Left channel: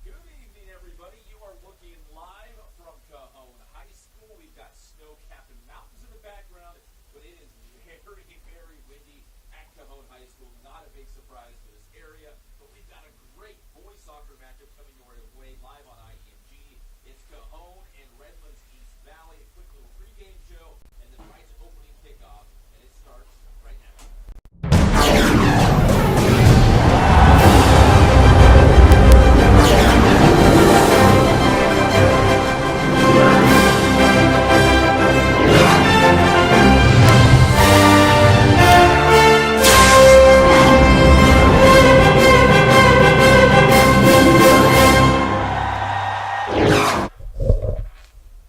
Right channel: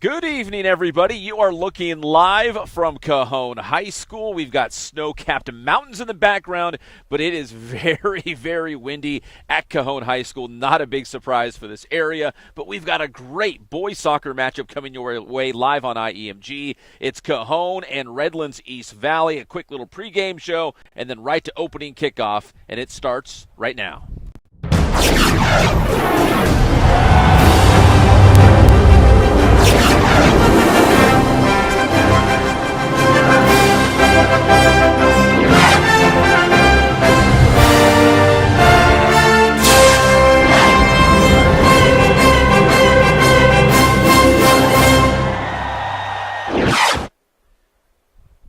Good evening, everybody. You are looking live from Cajon High School. We've got snow-capped mountains in the background, but it is very, very windy at Cajon High School. Not a big surprise for this area, but we've got a great boys soccer matchup coming your way live on IEMG. It's Cajon and Redlands East Valley, a quick little pregame show, and then right to opening kickoff, and it starts right now.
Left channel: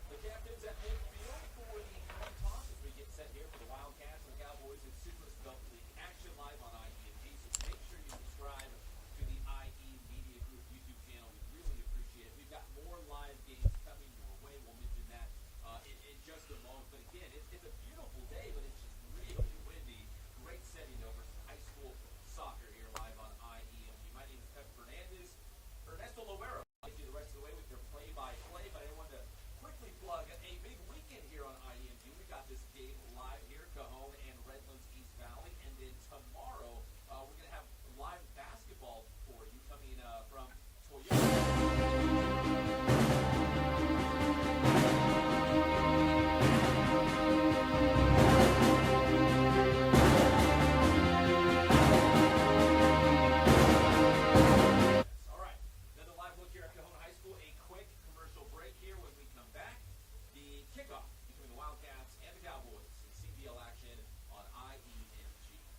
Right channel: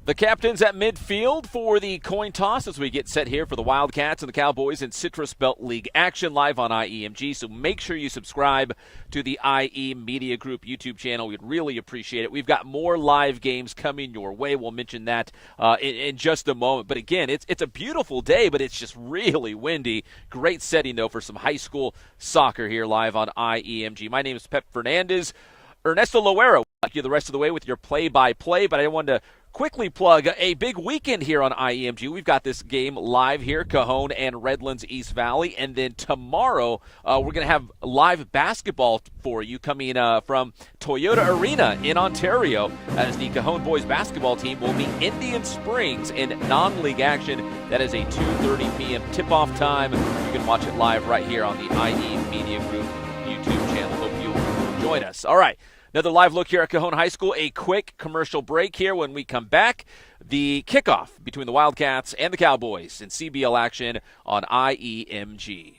The captains at midfield for the coin toss as we get set here for the Wildcats and the Cowboys in Citrus Belt League action live on IEMG. So make sure you subscribe to the IE Media Group YouTube channel. We'd really appreciate it. We've got more live games coming your way. We'll mention that in just a moment. But again, it's a beautiful day, but it's just really windy. Great setting, though, for some high school soccer here live on IEMG. My name is Pep Fernandez. Ernesto Loera will take you the rest of the way with your play-by-play, but I wanted to quickly plug a big weekend here on IEMG. We've got this game live here, Cajon and Redlands East Valley, and then tomorrow we're going to have live basketball for you coming from Toyota Arena in Ontario, as the Cajon boys basketball team will meet Indian Springs in non-league action. That is a 2:30 p.m. tip-off time. You can watch it live right here on the IE Media Group YouTube channel. Hope you join us. All right. Another live look here at Cajon High School. A quick commercial break here. When we come back, the kickoff between the Wildcats and the Cowboys in CBL action on IEMG.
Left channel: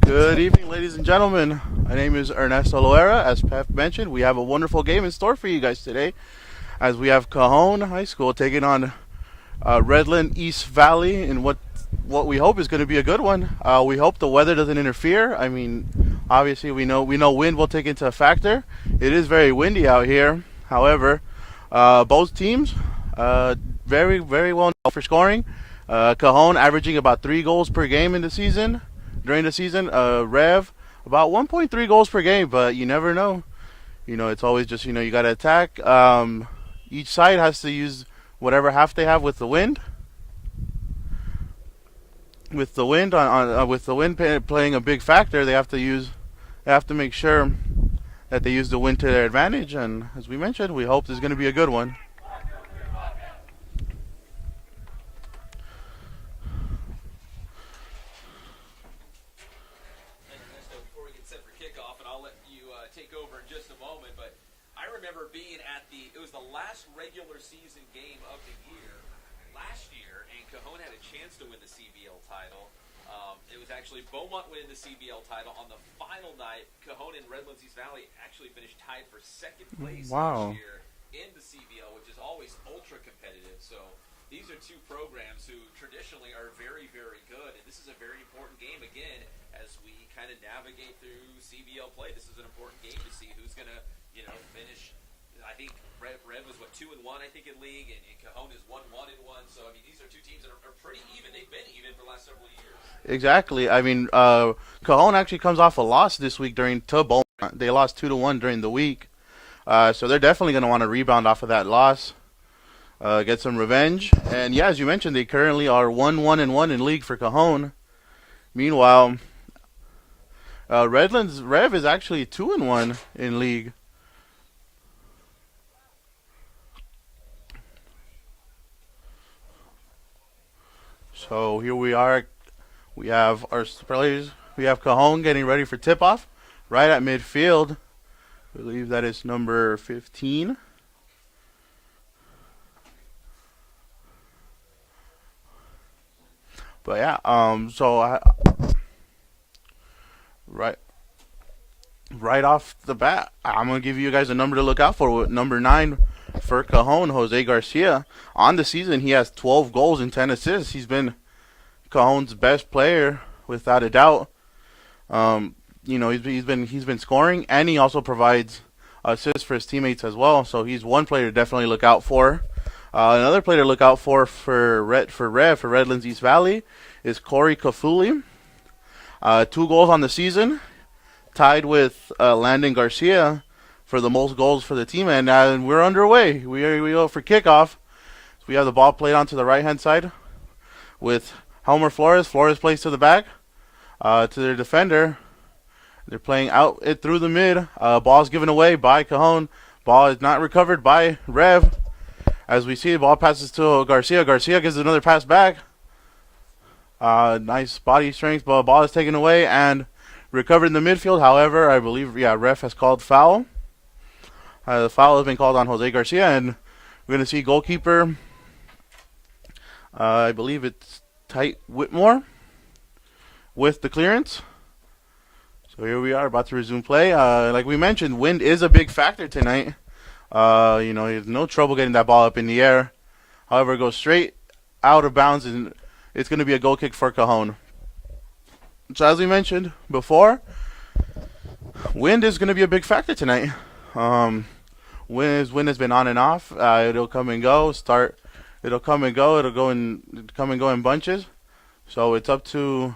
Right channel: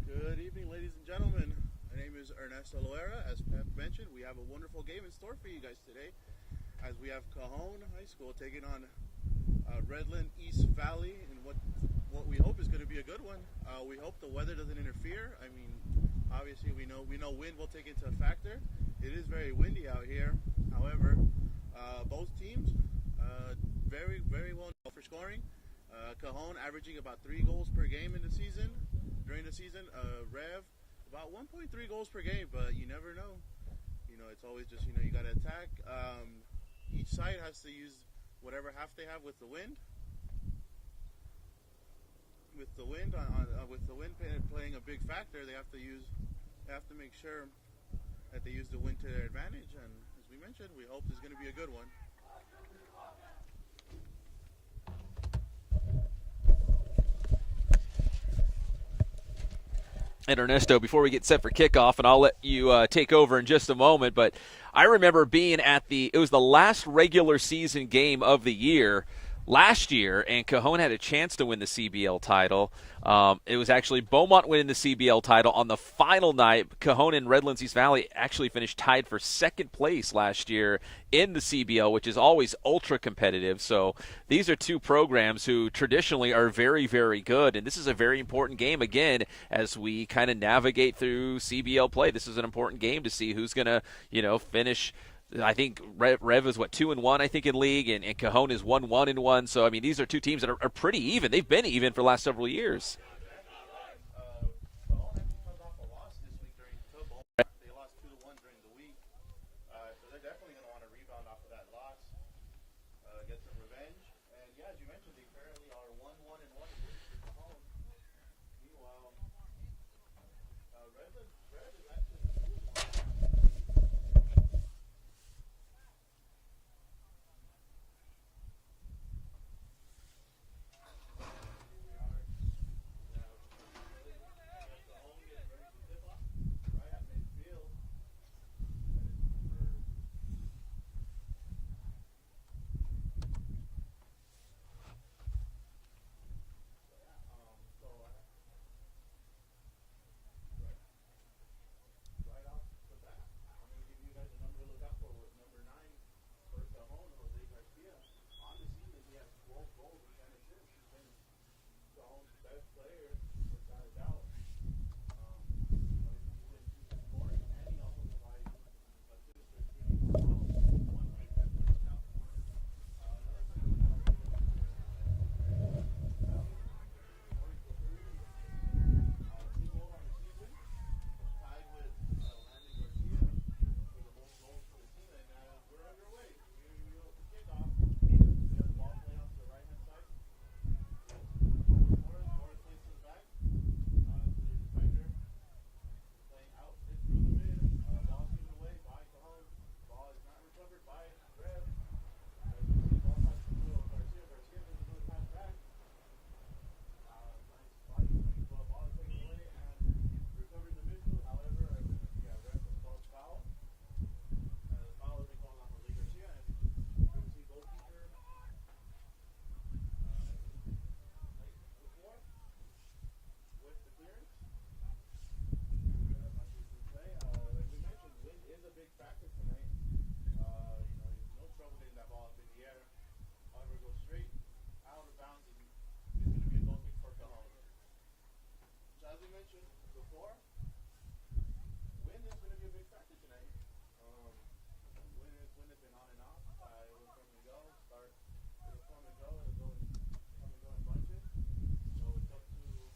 Good evening, ladies and gentlemen. My name is Ernesto Loera. As Pep mentioned, we have a wonderful game in store for you guys today, as we have Cajon High School taking on Redland East Valley in what we hope is going to be a good one. We hope the weather doesn't interfere. I mean, obviously we know wind will take into a factor. It is very windy out here. However, both teams very, very well known for scoring. Cajon averaging about 3 goals per game in the season. During the season, Rev about 1.3 goals per game, but you never know. It's always just, you got to attack. Each side has to use whatever half they have with the wind. With the wind playing a big factor, they have to make sure that they use the wind to their advantage. And as we mentioned, we hope this is going to be a good one. And Ernesto, before we get set for kickoff, and I'll let you take over in just a moment, but I remember being at it was the last regular season game of the year last year, and Cajon had a chance to win the CBL title. It was actually Beaumont winning the CBL title on the final night. Cajon and Redlands East Valley actually finished tied for second place last year in the CBL, which is always ultra competitive. So these are two programs who traditionally are very, very good, and this is a very important game, again, as we kind of navigate through CBL play. This is an important game to see who's going to, finish. I think Rev is 2-1, I think, in league, and Cajon is 1-1. So I mean, these are two teams that are pretty even. They've been even for the last several years. Exactly. I mean, Cajon actually comes off a loss this week to Beaumont. They lost 2-1 during the week, so they're definitely going to want to rebound off of that loss, get some revenge. And yeah, as you mentioned, they currently are 1-1 in league for Cajon. Meanwhile, Redlands Rev is actually 2-1 in league. So here we are. We have our players. We have Cajon getting ready for tip-off right at midfield. I believe that is number 15. But yeah, right off the bat, I'm gonna give you guys a number to look out for. With number 9 for Cajon, Jose Garcia. On the season, he has 12 goals and 10 assists. He's been Cajon's best player without a doubt. He's been scoring, and he also provides assists for his teammates as well. So he's one player to definitely look out for. Another player to look out for Redlands East Valley is Corey Kafuli. 2 goals on the season, tied with Landon Garcia for the most goals for the team, and we're underway. We go for kickoff. So we have the ball played onto the right-hand side with Helmer Flores. Flores plays to the back, to their defender. They're playing out it through the mid. Ball's given away by Cajon. Ball is not recovered by Rev. As we see, the ball passes to Garcia. Garcia gives another pass back. Nice body strength, but ball is taken away and recovered in the midfield. However, I believe, ref has called foul. The foul has been called on Jose Garcia, and we're going to see goalkeeper, I believe it's Tight Whitmore, with the clearance. So here we are, about to resume play. Like we mentioned, wind is a big factor tonight. There's no trouble getting that ball up in the air. However, it goes straight out of bounds, and it's going to be a goal kick for Cajon. So as we mentioned before, wind is going to be a big factor tonight. Wind has been on and off. It'll come and go. It'll come and go. It'll come and go in bunches. So it's up to,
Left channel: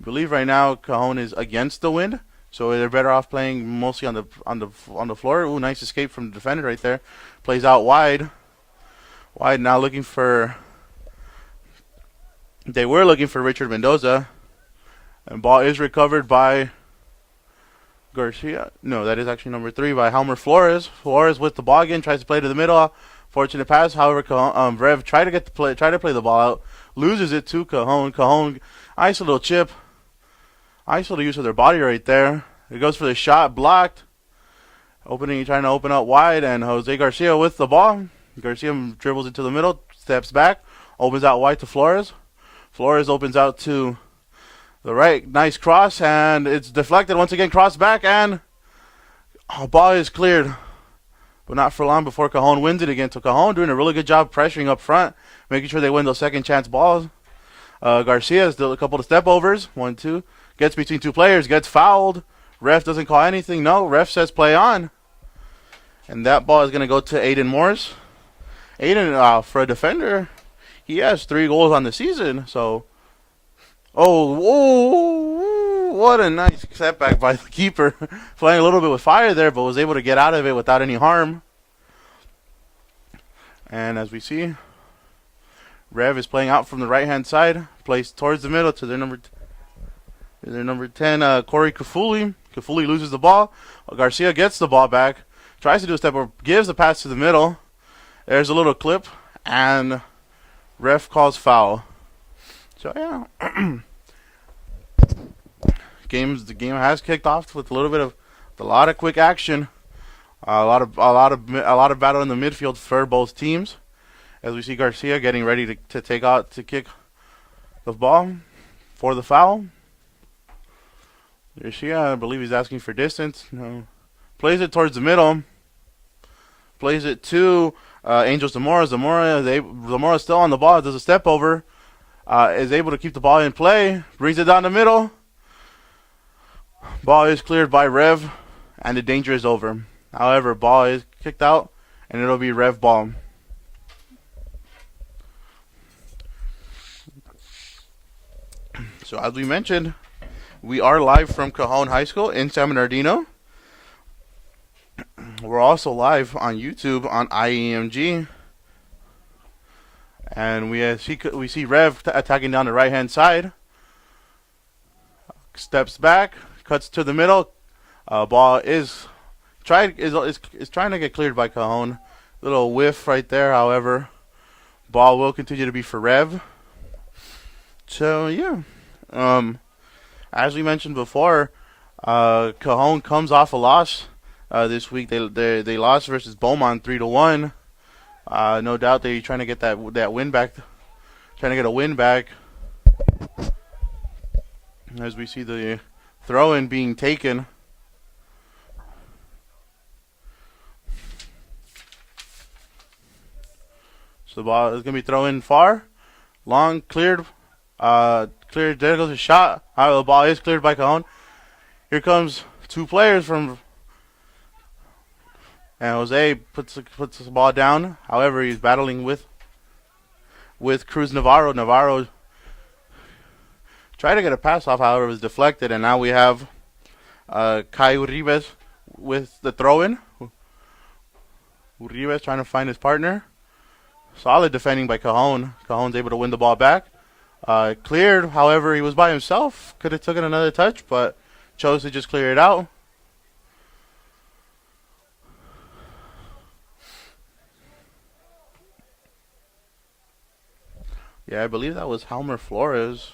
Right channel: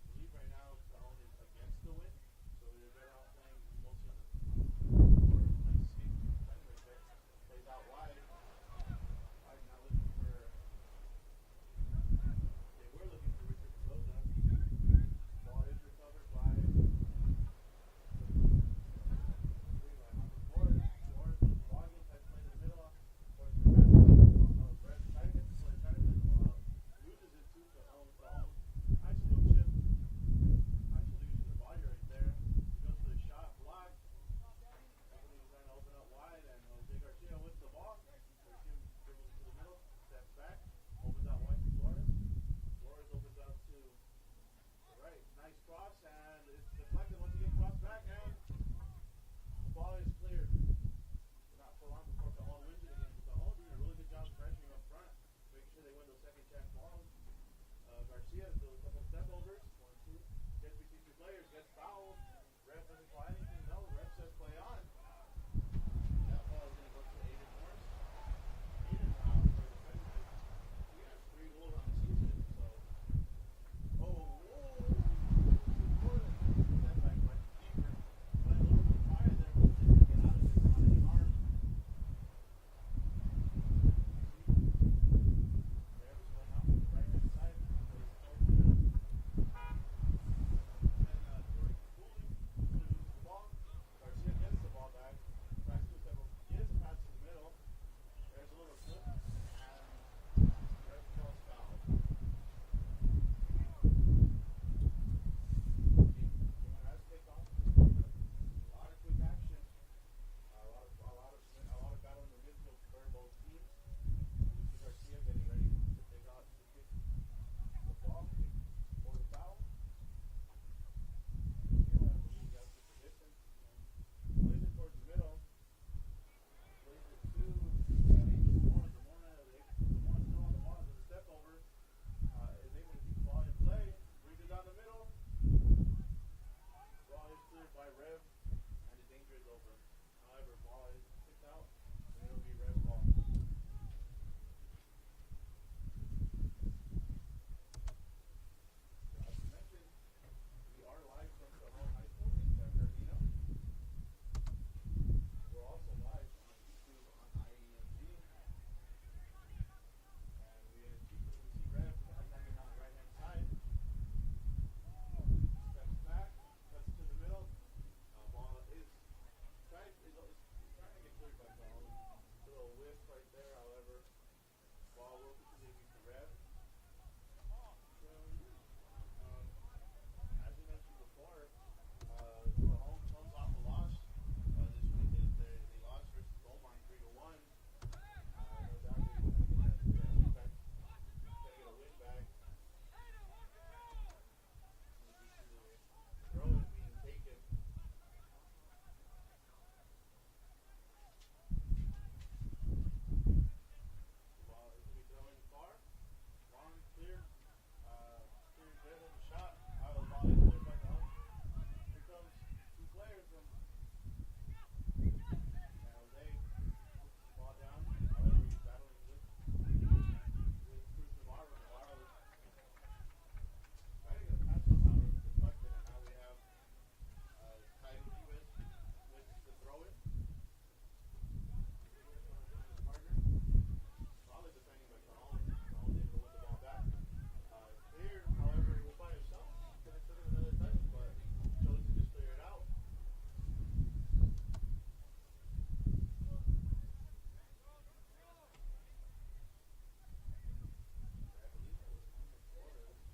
I believe right now Cajon is against the wind. So they're better off playing mostly on the floor. Ooh, nice escape from the defender right there. Plays out wide. Wide now looking for. They were looking for Richard Mendoza, and ball is recovered by Garcia. No, that is actually number 3 by Helmer Flores. Flores with the ball again, tries to play to the middle. Fortunate pass. However, Rev try to play the ball out, loses it to Cajon. Cajon, nice little chip, nice little use of their body right there. It goes for the shot, blocked. Trying to open up wide, and Jose Garcia with the ball. Garcia dribbles into the middle, steps back, opens out wide to Flores. Flores opens out to the right, nice cross, and it's deflected once again. Cross back, and ball is cleared, but not for long before Cajon wins it again. So Cajon doing a really good job pressuring up front, making sure they win those second chance balls. Garcia has done a couple of step overs. 1-2, gets between 2 players, gets fouled. Ref doesn't call anything. No, ref says play on, and that ball is going to go to Aiden Morris. Aiden, for a defender, he has 3 goals on the season. So, what a nice setback by the keeper. Playing a little bit with fire there, but was able to get out of it without any harm. And as we see, Rev is playing out from the right-hand side, plays towards the middle to their number 10, Corey Kafuli. Kafuli loses the ball. Garcia gets the ball back, tries to do a step over, gives the pass to the middle. There's a little clip, and ref calls foul. So yeah, The game has kicked off with a lot of quick action, a lot of battle in the midfield for both teams. As we see Garcia getting ready to kick the ball for the foul. Garcia, I believe he's asking for distance. No. Plays it towards the middle. Plays it to Angel Zamora. Zamora's still on the ball. Does a step over. Is able to keep the ball in play. Brings it down the middle. Ball is cleared by Rev, and the danger is over. However, ball is kicked out, and it'll be Rev ball. So as we mentioned, we are live from Cajon High School in San Bernardino. We're also live on YouTube on IEMG. And we see Rev attacking down the right-hand side. Steps back, cuts to the middle. Ball is trying to get cleared by Cajon. Little whiff right there, however. Ball will continue to be for Rev. So, yeah. As we mentioned before, Cajon comes off a loss this week. They lost versus Beaumont 3-1. No doubt they're trying to get that win back. Trying to get a win back. As we see the throw-in being taken. So the ball is going to be thrown in far. Long, cleared. Cleared. There goes a shot. The ball is cleared by Cajon. Here comes two players from... And Jose puts the ball down. However, he's battling with Cruz Navarro. Navarro tried to get a pass off, however, it was deflected. And now we have Kai Uribe with the throw-in. Uribe trying to find his partner. Solid defending by Cajon. Cajon's able to win the ball back. Cleared, however, he was by himself. Could have taken another touch, but chose to just clear it out. Yeah, I believe that was Halmer Flores.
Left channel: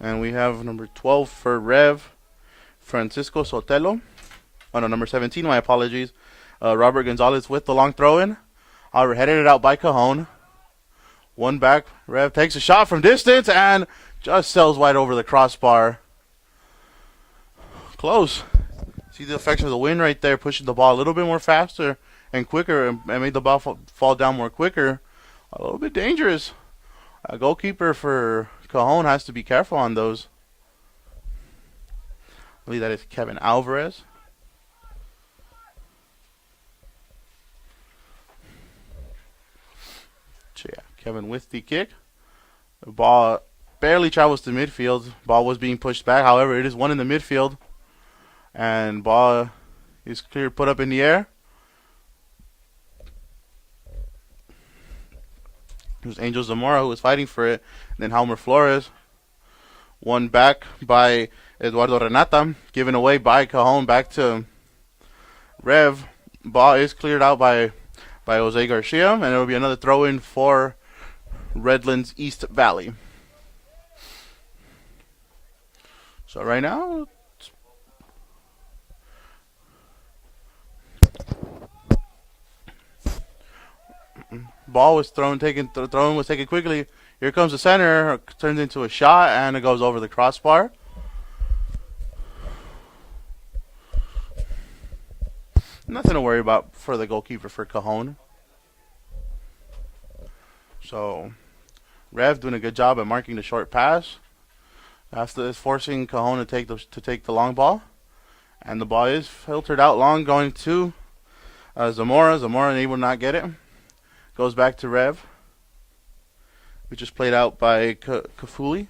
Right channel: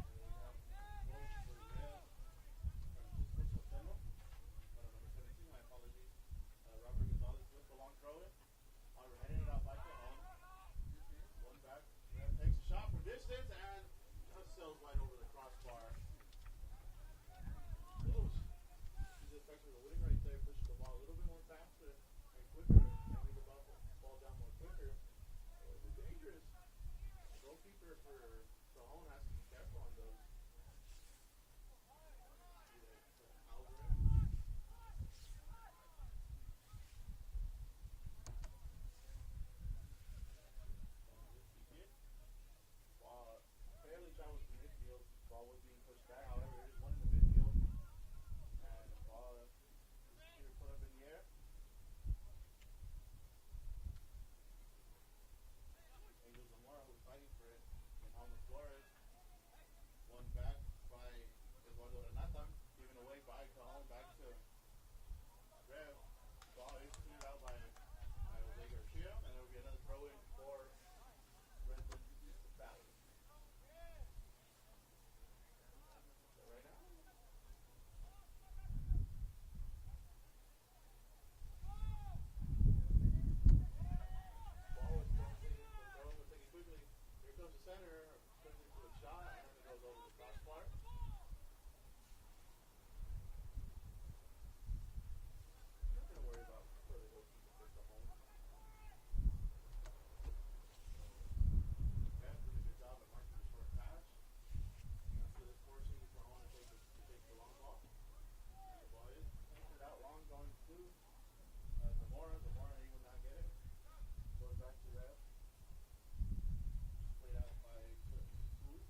And we have number 12 for Rev, Francisco Sotelo. Oh, no, number 17, my apologies. Robert Gonzalez with the long throw-in. However, headed it out by Cajon. One back. Rev takes a shot from distance and just sails wide over the crossbar. Close. See the effects of the wind right there, pushing the ball a little bit more faster and quicker, and made the ball fall down more quicker. A little bit dangerous. A goalkeeper for Cajon has to be careful on those. I believe that is Kevin Alvarez. So yeah, Kevin with the kick. The ball barely travels to midfield. Ball was being pushed back. However, it is one in the midfield. And ball is clear, put up in the air. It was Angel Zamora who was fighting for it. And then Halmer Flores. One back by Eduardo Renata. Given away by Cajon back to Rev. Ball is cleared out by Jose Garcia. And it will be another throw-in for Redlands East Valley. So right now... Ball was thrown was taken quickly. Here comes the center, turns into a shot, and it goes over the crossbar. Nothing to worry about for the goalkeeper for Cajon. So, Rev doing a good job at marking the short pass. After this, forcing Cajon to take the long ball, and the ball is filtered out long, going to Zamora. Zamora able to not get it. Goes back to Rev, which is played out by Kafuli.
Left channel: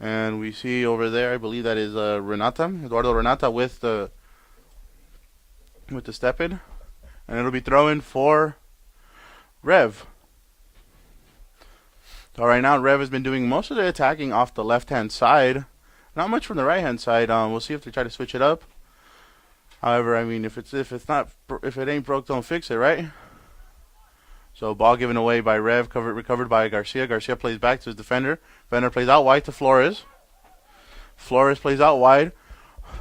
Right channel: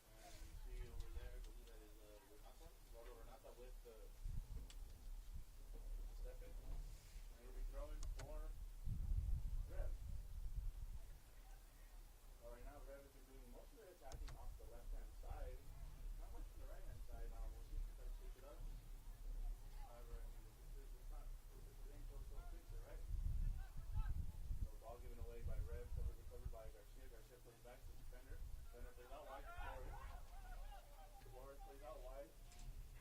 And we see over there, I believe that is Renata, Eduardo Renata with the step in. And it'll be thrown for Rev. So right now, Rev has been doing most of the attacking off the left-hand side. Not much from the right-hand side. We'll see if they try to switch it up. However, I mean, if it ain't broke, don't fix it, right? So ball given away by Rev, recovered by Garcia. Garcia plays back to his defender. Defender plays out wide to Flores. Flores plays out wide.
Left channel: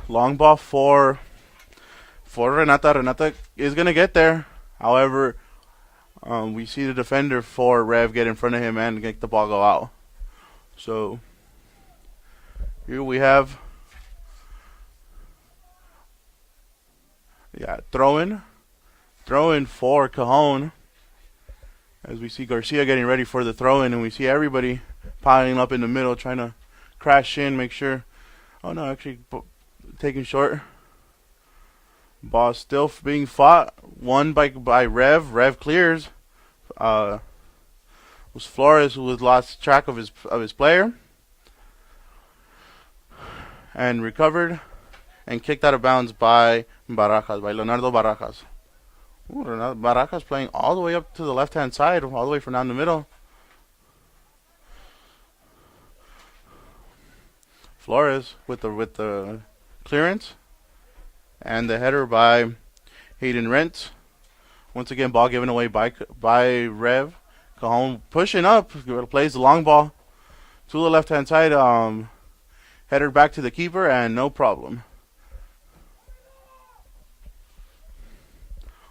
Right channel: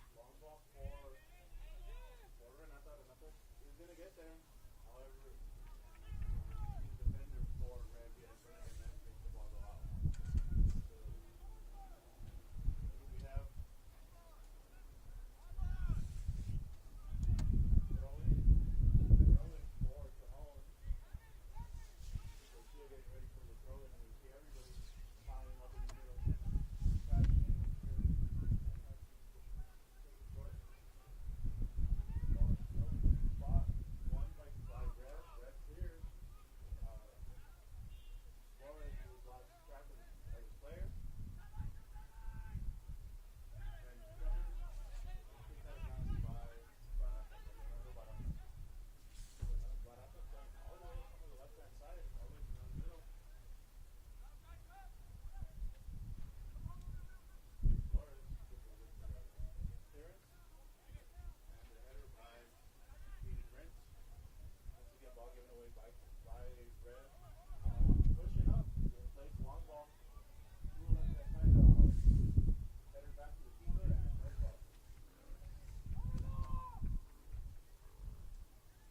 Long ball for Renata. Renata is going to get there. However, we see the defender for Rev get in front of him and get the ball go out. So here we have throw-in for Cajon. As we see Garcia getting ready for the throw-in, and we see everybody piling up in the middle, trying to crash in, make sure. Oh no, actually taking short. Ball still being fought. Won by Rev. Rev clears. Was Flores who has lost track of his player, and recovered and kicked out of bounds by Barajas, by Leonardo Barajas. Ooh, Barajas playing all the way up to the left-hand side, all the way from down the middle. Flores with the clearance and the header by Hayden Rent. Once again, ball given away by Rev. Cajon pushing up, plays the long ball to the left-hand side. Headed back to the keeper, and no problem.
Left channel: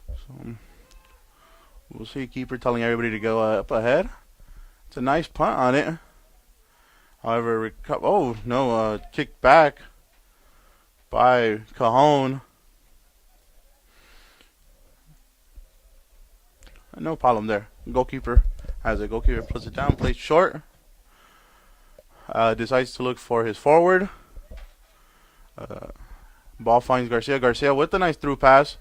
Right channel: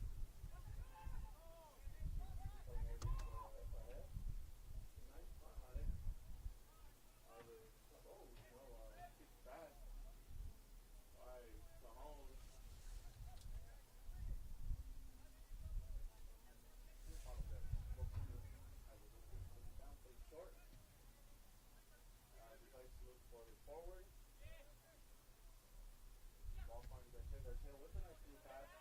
So we'll see keeper telling everybody to go up ahead. It's a nice punt on it. However, kicked back by Cajon. No problem there. Goalkeeper has it. Goalkeeper puts it down, plays short. Decides to look for his forward. Ball finds Garcia. Garcia with a nice through pass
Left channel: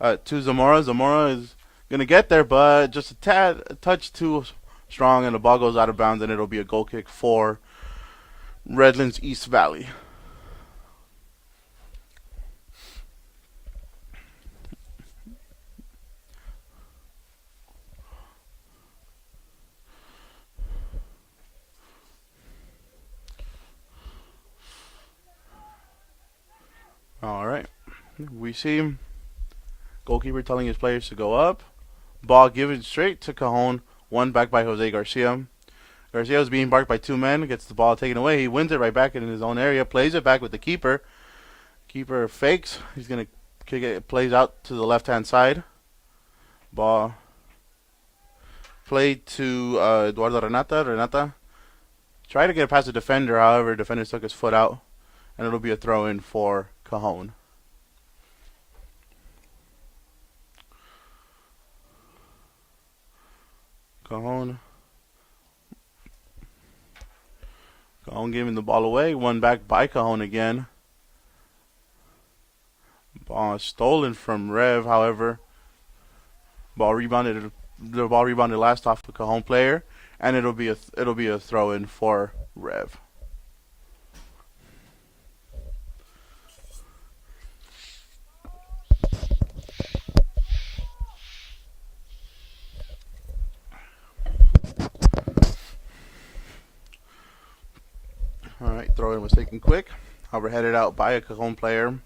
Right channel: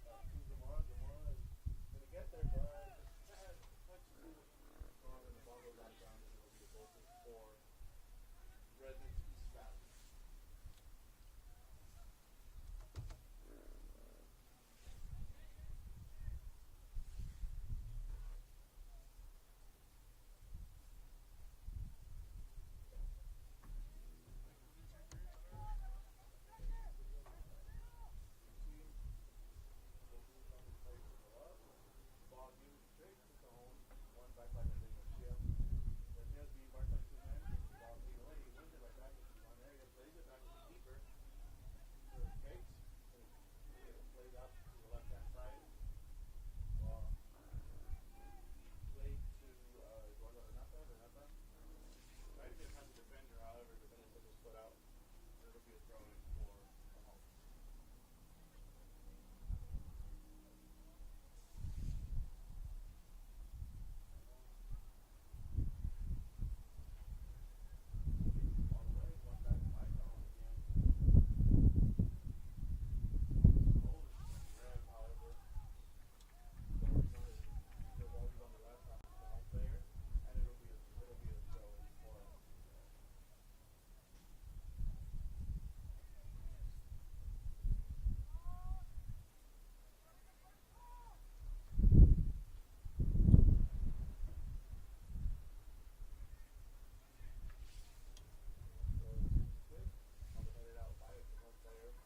to Zamora. Zamora is going to get there, but just a touch too strong, and the ball goes out of bounds, and it'll be a goal kick for Redlands East Valley. All right, we see goalkeeper telling his players to go up. Ball given straight to Cajon, won back by Jose Garcia. Garcia was being marked by two men, gets the ball taken away. He wins it right back in his own area, plays it back with the keeper. Keeper fakes. He's going to kick it, plays out to the left-hand side. Ball played to Eduardo Renata. Renata tried to get past the defender, however, defender took his foot out, and it'll be a throw-in for Cajon. Cajon giving the ball away. Won back by Cajon again. Ball stolen from Rev, however. The ball rebounded last off the Cajon player, and it'll be a throw-in for Rev. Alright, throw-in was taken quick. However, headed out by a Cajon player.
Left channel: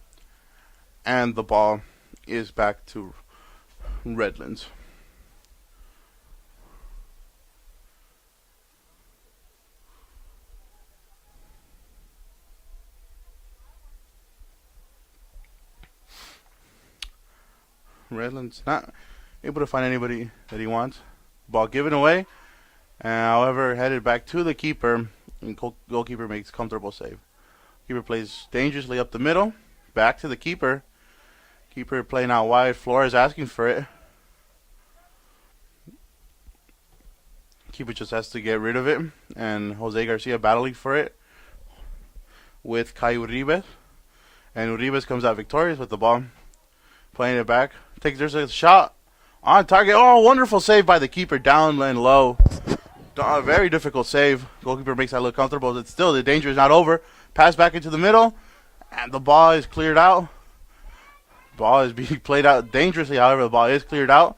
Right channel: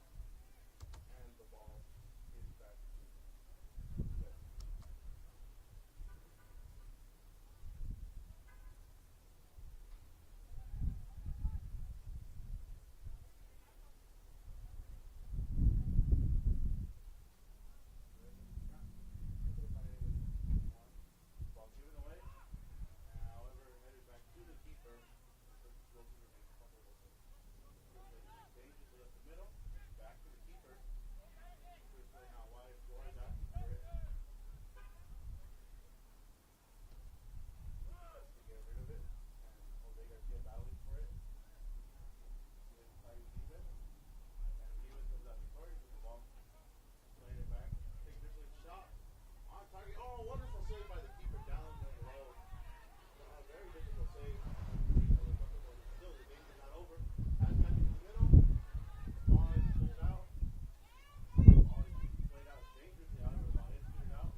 And the ball is back to Redlands. Redlands not able to find anybody that he wants. Ball given away. However, headed back to the keeper. And goalkeeper makes comfortable save. Keeper plays dangerously up the middle. Back to the keeper. Keeper playing out wide. Flores asking for it. Keeper just has to get rid of it. And Jose Garcia battling for it with Kai Uribes. And Uribes comes out victorious with the ball. Playing it back. There's a shot on target. Oh, wonderful save by the keeper down and low. Very difficult save. Goalkeeper makes that look comfortable. But still, the danger is not over. Pass back into the middle. And the ball is cleared out. Ball is being played out dangerously. However, the ball is cleared out.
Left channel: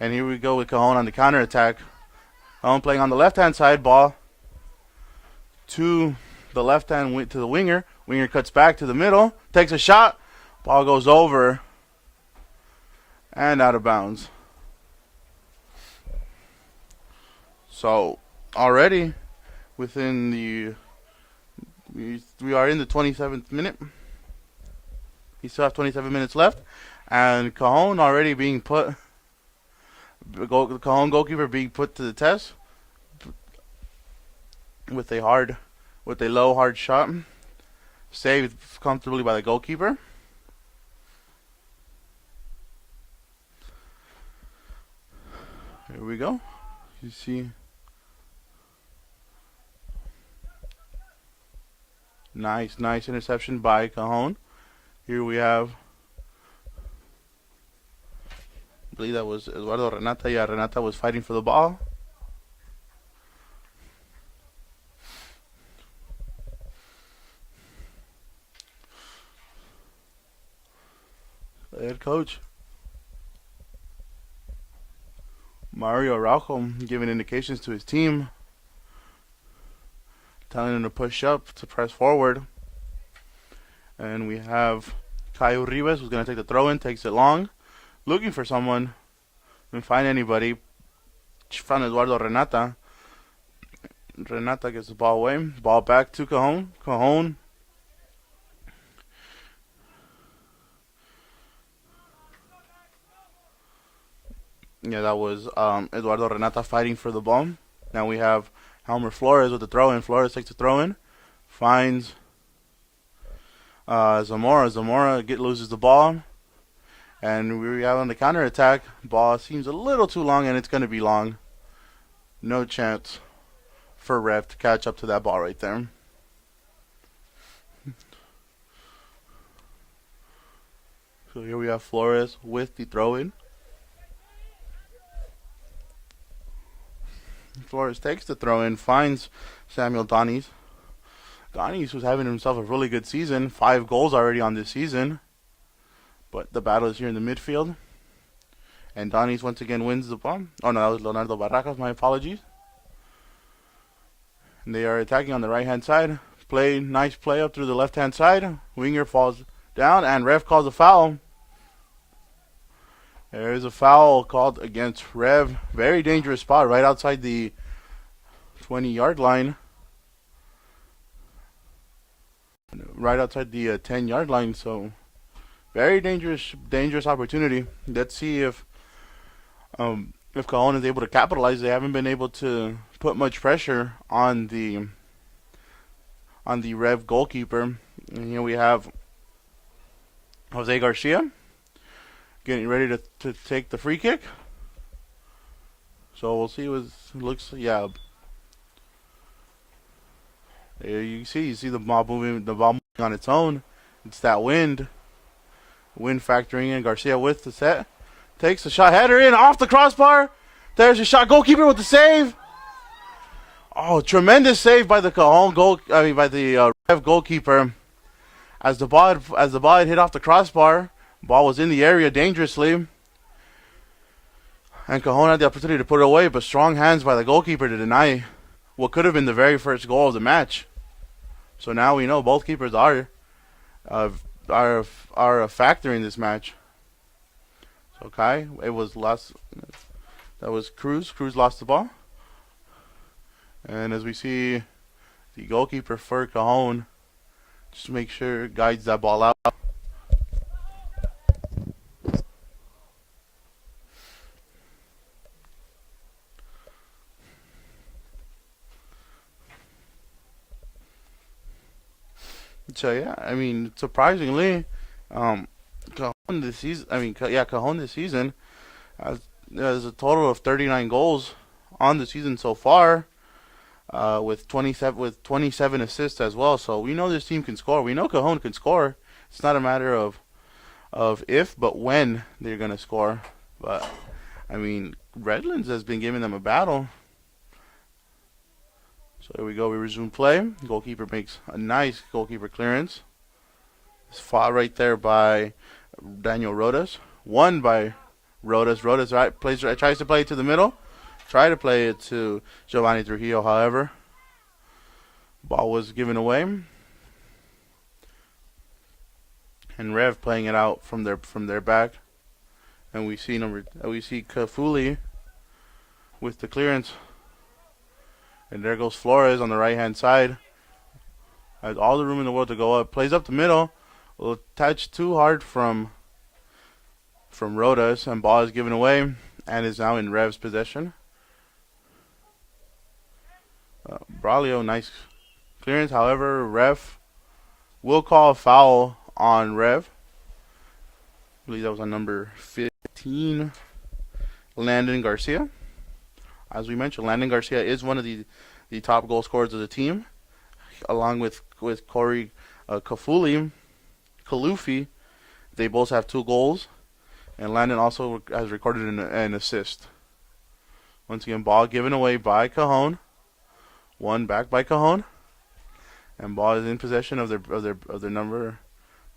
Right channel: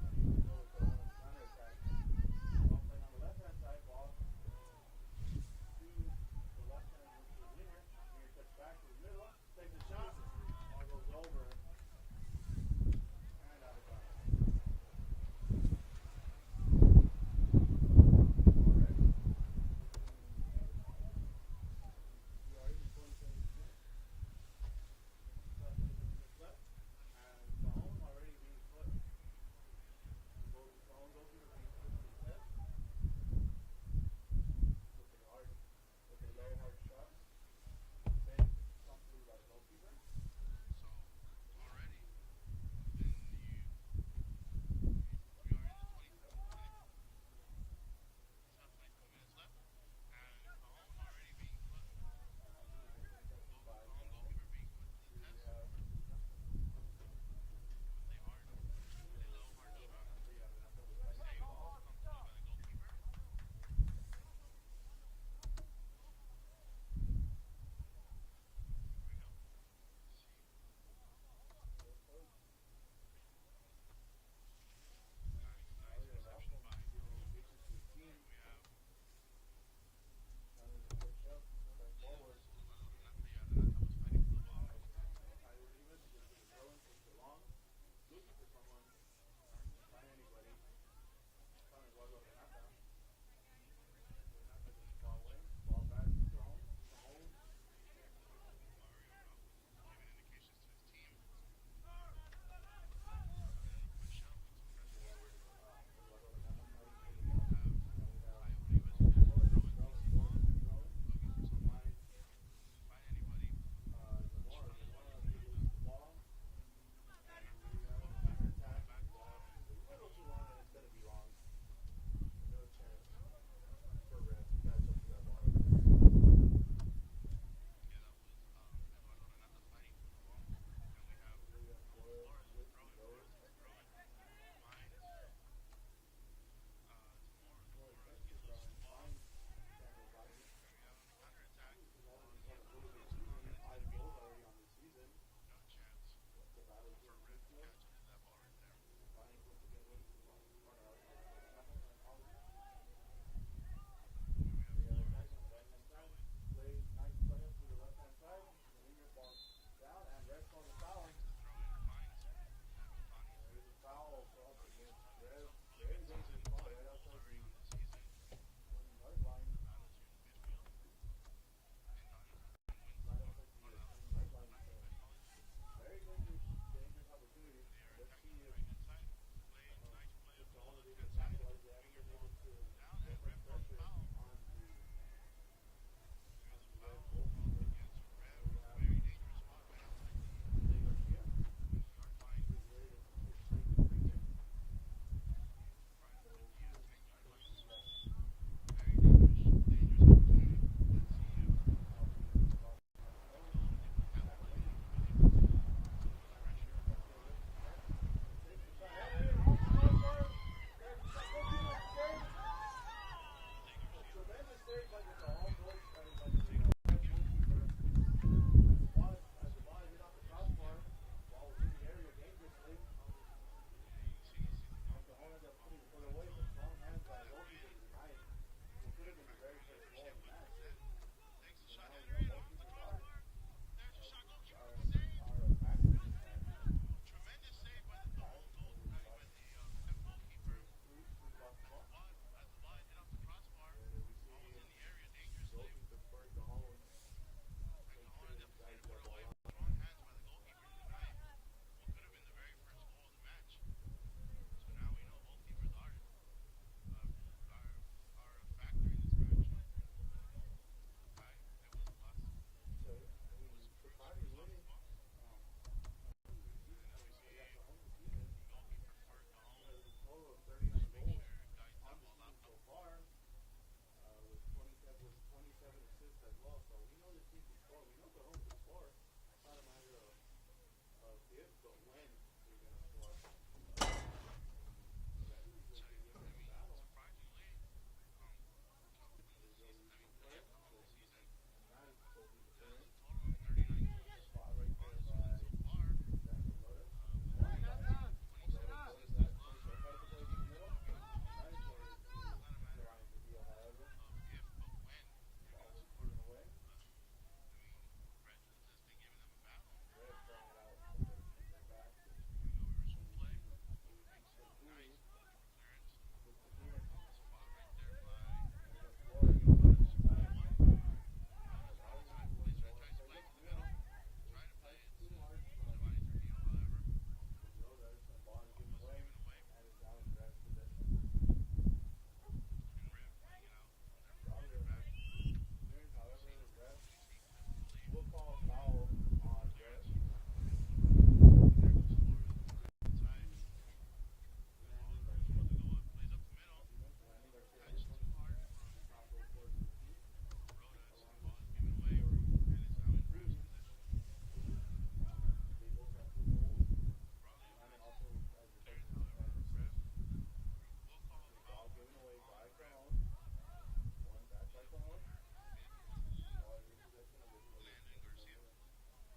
And here we go with Cajon on the counter attack. Cajon playing on the left-hand side. Ball to the left-hand, to the winger. Winger cuts back to the middle. Takes a shot. Ball goes over. And out of bounds. So already within the we are in the 27th minute. We still have 27 minutes left, and Cajon already being put. The Cajon goalkeeper being put to the test with a low hard shot, saved comfortably by the goalkeeper. Here we go. You see, nice interception by Cajon. Here we have, I believe that was Eduardo Renata. Yeah, Renata was fighting for the ball. The head coach, Mario Araujo, giving indications to his team, telling them to push up, to press forward. And we have Caio Ribas, who's going to take the throw-in, takes it long, looking for someone. Didn't find anybody. Found Eduardo Renata. Renata gets the ball away. Ball back to Cajon. Cajon. Yeah, that was Eduardo Renata fighting for the ball. Now we have Helmer Flores with the throw-in. Flores takes the throw-in. Finds Zamora. Zamora loses the ball. And we have on the counter-attack. Ball seems a little too long, and it's going to be long. No chance for Rev to catch up to that ball right there. So here we have Flores with the throw-in. Flores takes the throw-in, finds Samuel Donis. Donis was having himself a really good season. 5 goals already on this season. But the battle is here in the midfield. And Donis once again wins the ball. Oh no, that was Leonardo Barracas, my apologies. And they are attacking on the right-hand side. Nice play up through the left-hand side. Winger falls down, and Rev calls a foul. There is a foul called against Rev. Very dangerous spot right outside the 20-yard line. Right outside the 10-yard line, so very dangerous opportunity. Let's see if Cajon is able to capitalize. They haven't been able to put much pressure on the Rev goalkeeper. And here we have Jose Garcia getting ready to take the free kick. So we'll see what looks. Yeah, there you see the ball moving on its own. It's that wind factoring in. Garcia with the set, takes the shot, header in off the crossbar. There's a shot. Goalkeeper with the save. Oh, tremendous save by the Cajon by the Rev goalkeeper. As the ball had hit off the crossbar, ball was in the area dangerously, and Cajon had the opportunity to put it away, but strong hands by the goalkeeper to deny what could have been the very first goal of the match. So now we know both keepers are a factor in this match. So it was lost. That was Cruz. Cruz lost the ball, and as we see, the goalkeeper for Cajon just to make sure guides that ball out. So yeah, I mean, surprisingly, Cajon this season. Cajon this season has a total of 39 goals on the season so far, with 27 assists as well. So we know this team can score. We know Cajon can score. It's not a matter of if, but when they're gonna score. But I mean, Redlands has been giving them a battle. So here we go. We resume play. Goalkeeper makes a nice goalkeeper clearance. It's fought right there by Daniel Rodas. Won by Rodas. Rodas tries to play it to the middle. Try to play it to Giovanni Trujillo. However, ball was given away. And Rev playing it out from their back. And we see Kafuli with the clearance. And there goes Flores on the right-hand side. Has all the room in the world to go up. Plays up the middle. A little touch too hard from Rodas, and ball is given away and is now in Rev's possession. Braulio, nice clearance. However, ref will call a foul on Rev. I believe that was on number 15, Landon Garcia. As we mentioned, Landon Garcia is one of the top goal scorers of the team, along with Corey Kalufi. They both have 2 goals, and Landon also has recorded an assist. Once again, ball given away by Cajon. One back by Cajon, and ball is in possession of their number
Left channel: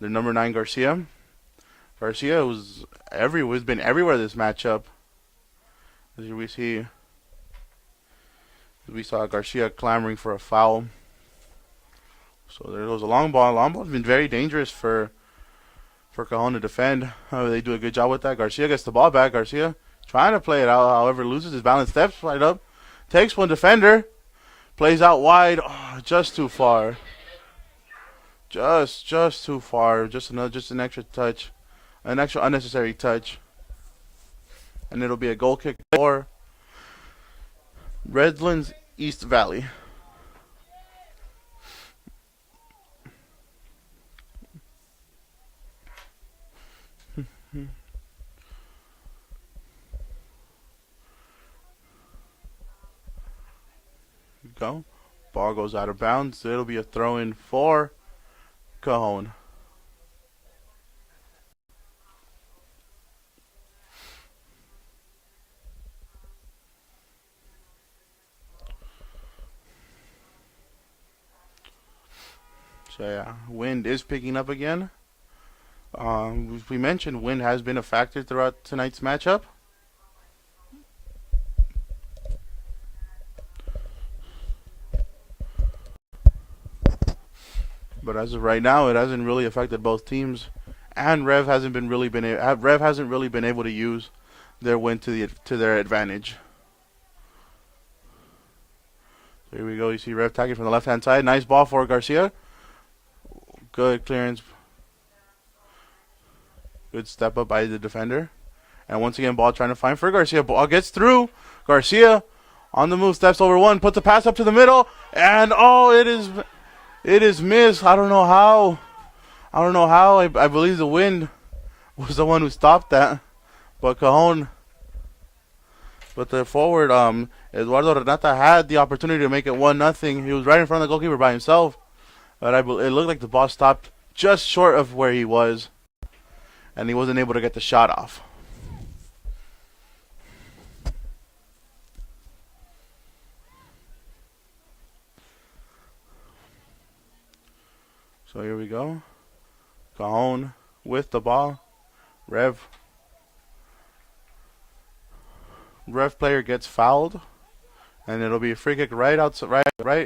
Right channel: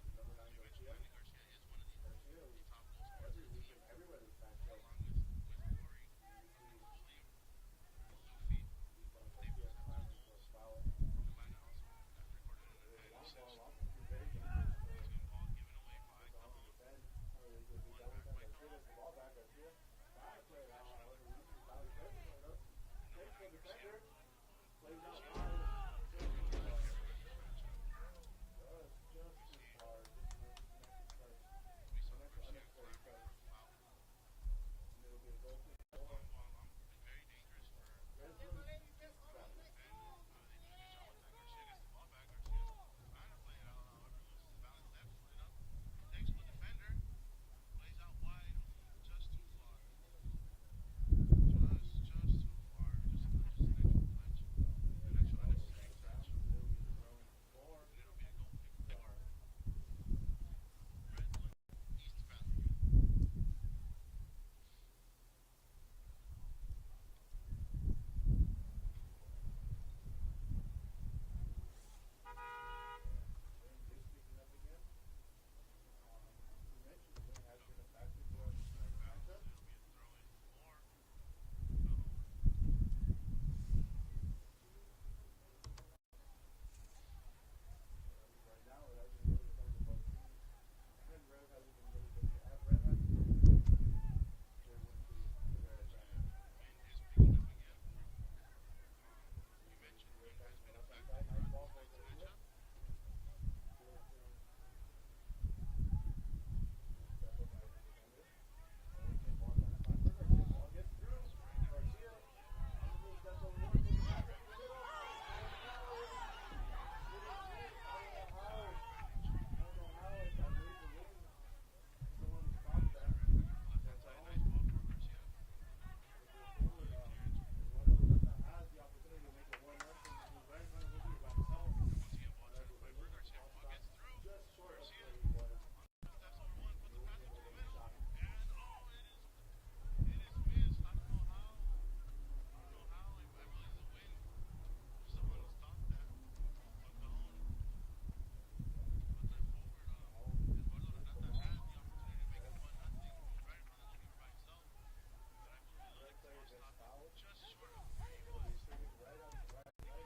9 Garcia. Garcia has been everywhere this matchup. As we saw Garcia clamoring for a foul. So there goes a long ball. Long ball has been very dangerous for Cajon to defend. They do a good job with that. Garcia gets the ball back. Garcia trying to play it out, however loses his balance, steps right up, takes one defender. Plays out wide, just too far. Just too far. Just an extra touch, an extra unnecessary touch, and it'll be a goal kick for Redlands East Valley. Go. Ball goes out of bounds. It'll be a throw in for Cajon. So yeah, wind is picking up again. We mentioned wind has been a factor throughout tonight's matchup. But as of right now, it hasn't really affected both teams, and Rev hasn't really been able to use their win to their advantage. Here we go. You see Rev attacking from the left-hand side. Nice ball for Garcia. Good clearance. Good step up by the defender. And once again, ball trying to find for Garcia. Ball gets through. Garcia on the move, steps over one, puts the pass up to the middle, and it is missed. I don't know how. I believe the wind was the one who stopped that. But the forward, Eduardo Renata had the opportunity to make it 1-0. He was right in front of the goalkeeper by himself. But it looked like the ball stopped just short of where he was, and he wasn't able to get the shot off. So here we go. Cajon with the ball. Rev player gets fouled, and it'll be a free kick right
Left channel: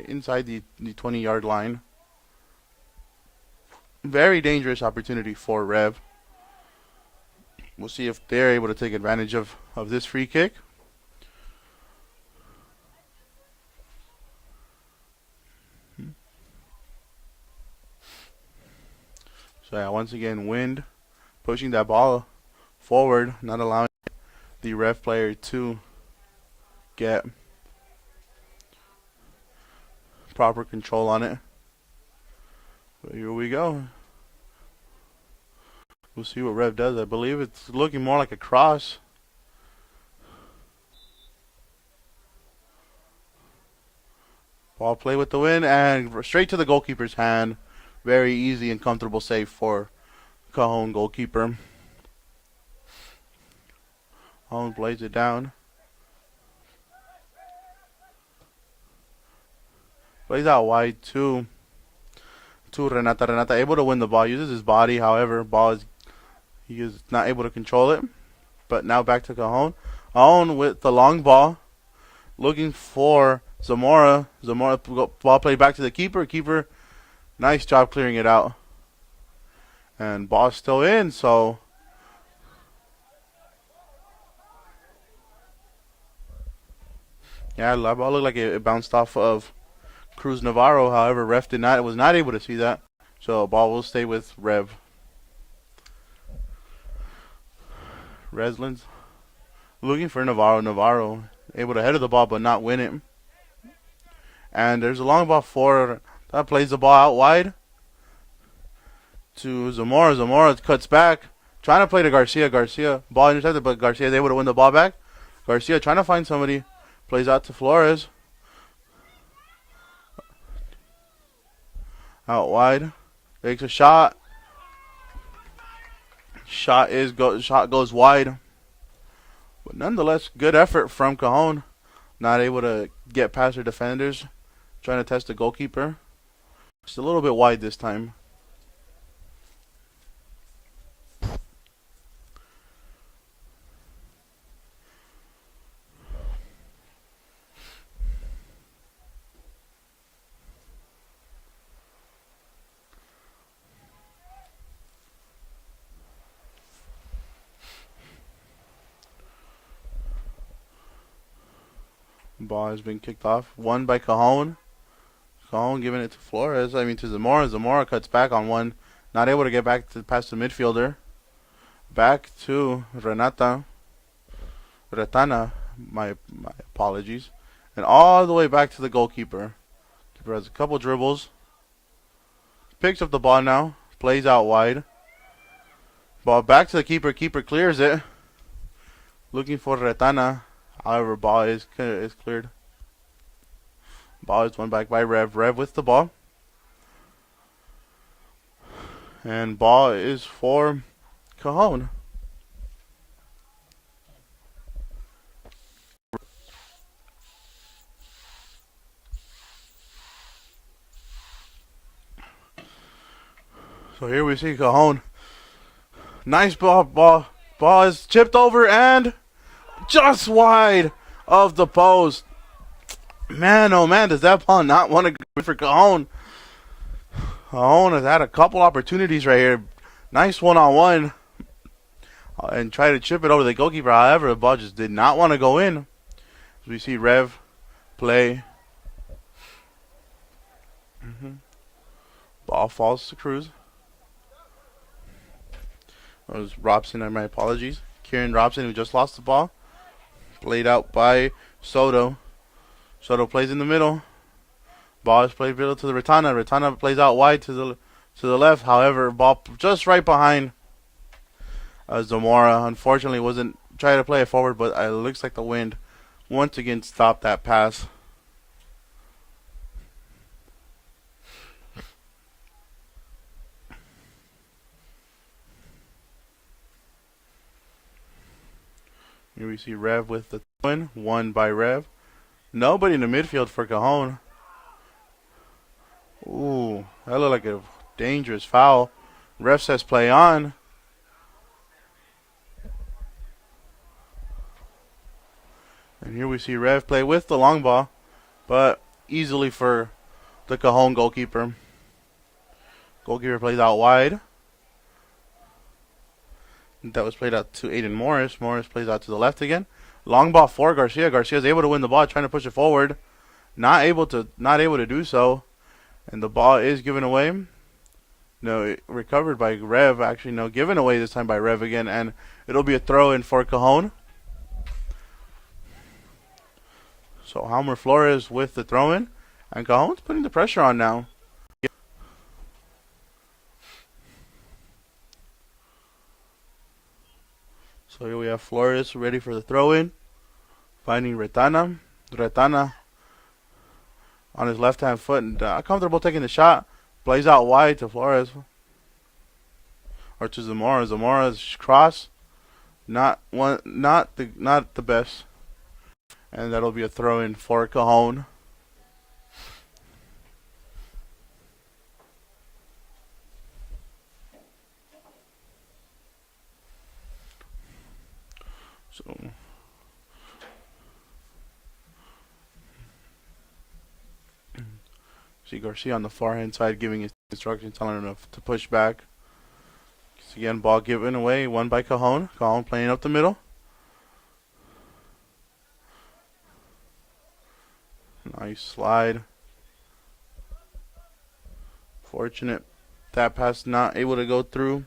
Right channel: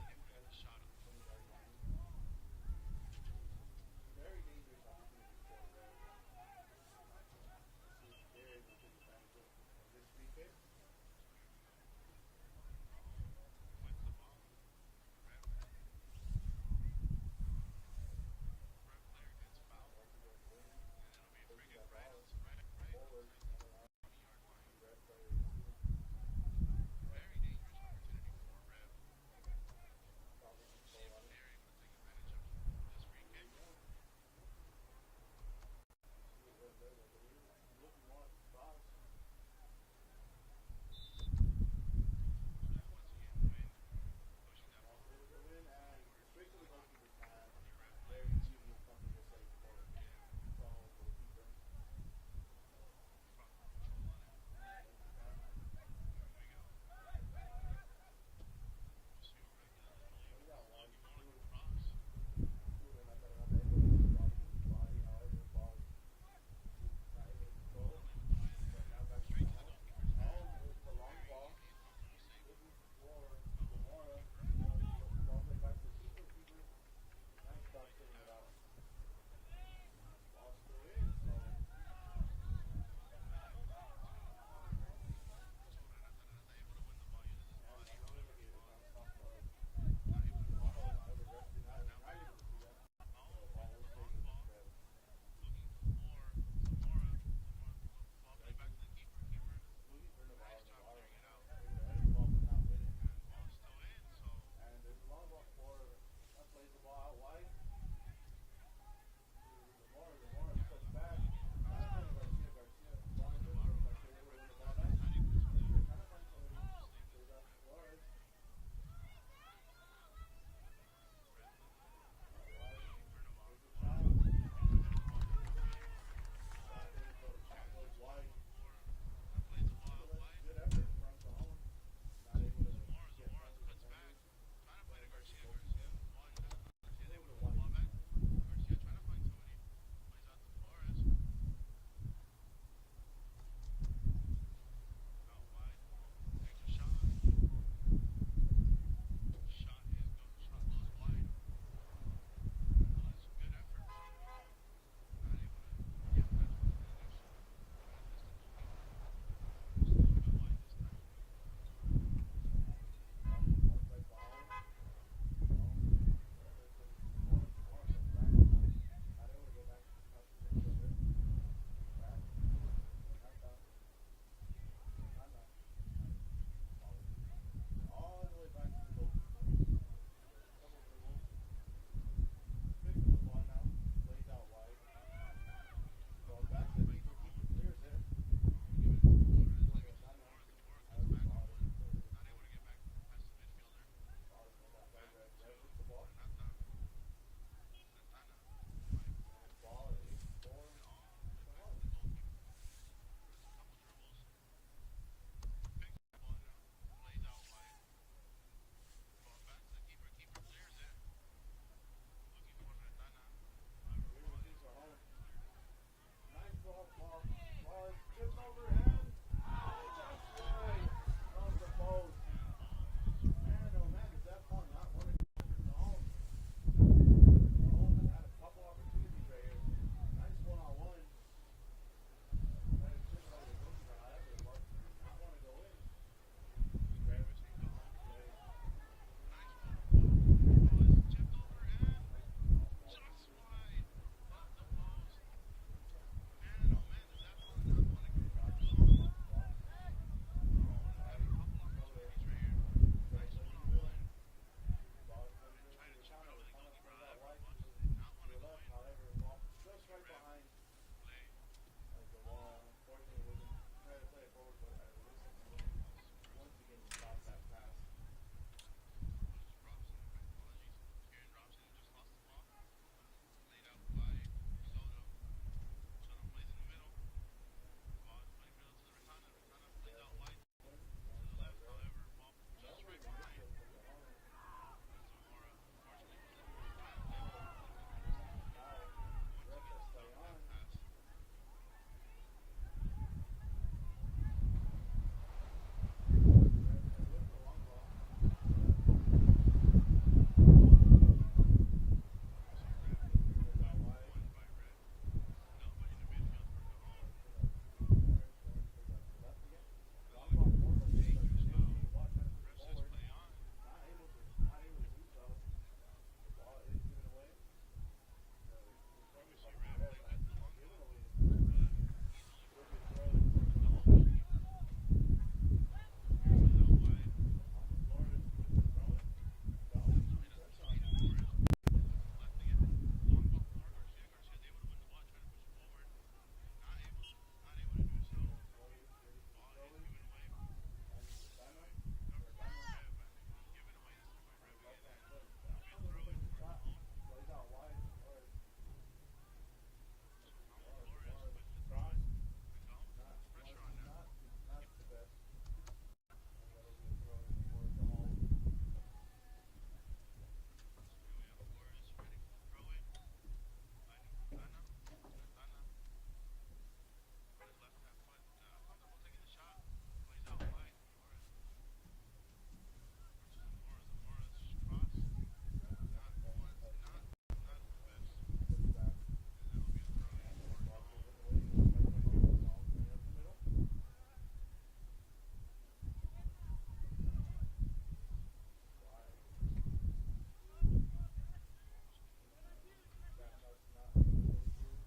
inside the 20-yard line. Very dangerous opportunity for Rev. We'll see if they're able to take advantage of this free kick. So yeah, once again, wind pushing that ball forward, not allowing the Rev player to get proper control on it. So here we go. We'll see what Rev does. I believe it's looking more like a cross. Ball play with the wind and straight to the goalkeeper's hand. Very easy and comfortable save for Cajon goalkeeper. Cajon plays it down. Plays out wide to Renata. Renata able to win the ball. Uses his body. However, he is not able to control it. But now back to Cajon. Cajon with the long ball. Looking for Zamora. Zamora ball played back to the keeper. Keeper, nice job clearing it out. And ball still in, so Yeah, that ball looked like it bounced off of Cruz Navarro. However, ref was not able to see that. So ball will stay with Rev. Reslin's looking for Navarro. Navarro able to header the ball but not win it. And there's a long ball for that plays the ball out wide to Zamora. Zamora cuts back, trying to play to Garcia. Garcia ball intercepted, but Garcia is able to win the ball back. Garcia trying to find somebody, plays out to Flores. Out wide, takes a shot. Shot goes wide, but nonetheless, good effort from Cajon. Not able to get past their defenders, trying to test the goalkeeper. Just a little bit wide this time. Ball has been kicked off. Won by Cajon. Cajon giving it to Flores. To Zamora. Zamora cuts back on one. Not able to get back to past the midfielder. Back to Renata. Retana. My apologies. And all the way back to the goalkeeper. Keeper has a couple dribbles. Picks up the ball now. Plays out wide. Ball back to the keeper. Keeper clears it. Looking for Retana. However, ball is cleared. Ball is won back by Rev. Rev with the ball. And ball is for Cajon. So here we see Cajon. Nice ball. Ball is chipped over and just wide of the post. Man, oh man, does that ball not want to go for Cajon? Cajon has had a couple opportunities right here. Nice one-on-one. And try to chip it over the goalkeeper. However, the ball just did not want to go in. As we see Rev play. Ball falls to Cruz. That was Robson, my apologies. Kieran Robson, who just lost the ball. Played out by Soto. Soto plays in the middle. Ball is played middle to the Retana. Retana plays out wide to the left. However, ball just right behind Zamora. Unfortunately, wasn't trying to play it forward, but it looks like the wind once again stopped that pass. Here we see Rev with the win. Won by Rev. Nobody in the midfield for Cajon. Ooh, that looked like a dangerous foul. Ref says play on. And here we see Rev play with the long ball, but easily for the Cajon goalkeeper. Goalkeeper plays out wide. That was played out to Aiden Morris. Morris plays out to the left again. Long ball for Garcia. Garcia is able to win the ball, trying to push it forward. Not able to do so. And the ball is given away. No, recovered by Rev. Actually, no, given away this time by Rev again. And it'll be a throw in for Cajon. So Halmer Flores with the throw in. And Cajon's putting the pressure on now. So here we have Flores ready for the throw-in. Finding Retana. Retana on his left-hand foot and comfortable taking the shot. Plays out wide to Flores. Or to Zamora. Zamora's cross. Not the best. And that'll be a throw-in for Cajon. So see Garcia on the far hand side giving his instructions, telling him to push back. So again, ball given away, won by Cajon. Cajon playing up the middle. Nice slide. Fortunate that pass not able to go through.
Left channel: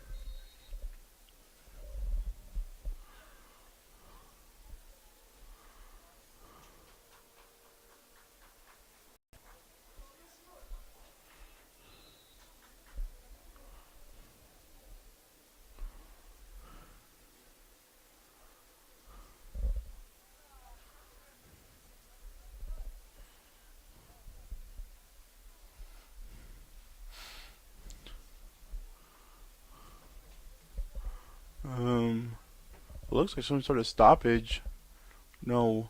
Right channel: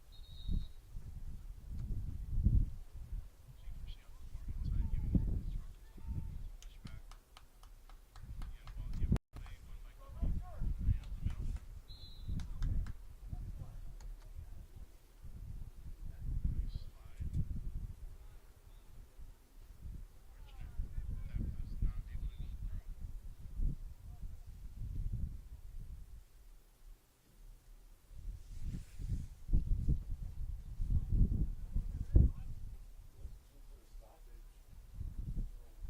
Looks like some sort of stoppage. No.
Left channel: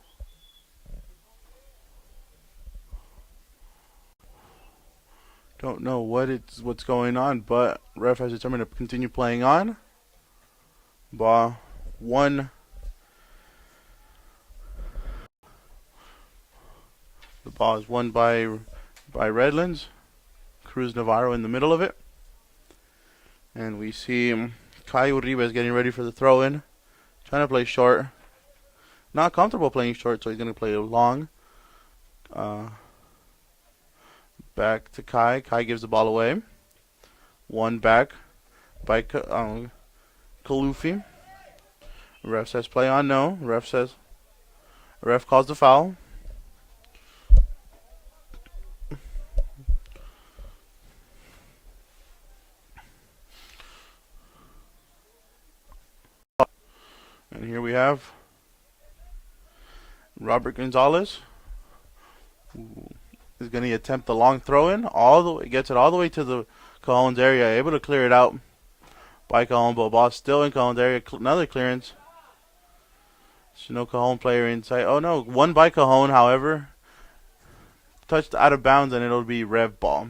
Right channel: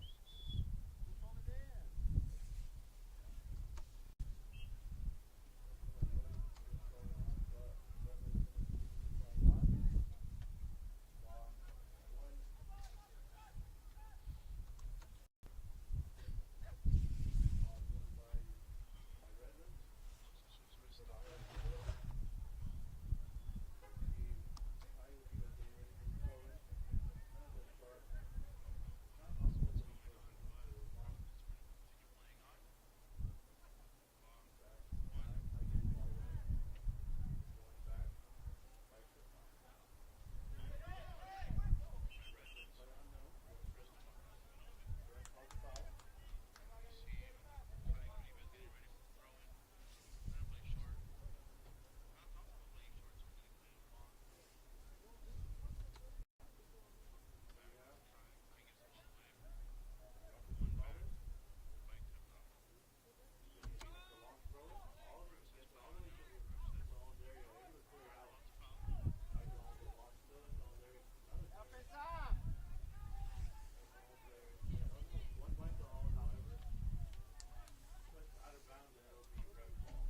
Don't know what's going on, but ref has determined to continue playing on. Ball one. The ball is won by Redlands. Cruz Navarro in the middle of it. And we see Kai Uribe getting ready for the throw-in. Trying to play short. Not comfortable playing short, so he's going to play long. Back to Kai. Kai gives the ball away. One back by Kalufi. Ref says play on, no. Ref calls the foul. And here we have Robert Gonzalez, who is going to attempt the long throw-in. Gets it all the way to the Cajon's area, able to clear it out by Cajon, but ball still in Cajon's area. Another clearance. There's no Cajon player inside. Oh no, one by Cajon, however. Touched out of bounds, and it'll be Rev ball.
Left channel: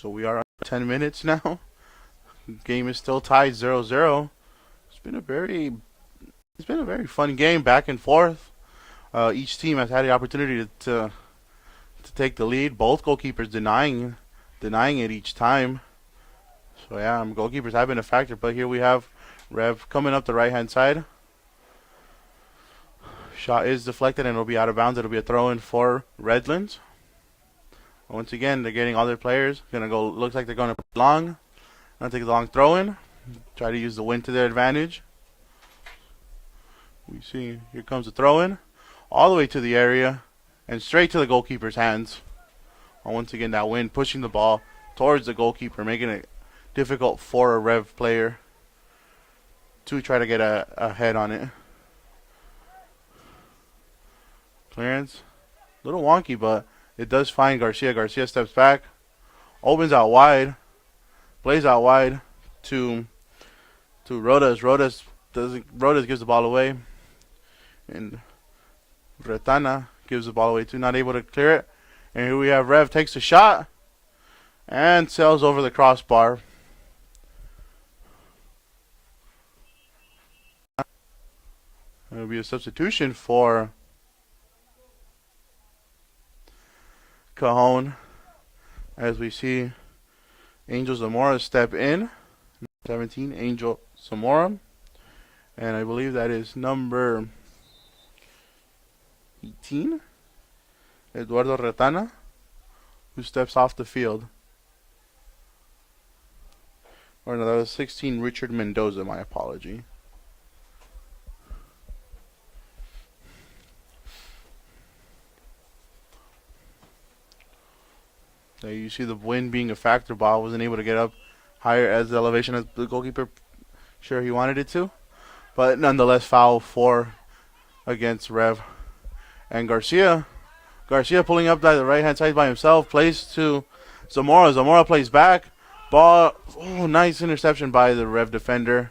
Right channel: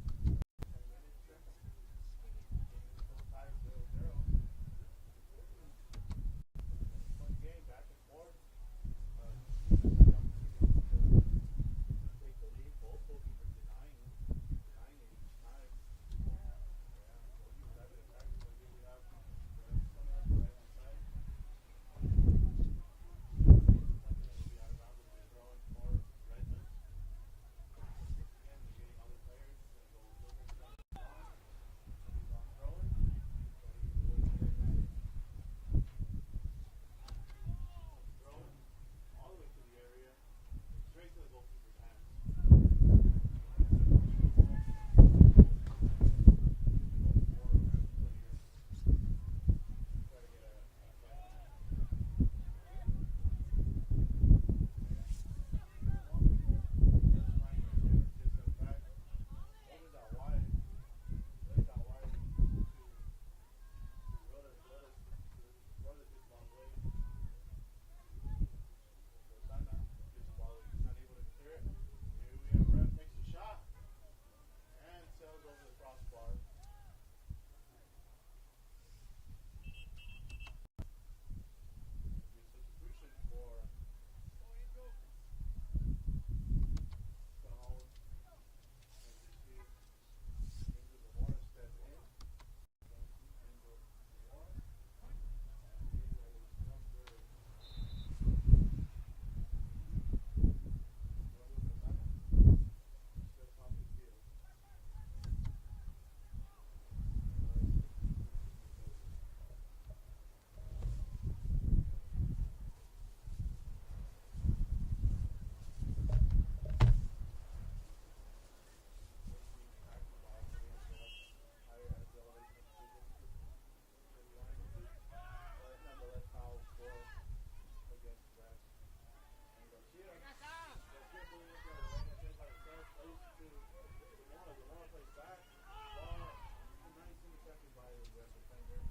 So we are 10 minutes now. Game is still tied 0-0. It's been a very fun game, back and forth. Each team has had the opportunity to take the lead. Both goalkeepers denying it each time. So yeah, goalkeepers have been a factor. But here we have Rev coming up the right-hand side. Shot is deflected and it'll be out of bounds. It'll be a throw-in for Redlands. Once again, they're getting all their players. Looks like they're going to long. Gonna take the long throw-in. Try to use the wind to their advantage. We see here comes the throw-in, all the way to the area, and straight to the goalkeeper's hands. And once again, that wind pushing the ball towards the goalkeeper, making it difficult for a Rev player to try to get a head on it. Clearance, a little wonky, but it does find Garcia. Garcia steps back, opens out wide, plays out wide to Rodas. Rodas gives the ball away, and Retana gives the ball away too, not able to clear it. And here we have Rev takes a shot and sails over the crossbar. It'll be a substitution for Cajon, as we see Angel Zamora step in. 17, Angel Zamora, and I believe that is number 18, Eduardo Retana, who steps off the field. Or no, that was 16, Richard Mendoza, my apology. There you see the wind being a factor. Ball wasn't able to get up higher as the elevation as the goalkeeper sure he wanted it to. But nonetheless, foul 4 against Rev. And Garcia pulling up by the right-hand side by himself, plays to Zamora. Zamora plays back. Ball, nice interception by the Rev defender.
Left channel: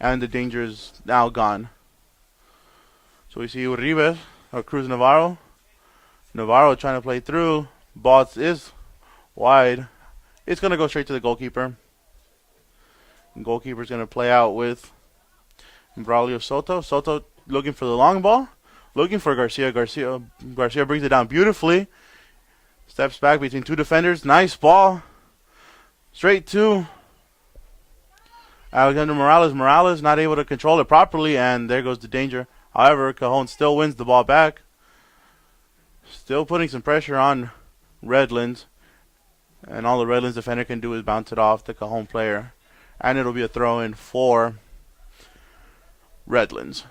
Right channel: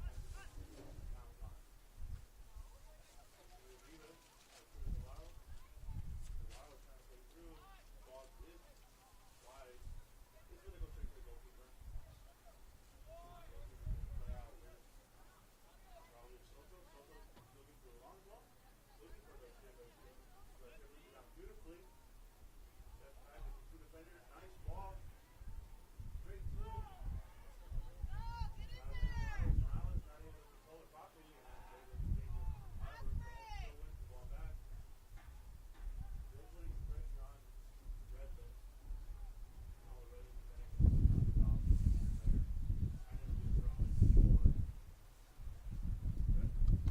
And the danger is now gone. So we see Uribe, or Cruz Navarro. Navarro trying to play through. Ball is wide. It's going to go straight to the goalkeeper. The goalkeeper's going to play out with Braulio Soto. Soto looking for the long ball. Looking for Garcia. Garcia brings it down beautifully. Steps back between two defenders. Nice ball. Straight to Alexander Morales. Morales not able to control it properly, and there goes the danger. However, Cajon still wins the ball back. Still putting some pressure on Redlands. And all the Redlands defender can do is bounce it off the Cajon player. And it'll be a throw-in for Redlands.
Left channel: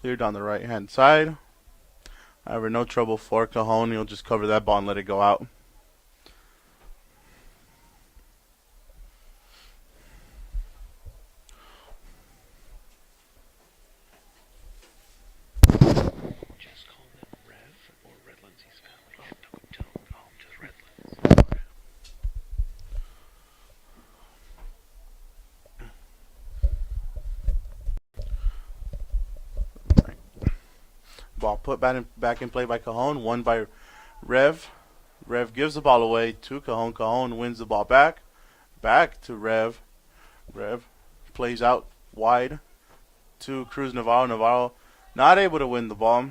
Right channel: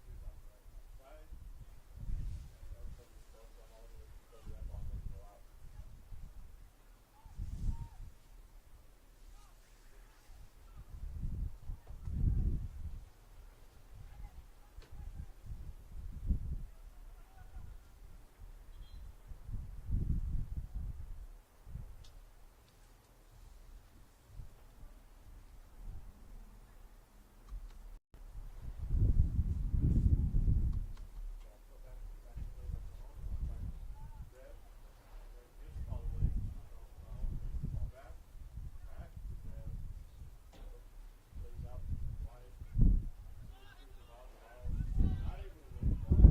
Cleared on the right-hand side. However, no trouble for Cajon. He'll just cover that ball and let it go out. Ball put back in play by Cajon. Won by Rev. Rev gives the ball away to Cajon. Cajon wins the ball back. Back to Rev. Rev plays out wide to Cruz Navarro. Navarro not able to win the ball.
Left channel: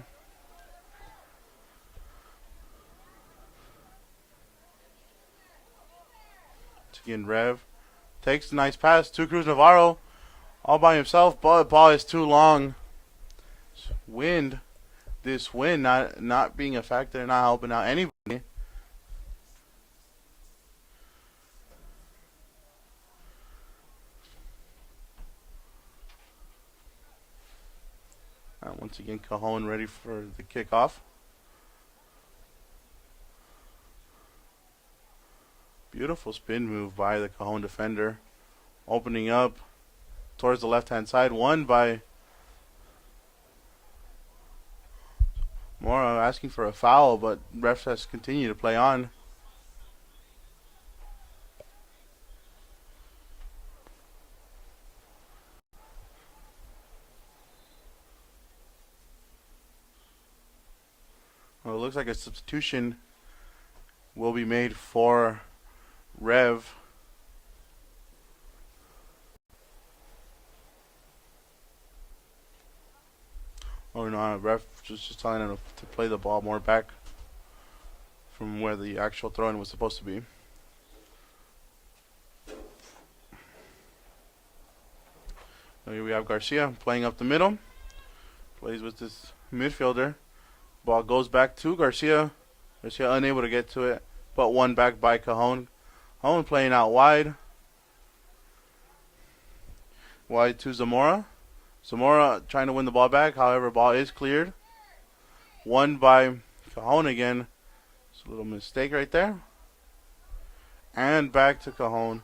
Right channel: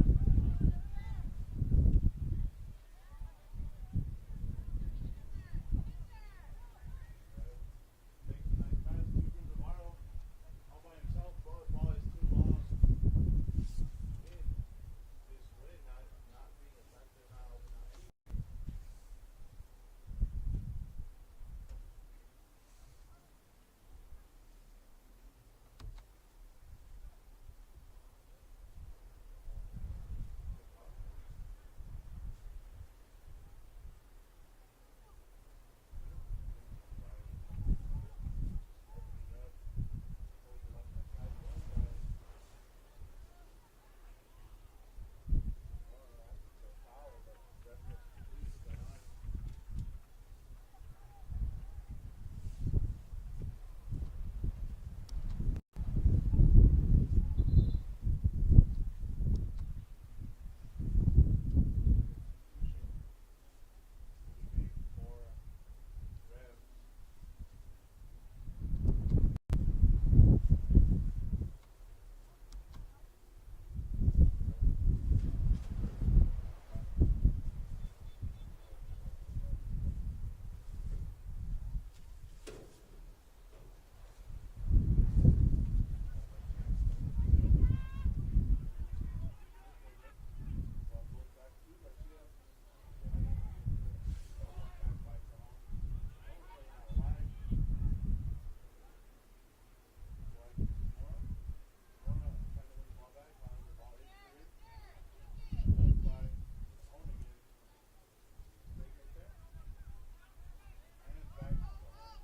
Again, Rev takes a nice pass to Cruz Navarro all by himself, but the ball is too long. This wind not being a factor, not helping out anybody. And once again, Cajon ready for the kickoff. Beautiful spin move by the Cajon defender. Opening up towards the left-hand side. Won by Mora, asking for a foul, but refs has continued to play on. Well, it looks like a substitution will be made for Rev. Oh no, ref just telling him to play the ball more back from where the actual throw-in was supposed to be. So here we have Garcia playing up the middle. Plays with this midfielder. Ball goes back to Garcia. Garcia unable to get to it, but won back by Cajon. Cajon playing out wide. Wide to Zamora. Zamora trying to win the ball back. However, ball is cleared. Won by Cajon again. It's a little mistake right there. And back to Cajon.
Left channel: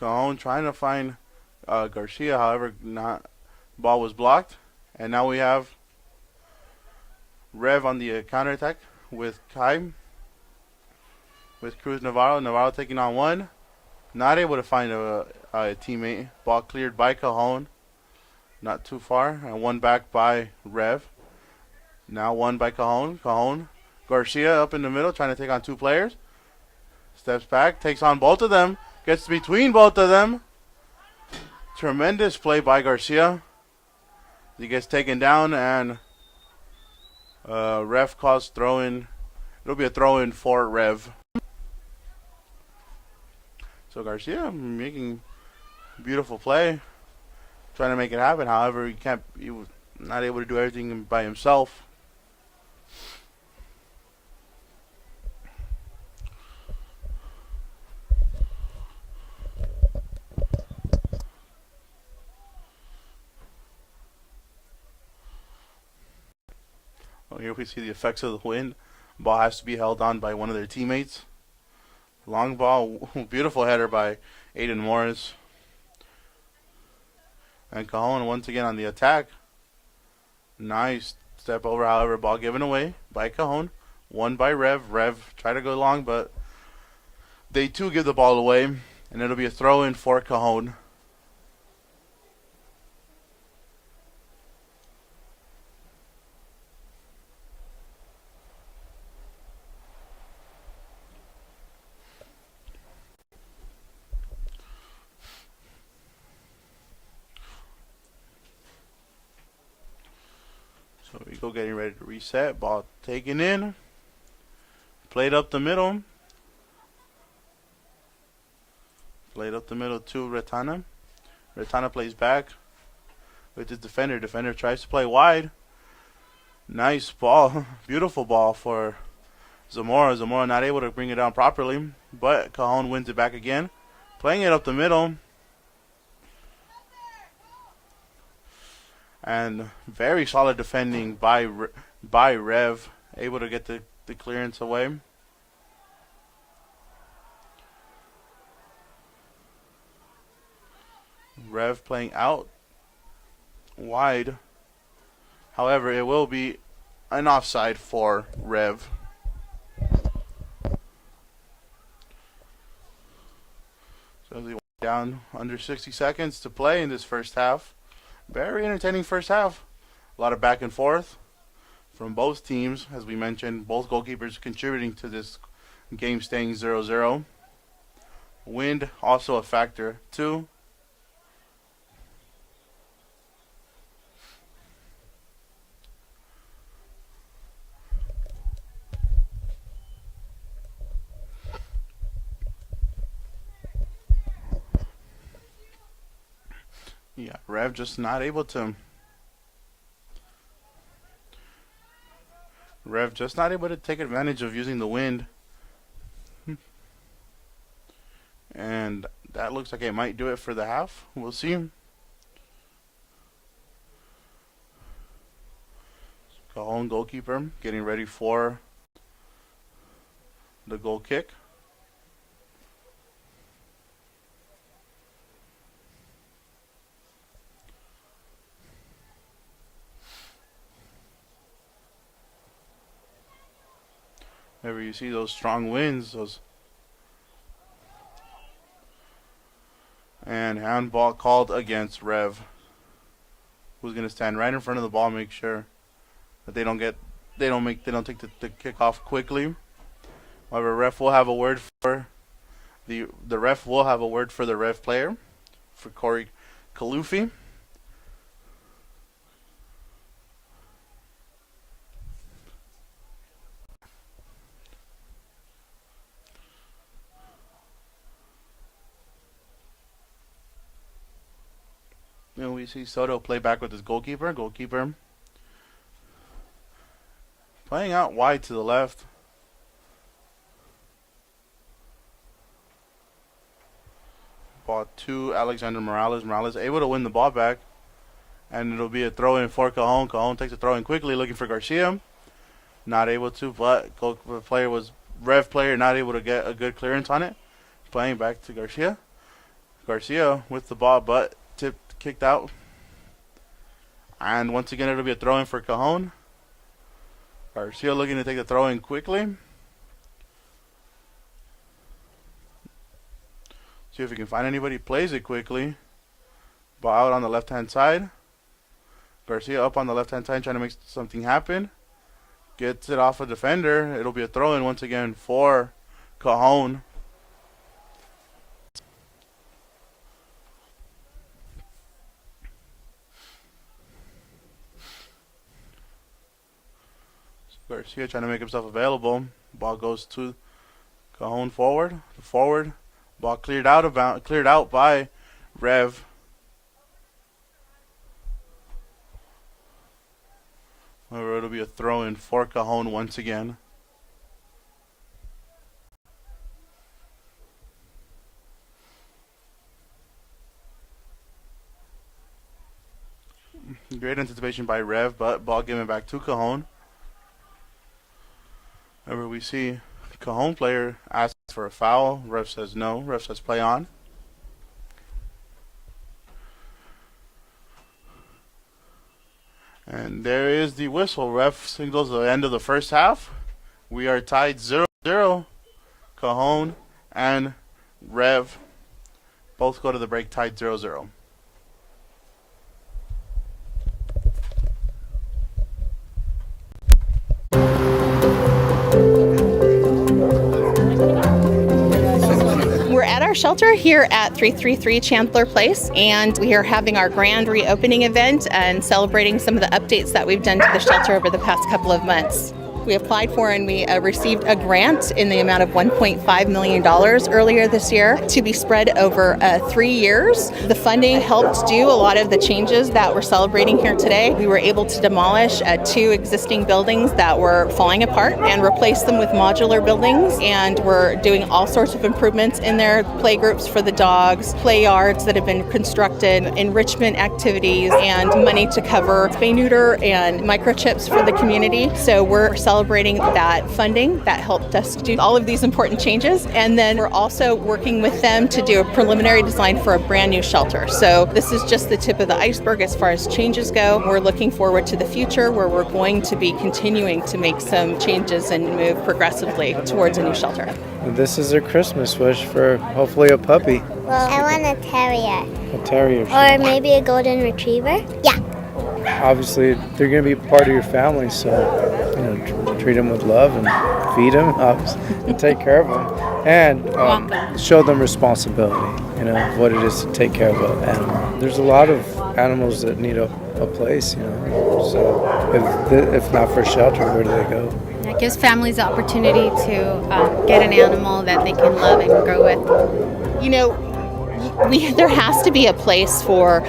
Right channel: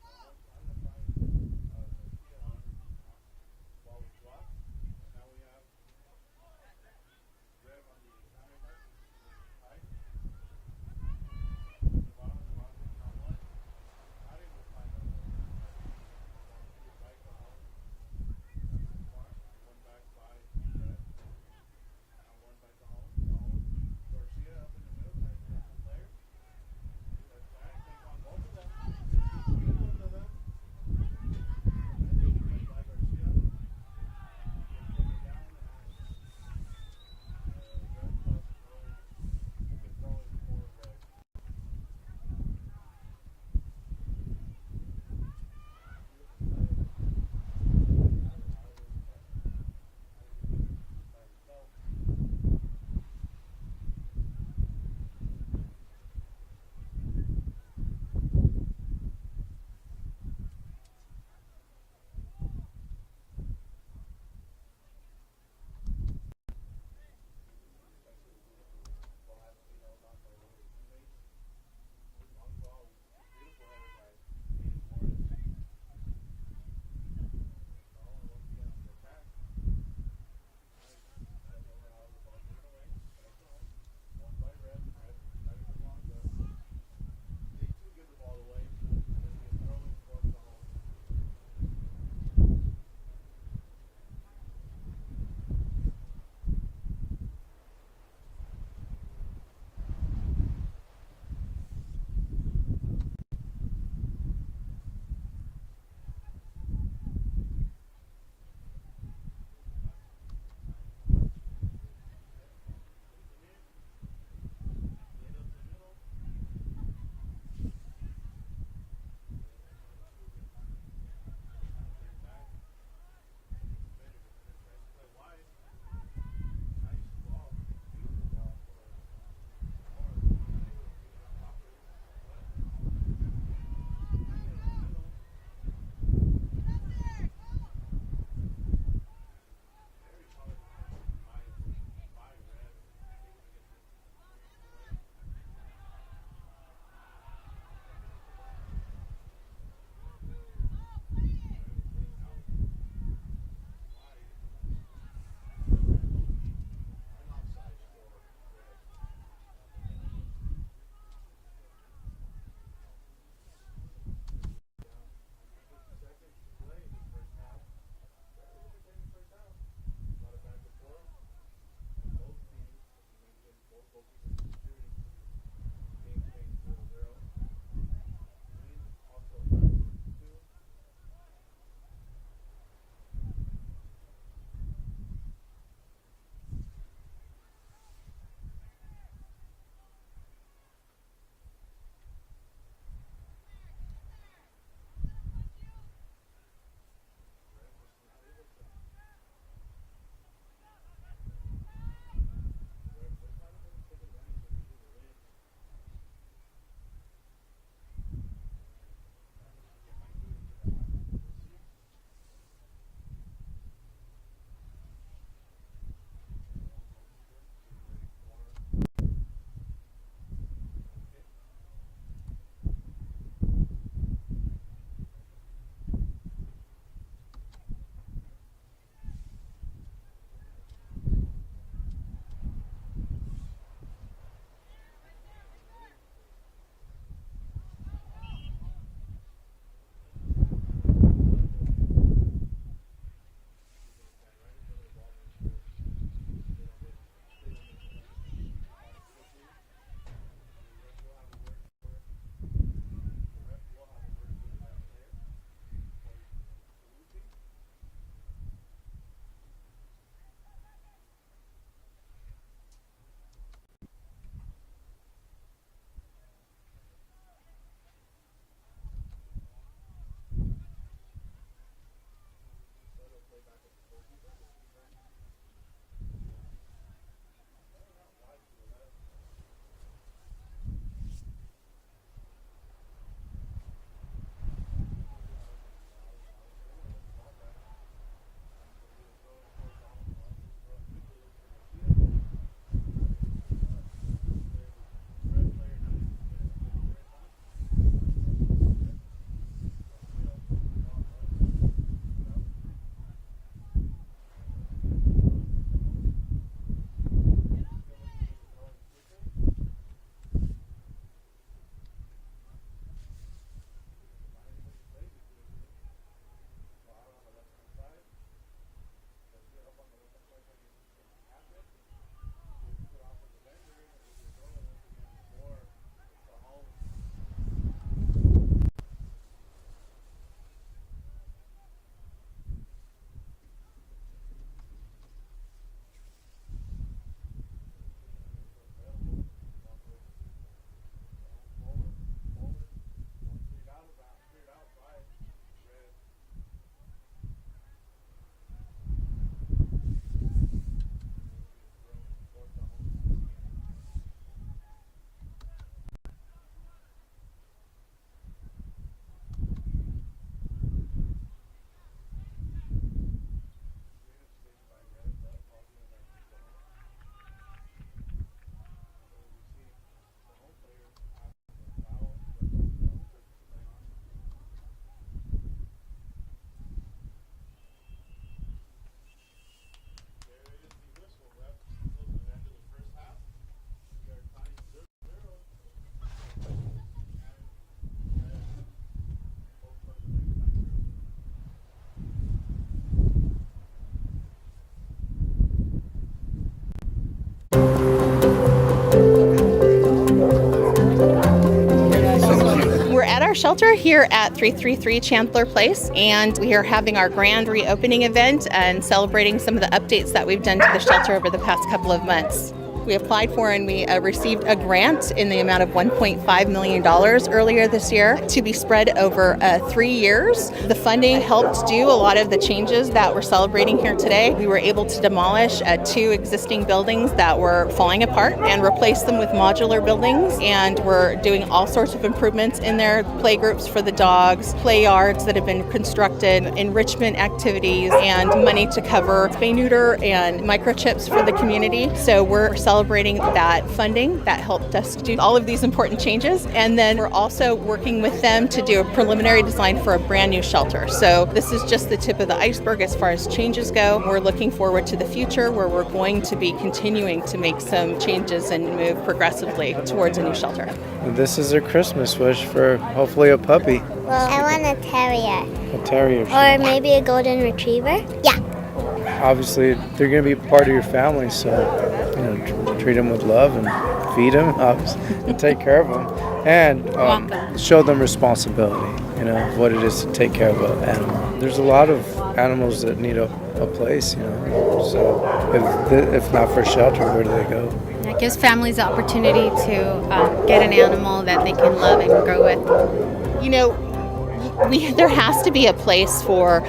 Cajon trying to find Garcia. However, ball was blocked. And now we have Rev on the counterattack with Kai. With Cruz Navarro. Navarro taking on one. Not able to find a teammate. Ball cleared by Cajon. Not too far. And one back by Rev. Now one by Cajon. Cajon. Garcia up in the middle trying to take on two players. Steps back. Takes on both of them. Gets between both of them. Tremendous play by Garcia. He gets taken down and ref calls throw-in. It'll be a throw-in for Rev. So Garcia making beautiful play, trying to make it happen. However, he was not able to do everything by himself. Well, here we see the effects of the wind. Ball has to be held on by one of their teammates. Long ball, beautiful header by Aiden Morris. And Cajon once again on the attack. Nice step over, however, ball given away by Cajon. Won by Rev. Rev tried to go long, but they too give the ball away, and it'll be a throw in for Cajon. So we go getting ready to reset. Ball taken in. Played up the middle. Played up the middle to Retana. Retana plays back with his defender. Defender tries to play wide. Nice ball. Beautiful ball for Zamora. Zamora not able to bring it down properly, but Cajon wins it back again. Playing it up the middle. And very solid defending by Rev. Able to get the clearance away. Rev playing out wide. However, it will be an offside for Rev. So they down under 60 seconds to play in this first half. Very entertaining first half. A lot of back and forth from both teams. As we mentioned, both goalkeepers contributing to this game staying 0-0. Wind also a factor too. Yeah, Rev just not able to. Rev just not able to take advantage of using the wind. And that looks like it might do it for the half. We'll see. Cajon goalkeeper getting ready for the goal kick. Whenever you see those strong winds, and handball called against Rev, who's gonna stand right in front of the ball, make sure that they don't take the kickoff quickly. However, ref will have a word for the ref will have a word for the Rev player, for Corey Kalufi. And we see Soto play back with his goalkeeper. Goalkeeper playing out wide to the left. Ball to Alexander Morales. Morales able to win the ball back. And it'll be a throw in for Cajon. Cajon takes a throw in quickly, looking for Garcia. Not able to, but Rev player not able to get a good clearance on it. Playing back to Garcia. Garcia with the ball, but kicked out. And once again, it'll be a throw in for Cajon. Garcia looking to take the throw in quickly. See if he can find anybody. Plays it quickly. Ball out on the left hand side. Garcia up on the left hand side trying to make something happen. Gets it off a defender. It'll be a throw in once again for Cajon. Garcia trying to make himself available. Ball goes to Cajon forward. Forward. Ball cleared out by Rev. It'll be a throw in for Cajon once again. Great anticipation by Rev, but ball given back to Cajon. Whenever we see Cajon player asks for a foul, ref says no. Ref says play on. And there is the whistle. Ref signals the end of the first half. We are tied 0-0. Cajon and Rev both go to the break tied 0-0. We're at our shelter here at 333 Chandler Place, and we are having our grand reopening event and celebrating some of the updates that we've done to the shelter over the past couple of months. We applied for and we received a grant in the amount of $1.5 million earlier this year to be spread over 3 years. The funding helped do a lot of the changes that we're celebrating here today. We were able to demolish 2 existing buildings that were falling apart and replace them with modular buildings, and we're doing all sorts of improvements in there, play groups for the dogs, play yards that have been constructed, enrichment activities, and money to cover spay neuter and microchips for the community. So we're celebrating that funding that helped us do all of these important changes. And then we're also working with them to do a preliminary design for a brand new shelter. So this is just the tip of the iceberg as far as changes go. We're looking forward to the future where we're going to be continuing to make some changes and move progressively towards a new shelter. This is a Christmas wish for hopefully a puppy. Well, I want a terrier. A terrier. Or maybe a golden retriever. Yeah. Obviously, they're going to be part of your family, so treat them with love and feed them, obviously, and take care of them, and show them responsibility. What it is to take care of an animal. There's a lot of animals that need a place. So if not for shelter, where do they go? It gives families the opportunity to get an animal that they can love and grow with. There has to be a place for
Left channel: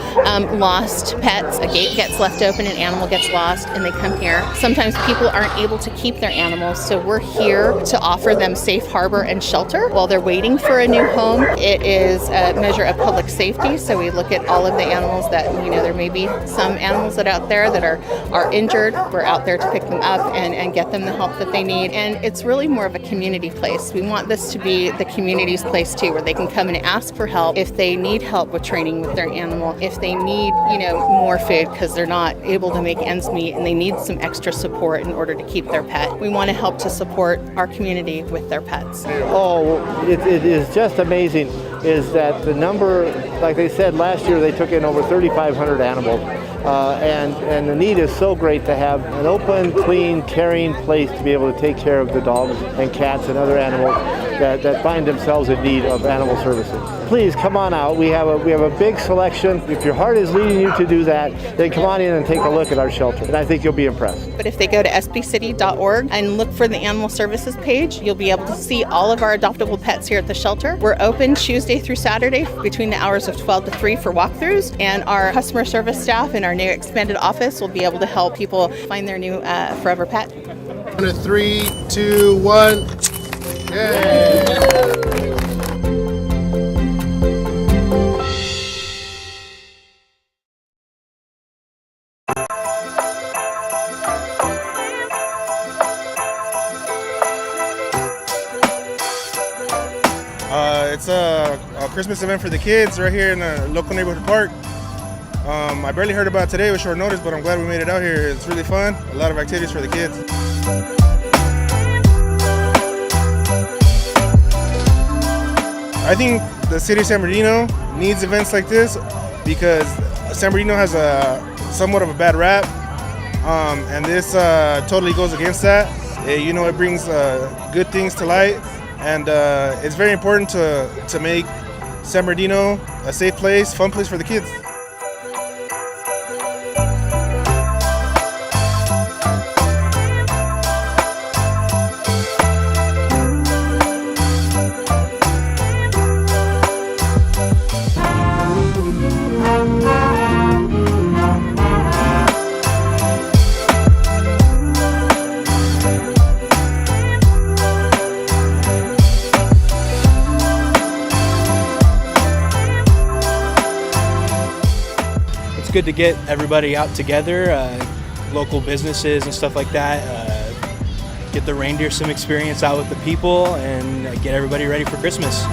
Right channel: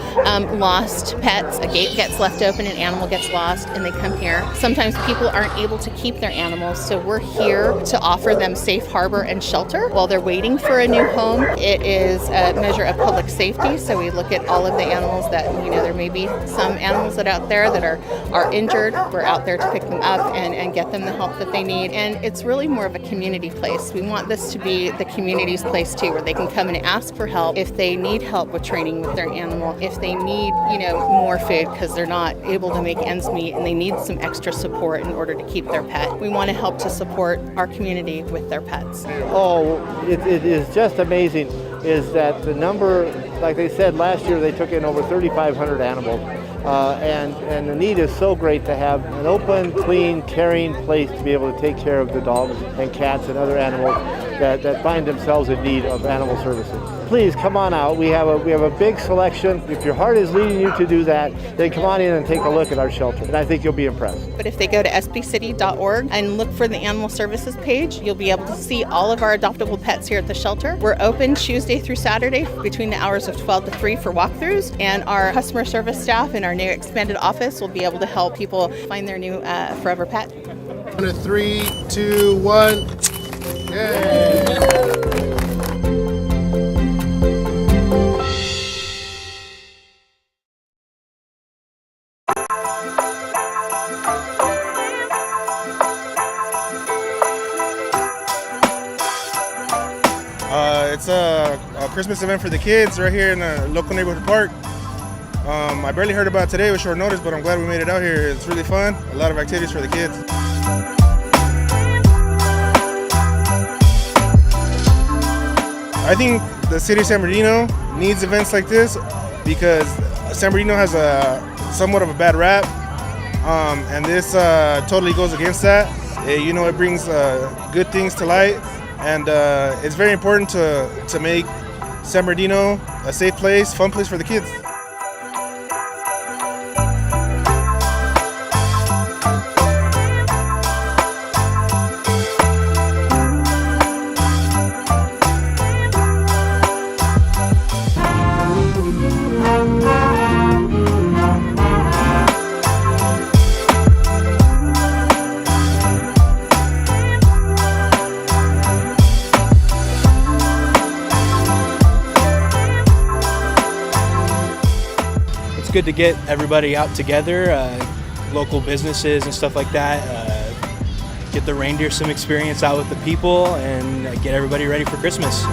lost pets. A gate gets left open, an animal gets lost, and they come here. Sometimes people aren't able to keep their animals, so we're here to offer them safe harbor and shelter while they're waiting for a new home. It is a measure of public safety, so we look at all of the animals that, there may be some animals that out there that are injured. We're out there to pick them up and get them the help that they need. And it's really more of a community place. We want this to be the community's place too, where they can come and ask for help if they need help with training with their animal, if they need, more food because they're not able to make ends meet and they need some extra support in order to keep their pet. We want to help to support our community with their pets. It is just amazing is that the number, like they said last year, they took in over 3,500 animals. And the need is so great to have an open, clean, caring place to be able to take care of the dogs and cats and other animals that find themselves in need of animal services. Please come on out. We have a big selection. If your heart is leading you to do that, then come on in and take a look at our shelter, and I think you'll be impressed. But if they go to sbcity.org and look for the Animal Services page, you'll be able to see all of our adoptable pets here at the shelter. We're open Tuesday through Saturday between the hours of 12 to 3 for walkthroughs, and our customer service staff in our new expanded office will be able to help people find their new forever pet. 3, 2, 1. Yay! It's a Christmas event for the kids right here in the local neighborhood park. I barely heard about it today with short notice, but I'm glad we made it out here. It's really fun. A lot of activities for the kids. I think the city of San Bernardino needs events like this because San Bernardino has somewhat of a bad rap, and this totally goes against that. It brings good things to light, and it's very important to make San Bernardino a safe place, fun place for the kids. It's good to get everybody out together, local businesses and stuff like that, get the reindeer some experience out with the people, and get everybody ready for Christmas.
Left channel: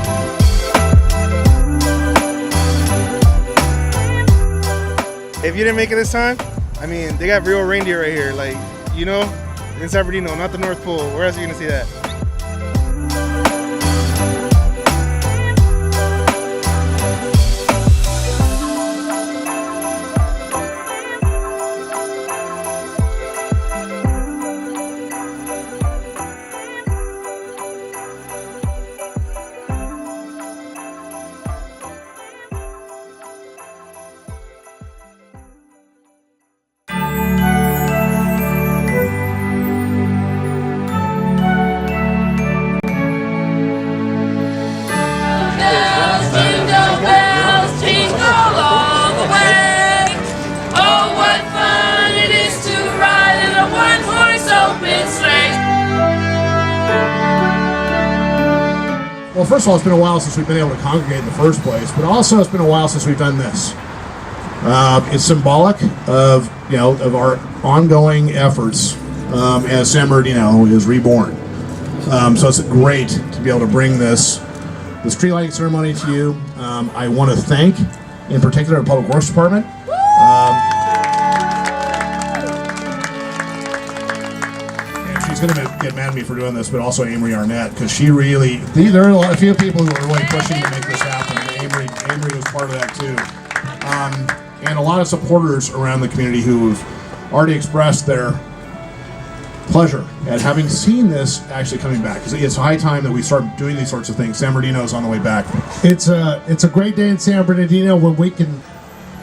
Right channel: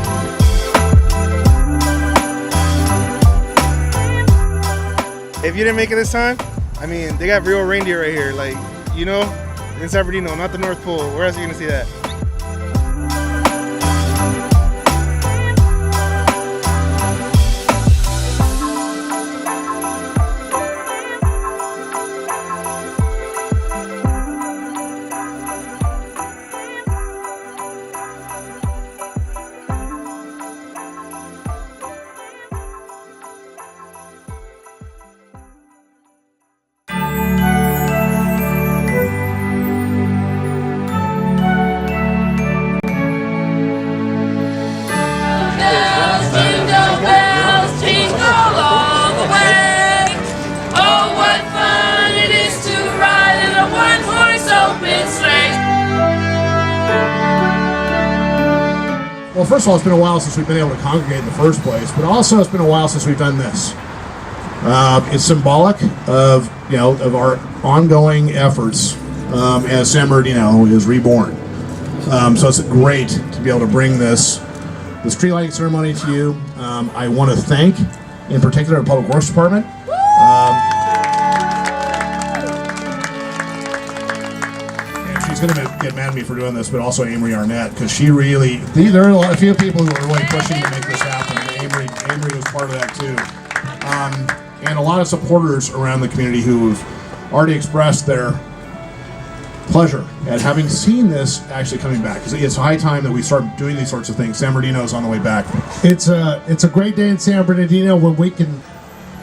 If you didn't make it this time, they got real reindeer right here. in San Bernardino, not the North Pole. Where else are you gonna see that? Well, first of all, it's been a while since we've been able to congregate in the first place, but also it's been a while since we've done this. It's symbolic of our ongoing efforts as San Bernardino is reborn. So it's great to be able to bring this tree lighting ceremony to you. I want to thank, in particular, the Public Works Department. She's going to get mad at me for doing this, but also Amory Arnett, because she really, there are a few people who are really pushing to make this happen. Amory was part of that too. And a lot of supporters around the community who've already expressed their pleasure at having seen this actually coming back. Because it's high time that we start doing these sorts of things. San Bernardino is on the way back. It's a great day in San Bernardino when we can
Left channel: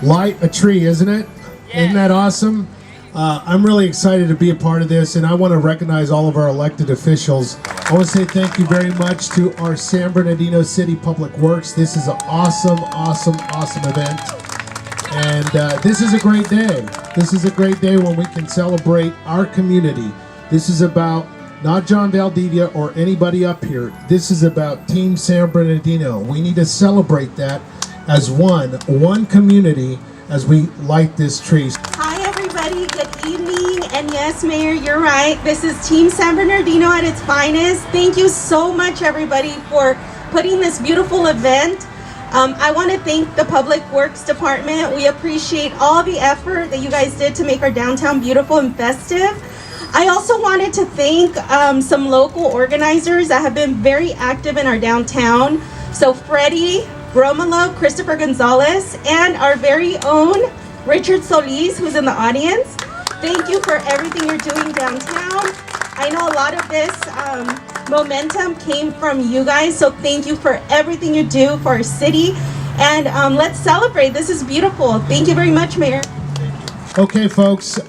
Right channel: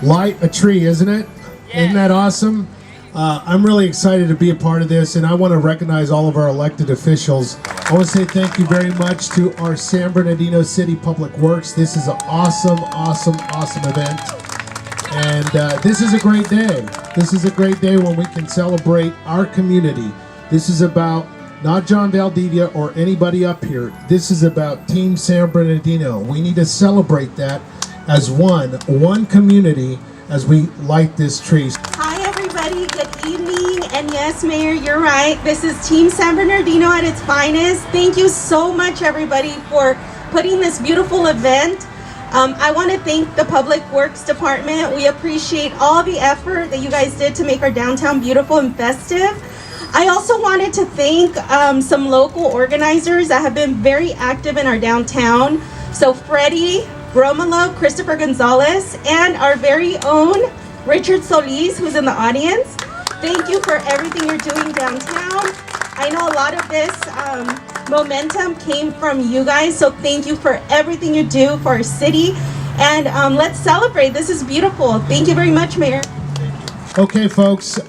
light a tree, isn't it? Yeah. Isn't that awesome? I'm really excited to be a part of this, and I want to recognize all of our elected officials. I want to say thank you very much to our San Bernardino City Public Works. This is an awesome event, and this is a great day. This is a great day when we can celebrate our community. This is about not John Valdivia or anybody up here. This is about Team San Bernardino. We need to celebrate that as one community as we light this tree. Hi everybody, good evening, and yes, Mayor, you're right. This is Team San Bernardino at its finest. Thank you so much, everybody, for putting this beautiful event. I want to thank the Public Works Department. We appreciate all the effort that you guys did to make our downtown beautiful and festive. I also wanted to thank some local organizers that have been very active in our downtown. So Freddie Romolo, Christopher Gonzalez, and our very own Richard Solis, who's in the audience. Thank you for everything you're doing downtown. I know a lot of this momentum came from you guys, so thank you for everything you do for our city. And let's celebrate. This is beautiful. Thank you very much, Mayor. Okay, folks,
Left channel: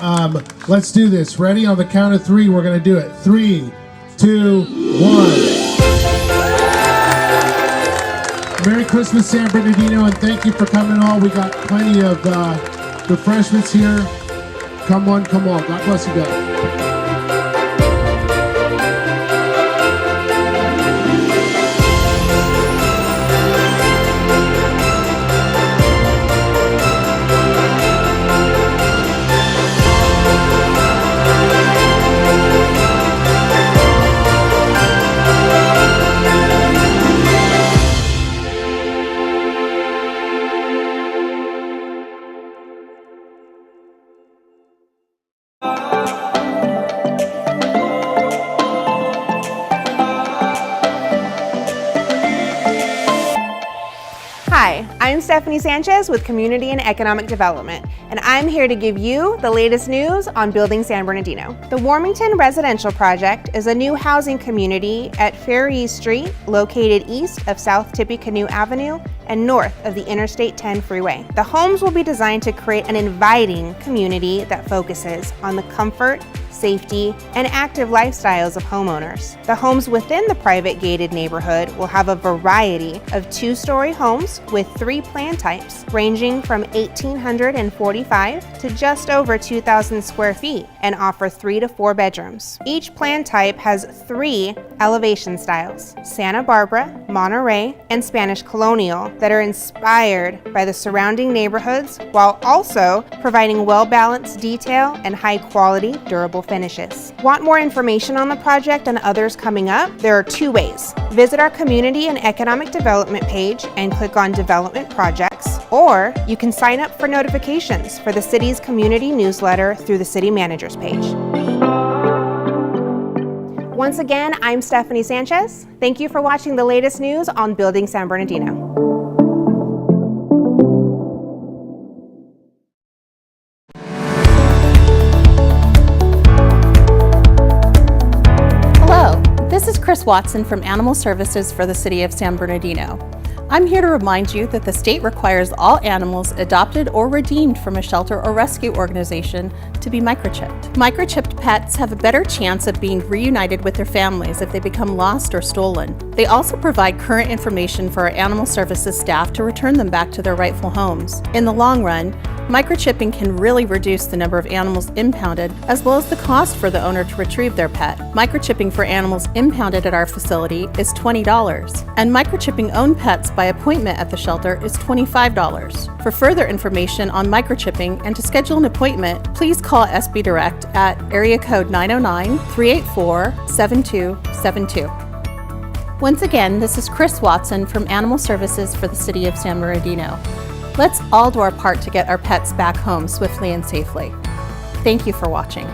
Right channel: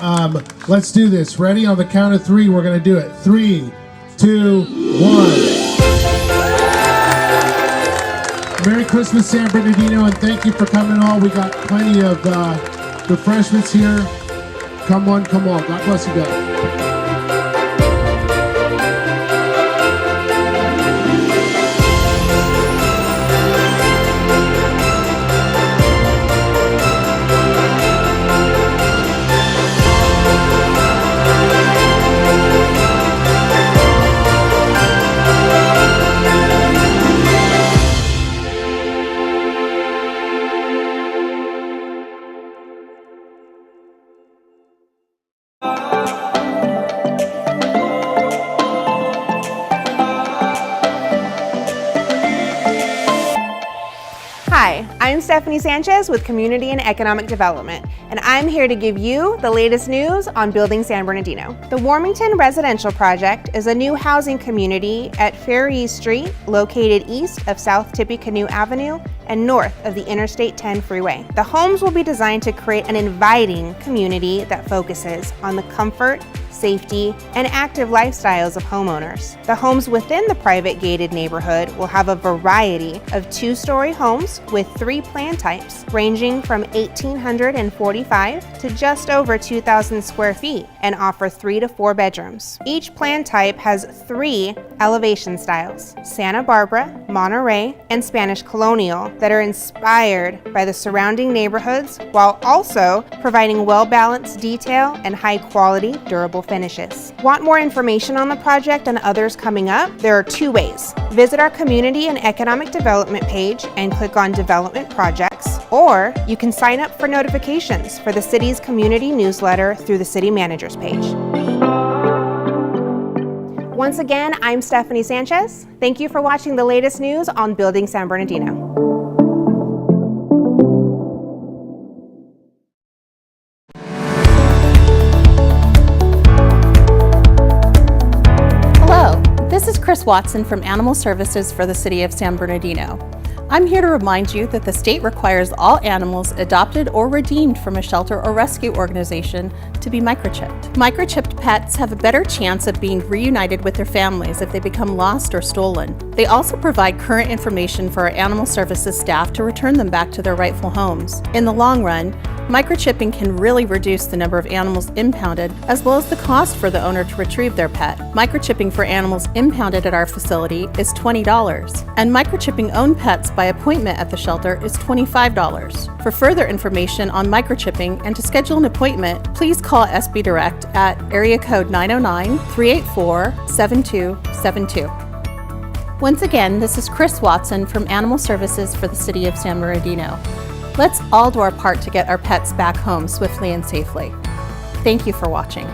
let's do this. Ready? On the count of three, we're going to do it. 3, 2, 1. Merry Christmas, San Bernardino, and thank you for coming all. We got plenty of refreshments here. Come on, come on. God bless you guys. Hi, I'm Stephanie Sanchez with Community and Economic Development, and I'm here to give you the latest news on Building San Bernardino. The Warmington Residential Project is a new housing community at Fair East Street, located east of South Tippecanoe Avenue and north of the Interstate 10 freeway. The homes will be designed to create an inviting community that focuses on the comfort, safety, and active lifestyles of homeowners. The homes within the private gated neighborhood will have a variety of 2-story homes with 3 plan types, ranging from 1,845 to just over 2,000 square feet, and offer 3 to 4 bedrooms. Each plan type has 3 elevation styles: Santa Barbara, Monterey, and Spanish Colonial, that are inspired by the surrounding neighborhoods while also providing well-balanced detail and high-quality, durable finishes. Want more information on the project and others coming up? There are 2 ways. Visit our Community and Economic Development page and click on Development Projects, or you can sign up for notifications for the city's community newsletter through the City Manager's page. Once again, I'm Stephanie Sanchez. Thank you for watching the latest news on Building San Bernardino. Hello, this is Chris Watson from Animal Services for the City of San Bernardino. I'm here to remind you that the state requires all animals adopted or redeemed from a shelter or rescue organization to be microchipped. Microchipped pets have a better chance of being reunited with their families if they become lost or stolen. They also provide current information for our animal services staff to return them back to their rightful homes. In the long run, microchipping can really reduce the number of animals impounded as well as the cost for the owner to retrieve their pet. Microchipping for animals impounded at our facility is $20, and microchipping owned pets by appointment at the shelter is $25. For further information on microchipping and to schedule an appointment, please call SB Direct at area code 909-384-7272. Once again, this is Chris Watson from Animal Services for the City of San Bernardino. Let's all do our part to get our pets back home swiftly and safely. Thank you for watching.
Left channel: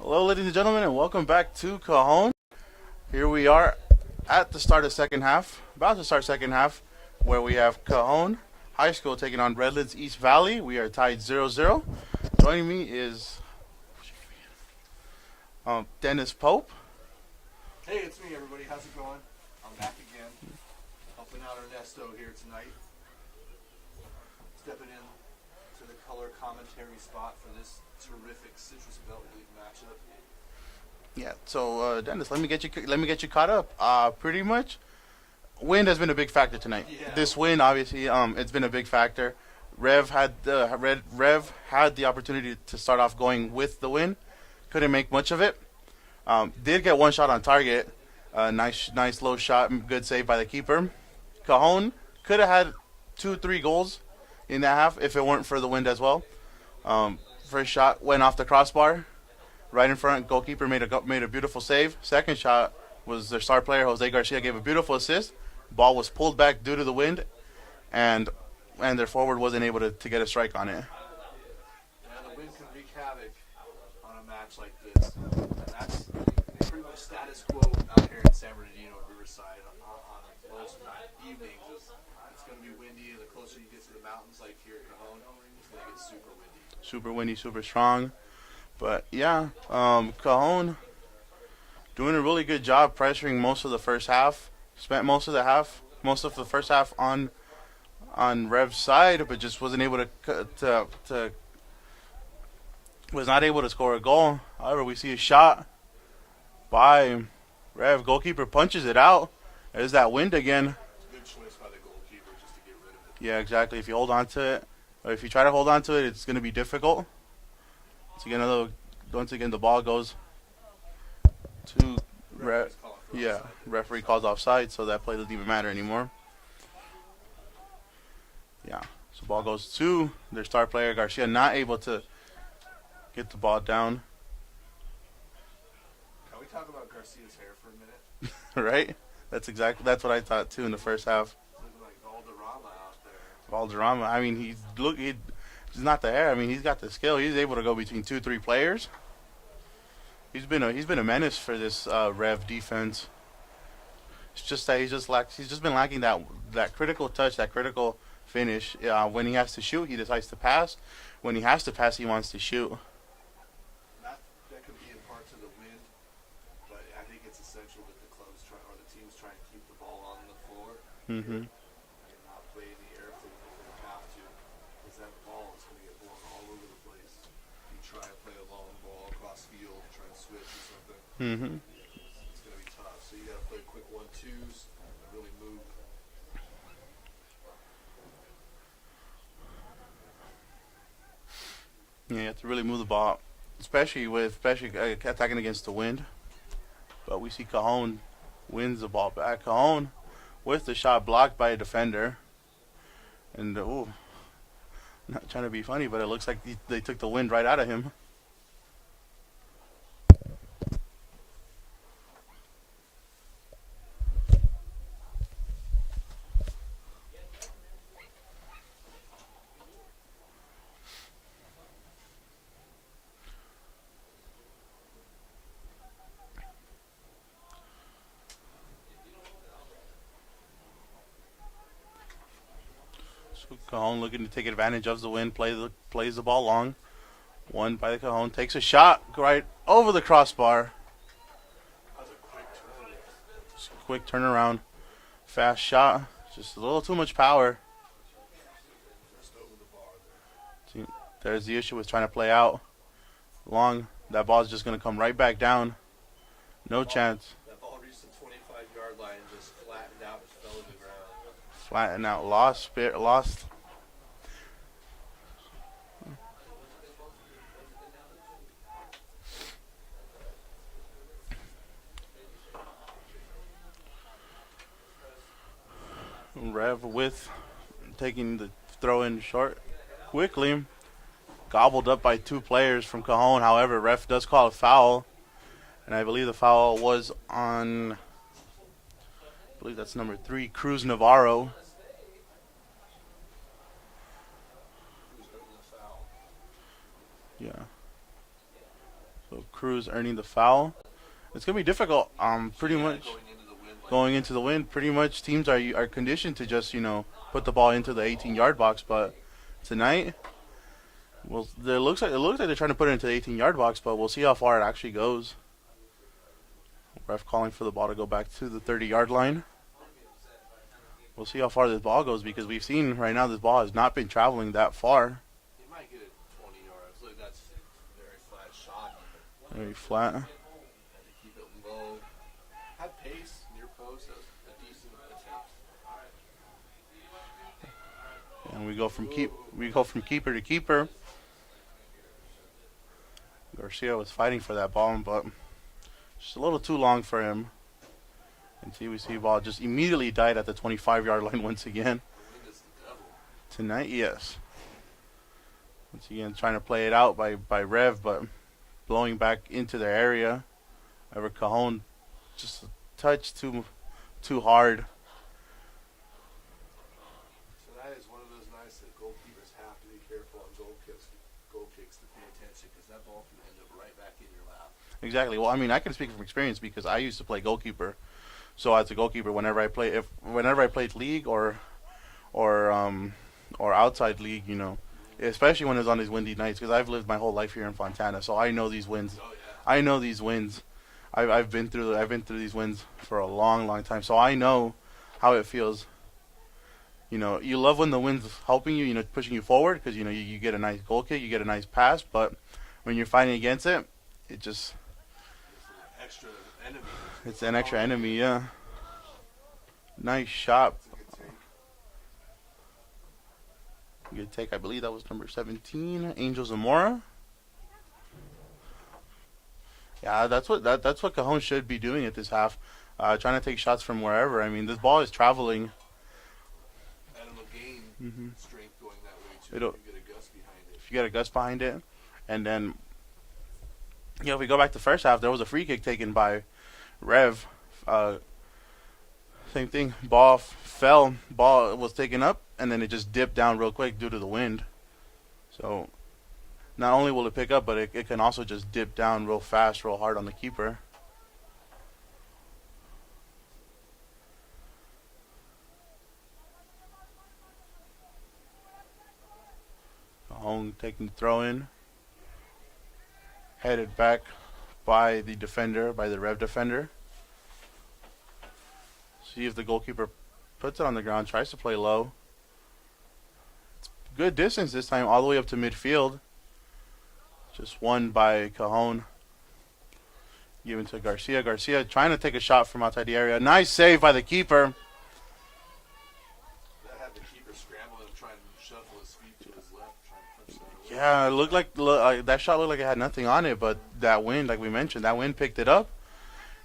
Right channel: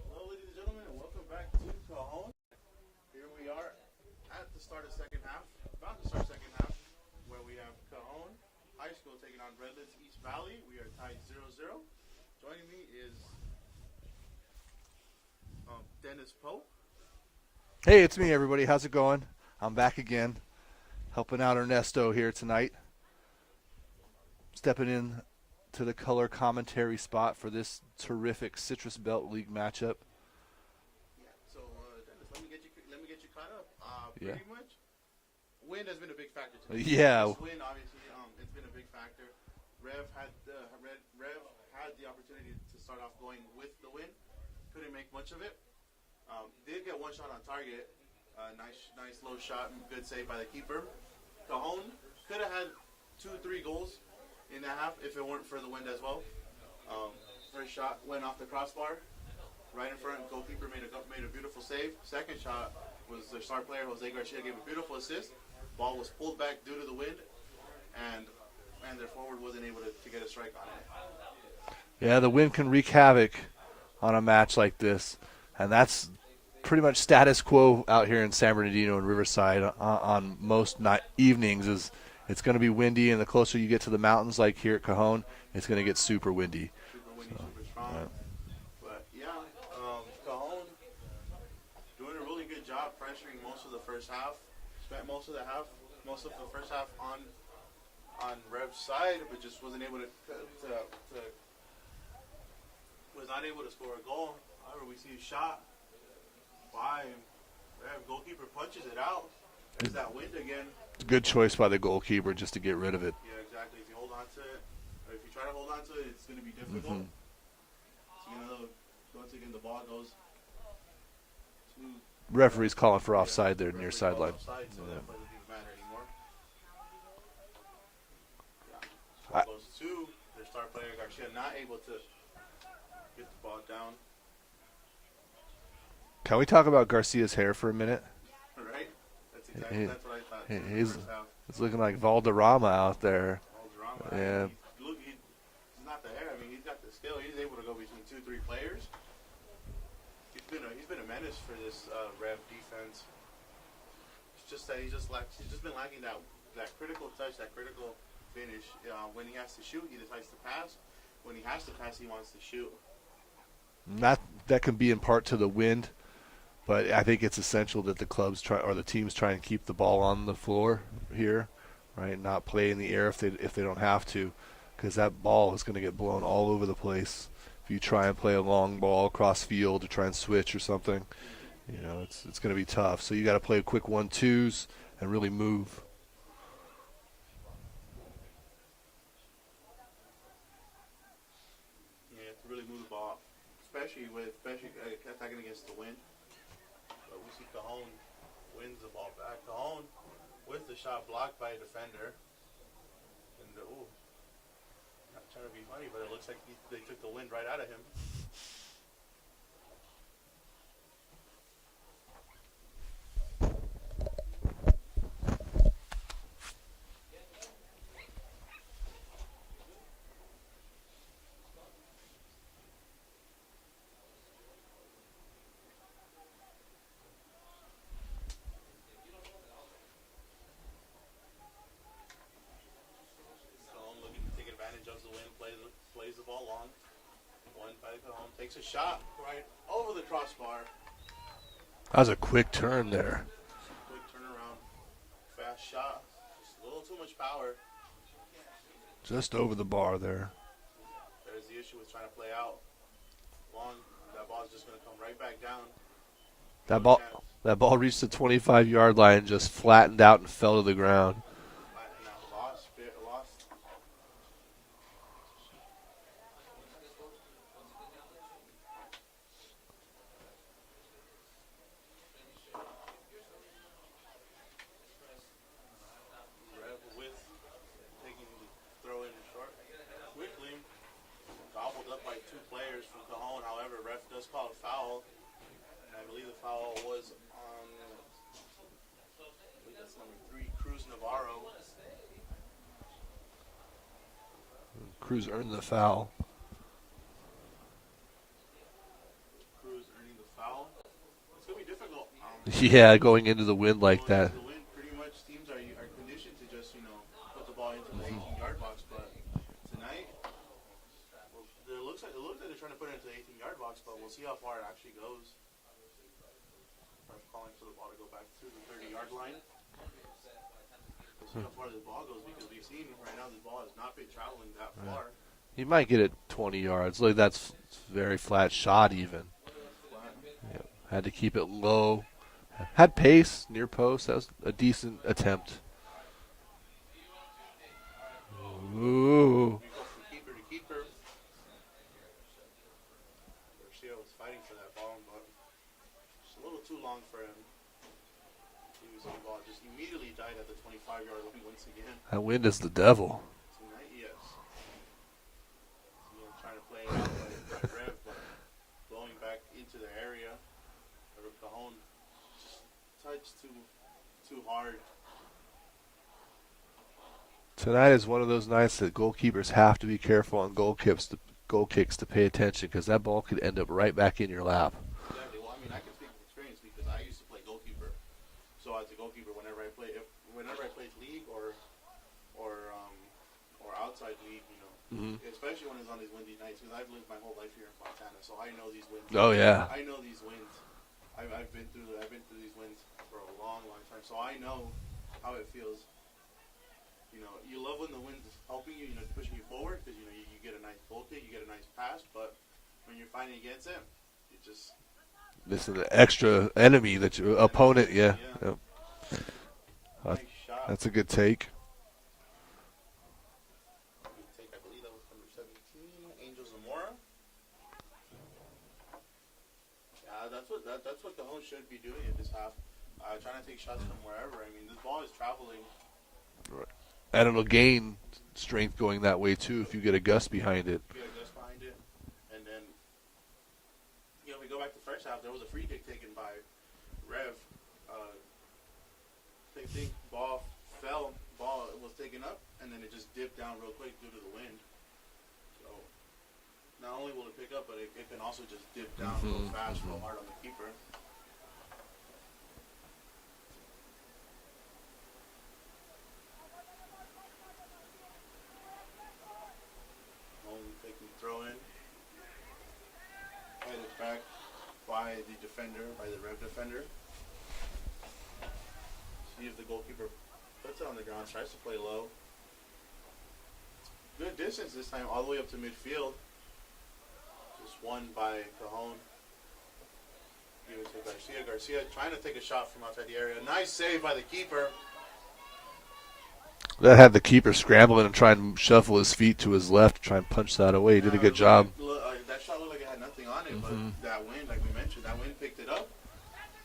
Hello, ladies and gentlemen, and welcome back to Cajon. Here we are at the start of second half, about to start second half, where we have Cajon High School taking on Redlands East Valley. We are tied 0-0. Joining me is Dennis Pope. Hey, it's me, everybody. How's it going? I'm back again, helping out Ernesto here tonight. Stepping in to the color commentary spot for this terrific Citrus Belt League matchup. Yeah. So Dennis, let me get you caught up. Pretty much, wind has been a big factor tonight. Yeah. This win, obviously, it's been a big factor. Rev had the opportunity to start off going with the win, couldn't make much of it. Did get one shot on target. Nice low shot, good save by the keeper. Cajon could have had 2-3 goals in that half if it weren't for the wind as well. First shot went off the crossbar, right in front. Goalkeeper made a beautiful save. Second shot was their star player Jose Garcia gave a beautiful assist. Ball was pulled back due to the wind, and their forward wasn't able to get a strike on it. Yeah, the wind can wreak havoc on a match like this, and that's pretty much status quo out here in San Bernardino and Riverside on most evenings. Is it's going to be windy, and the closer you get to the mountains like here at Cajon, it's going to get super windy. Super windy, super strong. But yeah, Cajon doing a really good job pressuring most of the first half. Spent most of the first half on Rev's side, but just wasn't able to was not able to score a goal. However, we see a shot by Rev. Goalkeeper punches it out. There's that wind again. Good choice by the goalkeeper just to get rid of it. Yeah, exactly. If you hold on to it, or if you try to hold on to it, it's going to be difficult. Once again, the ball goes to referee's calling for offside there. Referee calls offside, so that play doesn't even matter anymore. Yeah, so ball goes to their star player Garcia, not able to get the ball down. Can we talk about Garcia's hair for a minute? Right? That's what I thought too in the first half. It's looking like Valderrama out there. Valderrama. I mean, he's not the hair. I mean, he's got the skill. He's able to go between 2-3 players. He's been a menace for this Rev defense. It's just that he's just been lacking that critical touch, that critical finish. When he has to shoot, he decides to pass. When he has to pass, he wants to shoot. That can be in part to the wind, but I think it's essential that the teams try and keep the ball on the floor here, right? Not play in the air if they don't have to, because that ball is going to get blown all over the place if you try and play a long ball across field to try and switch or something. You know, it's going to be tough. So you got to play quick 1-2s and really move. Yeah, you have to really move the ball, especially attacking against the wind. But we see Cajon wins the ball back. Cajon with the shot blocked by a defender. And, I'm not trying to be funny, but it looks like they took the wind right out of him. Cajon looking to take advantage of the wind, plays the ball long. One by the Cajon, takes a shot right over the crossbar. That was a quick turn there. Just a quick turnaround. Fast shot. Just a little too much power. Just over the bar there. See, there's the issue with trying to play out long. That ball's just going to come right back down. No chance. That ball reached the 25-yard line and just flattened out and fell to the ground. Flattened out. Lost. Rev with taking the throw in short quickly. Gobbled up by 2 players from Cajon. However, ref does call a foul. And I believe the foul was on, I believe that's number 3, Cruz Navarro. Cruz earned the foul. Yeah. So Cruz earning the foul. It's going to be difficult. Yeah, going into the wind like that. Going into the wind, pretty much teams are conditioned to just, put the ball into the 18-yard box. But tonight, well, it looks like they're trying to put it into the 18-yard box, but we'll see how far it actually goes. Ref calling for the ball to go back to the 30-yard line. We'll see how far this ball goes because we've seen right now this ball has not been traveling that far. He might get it 20 yards. Like that's very flat shot even. Very flat. Yeah. Had to keep it low. Had pace near post. That was a decent attempt. And we go from keeper to keeper. Garcia was fighting for that ball, but just a little too long for him. And we see ball just immediately died at the 25-yard line once again. That wind is the devil. Tonight, yes. Once again, trying to play it out by Rev, but blowing back into their area. However, Cajon just a touch too hard. Tonight is one of those nights that goalkeepers have to be careful on goal kicks to pay attention because that ball could end up right back in your lap. Exactly. Well, I mean, I can speak from experience because I used to play goalkeeper. So as a goalkeeper, whenever I played league or outside league, especially when it's on these windy nights, because I've lived my whole life here in Fontana, so I know these winds. Oh yeah. I know these winds. I've been through these winds for a long, long time, so I know how it feels. You love when the wind's helping you, pushing you forward because you get a nice goal kick, you get a nice pass, but when you're fighting against it, it just. This is an extra enemy that your opponent. Yeah. Nice shot. That's a good take. Good take. I believe that was number 17, Angel Zamora. Yeah, that's what Cajon should be doing at this half, trying to take shots from wherever. I mean, this ball is traveling. And it'll gain strength going that way too if you get a gust behind it. If you get a gust behind it, and then. If we go back to the first half, there was a free kick taken by Rev. Same thing. Ball fell. Ball was taken up, and then it just dipped down real quick due to the wind. So not only will it pick up, but it can also just dip down real fast, real hard on the keeper. Cajon taking the throw in. Headed back by the defender, by the Rev defender. See if the goalkeeper puts it on the ground, tries to play low. It's good distance this time, all the way up to midfield. Just won by Cajon. Given to Garcia. Garcia trying to take a shot from outside the area. Nice save by the keeper. That had the keeper scrambling and trying to shuffle his feet to his left, try and punch that away. He did a good job. That shot looked like it had nothing on it, but that wind, like we mentioned, that wind picked it up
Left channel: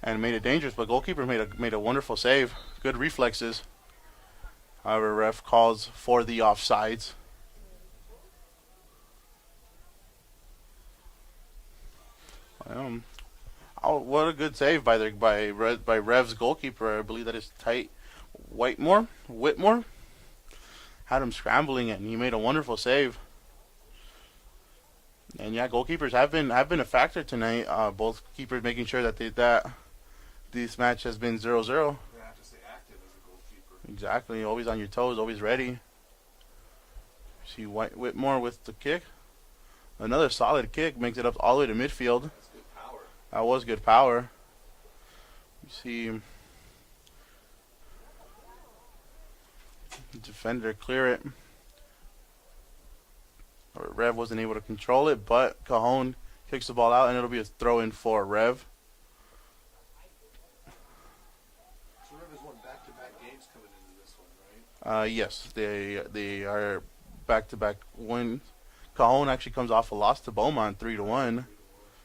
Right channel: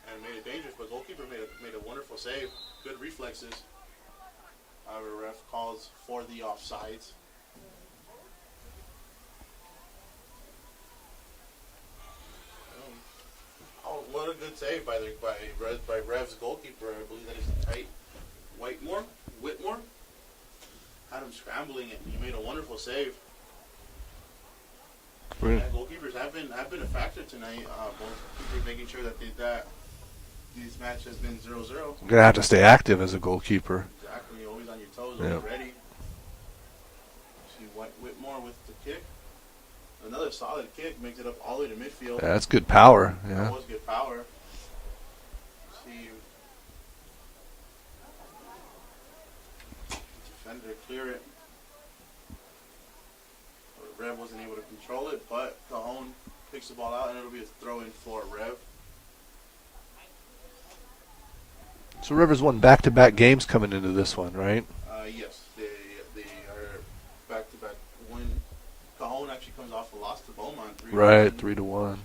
and made it dangerous. But goalkeeper made a wonderful save. Good reflexes. However, ref calls for the offsides. What a good save by Rev's goalkeeper. I believe that is Tight Whitmore. Had him scrambling it, and he made a wonderful save. And yeah, goalkeepers have been a factor tonight. Both keepers making sure that this match has been 0-0. You're gonna have to stay active as a goalkeeper. Exactly, always on your toes, always ready. See Whitmore with the kick. Another solid kick makes it up all the way to midfield. Yeah, that's good power. Yeah. That was good power. See defender clear it. Rev wasn't able to control it, but Cajon kicks the ball out, and it'll be a throw-in for Rev. So Rivers won back-to-back games coming into this one, right? Yes, they are back-to-back win. Cajon actually comes off a loss to Beaumont 3-1. Right, 3-1.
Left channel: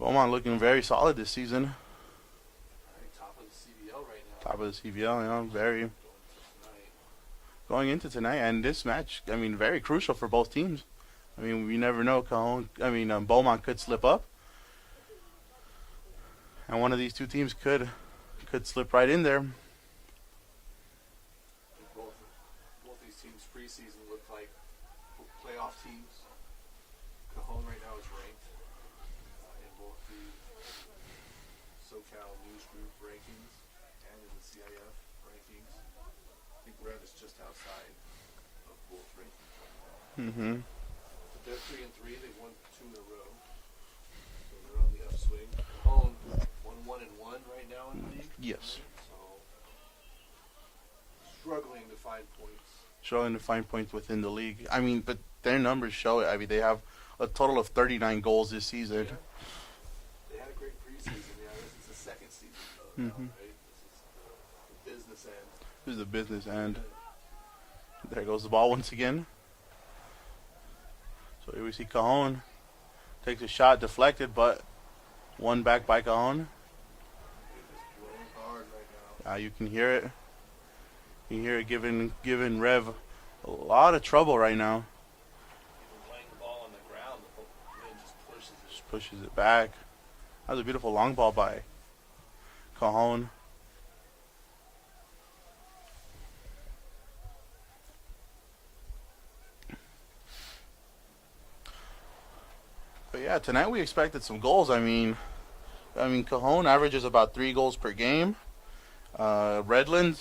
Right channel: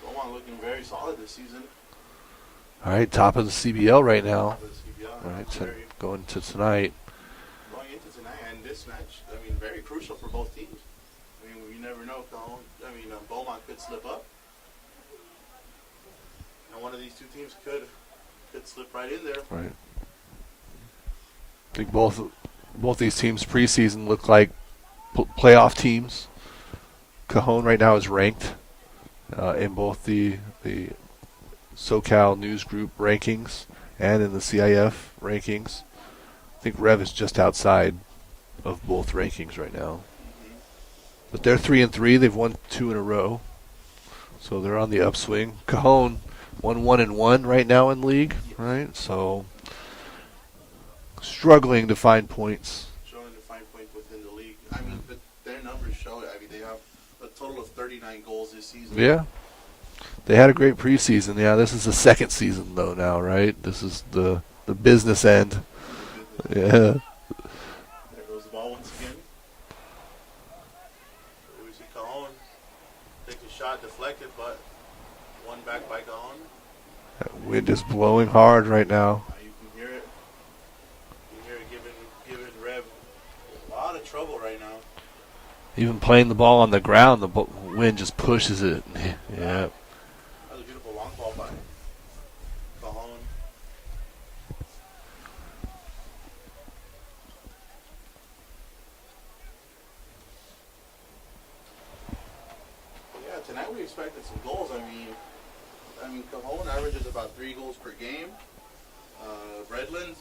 Beaumont looking very solid this season. All right, top of the CBL right now. Top of the CBL, yeah, Right, very. Going to tonight. Going into tonight, and this match, I mean, very crucial for both teams. I mean, we never know. Beaumont could slip up, and one of these two teams could slip right in there. Right. I think both these teams preseason look like playoff teams. Cajon right now is ranked in both the SoCal News Group rankings and in the CIF rankings. I think Rev is just outside of both rankings right now. Mm-hmm. But they're 3-3. They've won 2 in a row, so they're on the upswing. Cajon won 1-1 right now in league, yes. Right? So struggling to find points. Struggling to find points within the league. I mean, but their numbers show it. I mean, they have a total of 39 goals this season. Yeah. They had a great preseason. Yeah, this is the second season though now, right? This is the business end. This is the business end. Yeah. There goes the ball once again. So here we see Cajon takes a shot, deflected, but won back by Cajon. That wind is blowing hard right now. You can hear it. You can hear it giving Rev a lot of trouble right now. Even playing the ball on the ground, the wind just pushes it. Back. That was a beautiful long ball by Cajon. But yeah, tonight we expected some goals. I mean, Cajon averages about 3 goals per game. Rev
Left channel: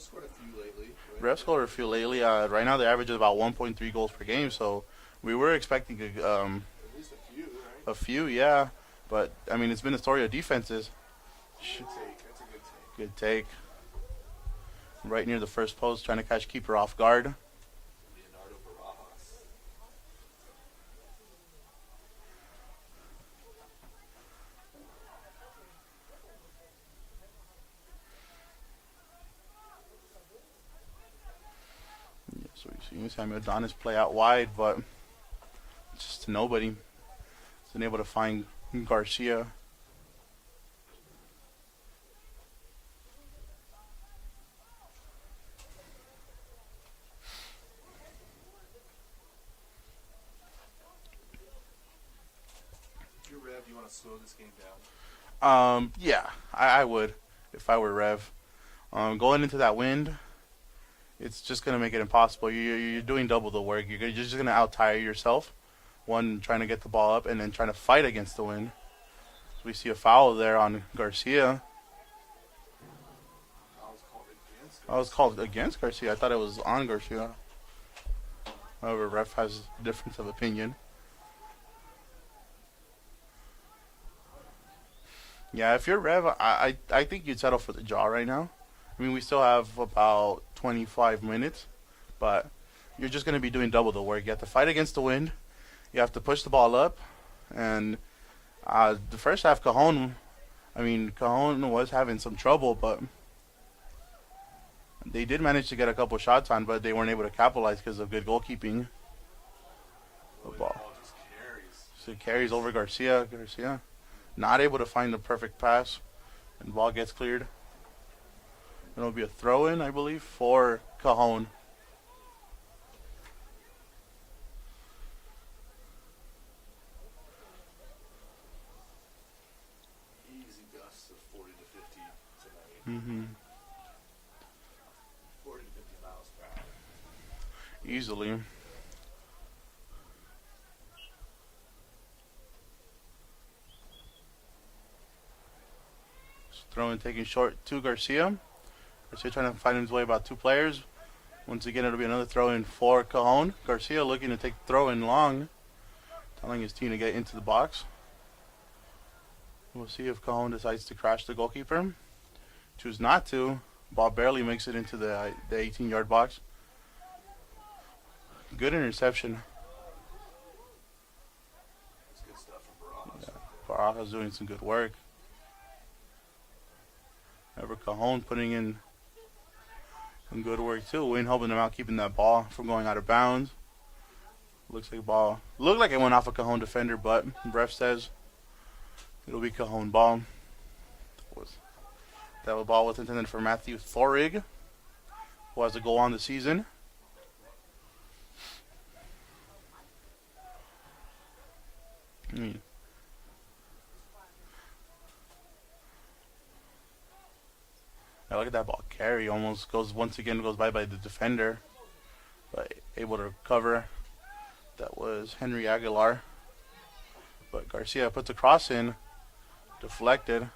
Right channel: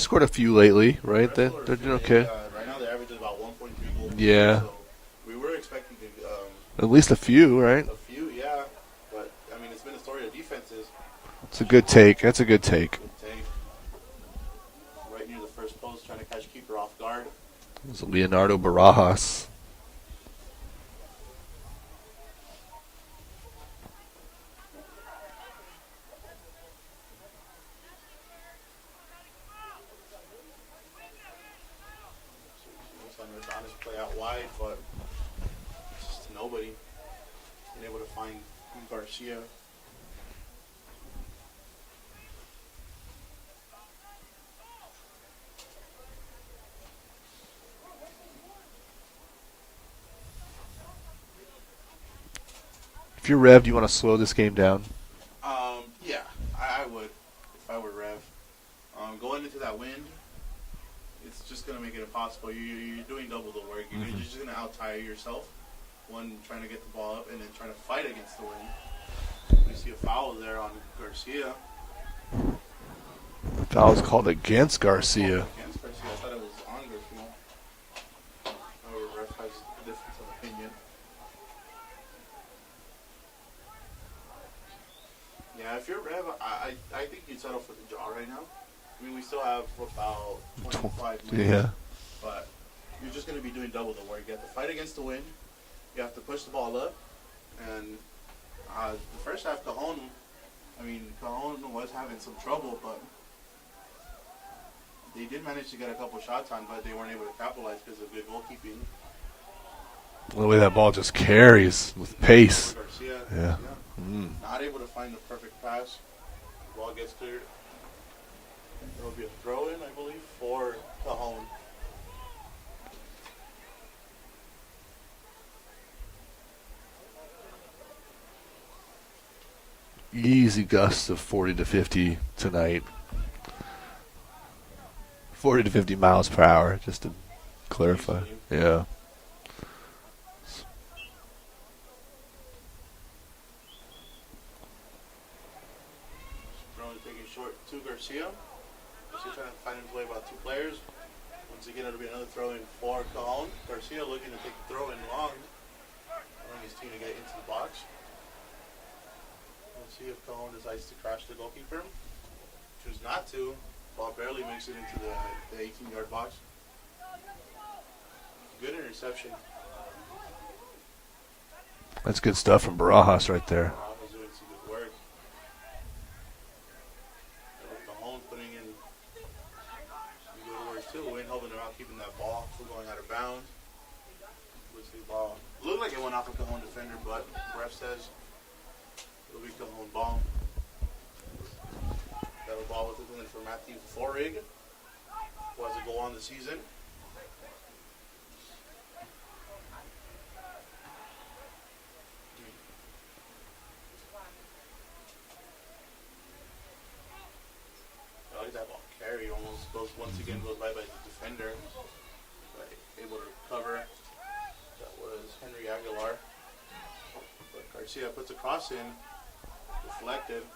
scored a few lately, right? Rev scored a few lately. Okay. Right now they average about 1.3 goals per Yeah. game. So we were expecting at least a few, right? A few, yeah. But I mean, it's been a story of defenses. It's a good take. That's a good take. Good take. Right near the first post, trying to catch keeper off guard. It was Leonardo Barajas. So you see Samuel Adonis play out wide, but just to nobody. He's been able to find Garcia. If you're Rev, do you want to slow this game down? Yeah, I would if I were Rev. Going into that wind, it's just going to make it impossible. You're doing double the work. You're just going to out-tire yourself. One, trying to get the ball up, and then trying to fight against the wind. We see a foul there on Garcia. Foul was called against Garcia. Called against Garcia. I thought it was on Garcia. However, ref has a difference of opinion. Yeah, if you're Rev, I think you'd settle for the draw right now. I mean, we still have about 25 minutes. Yeah. But you're just going to be doing double the work. You have to fight against the wind. You have to push the ball up. And the first half, Cajon was having some trouble, but they did manage to get a couple shots on, but they weren't able to capitalize because of good goalkeeping. The way that ball just carries with pace. Over Garcia. Yeah. Garcia. Not able to find the perfect pass. And the ball gets cleared. There will be a throw-in, I believe, for Cajon. Easy gusts of 40 to 50 tonight. 40 to 50 miles per hour, just to clarify. Easily. Yeah. Throw-in taking short to Garcia. Garcia trying to find his way about 2 players. Once again, it'll be another throw in for Cajon. Garcia looking to take the throw in long, telling his team to get into the box. We'll see if Cajon decides to crash the goalkeeper. Choose not to. Ball barely makes it into the 18-yard box. Good interception. That's good stuff from Barajas right there. Barajas doing some good work. Ever Cajon putting in some good work too. Wayne helping them out, keeping that ball from going out of bounds. Looks like ball. Looked like it went off a Cajon defender, but ref says it'll be Cajon ball. That ball was intended for Matthew Thorig, who has a goal on the season. Yeah, look at that ball carry. Almost goes once by the defender, but able to recover. That was Henry Aguilar. But Garcia puts a cross in, deflected.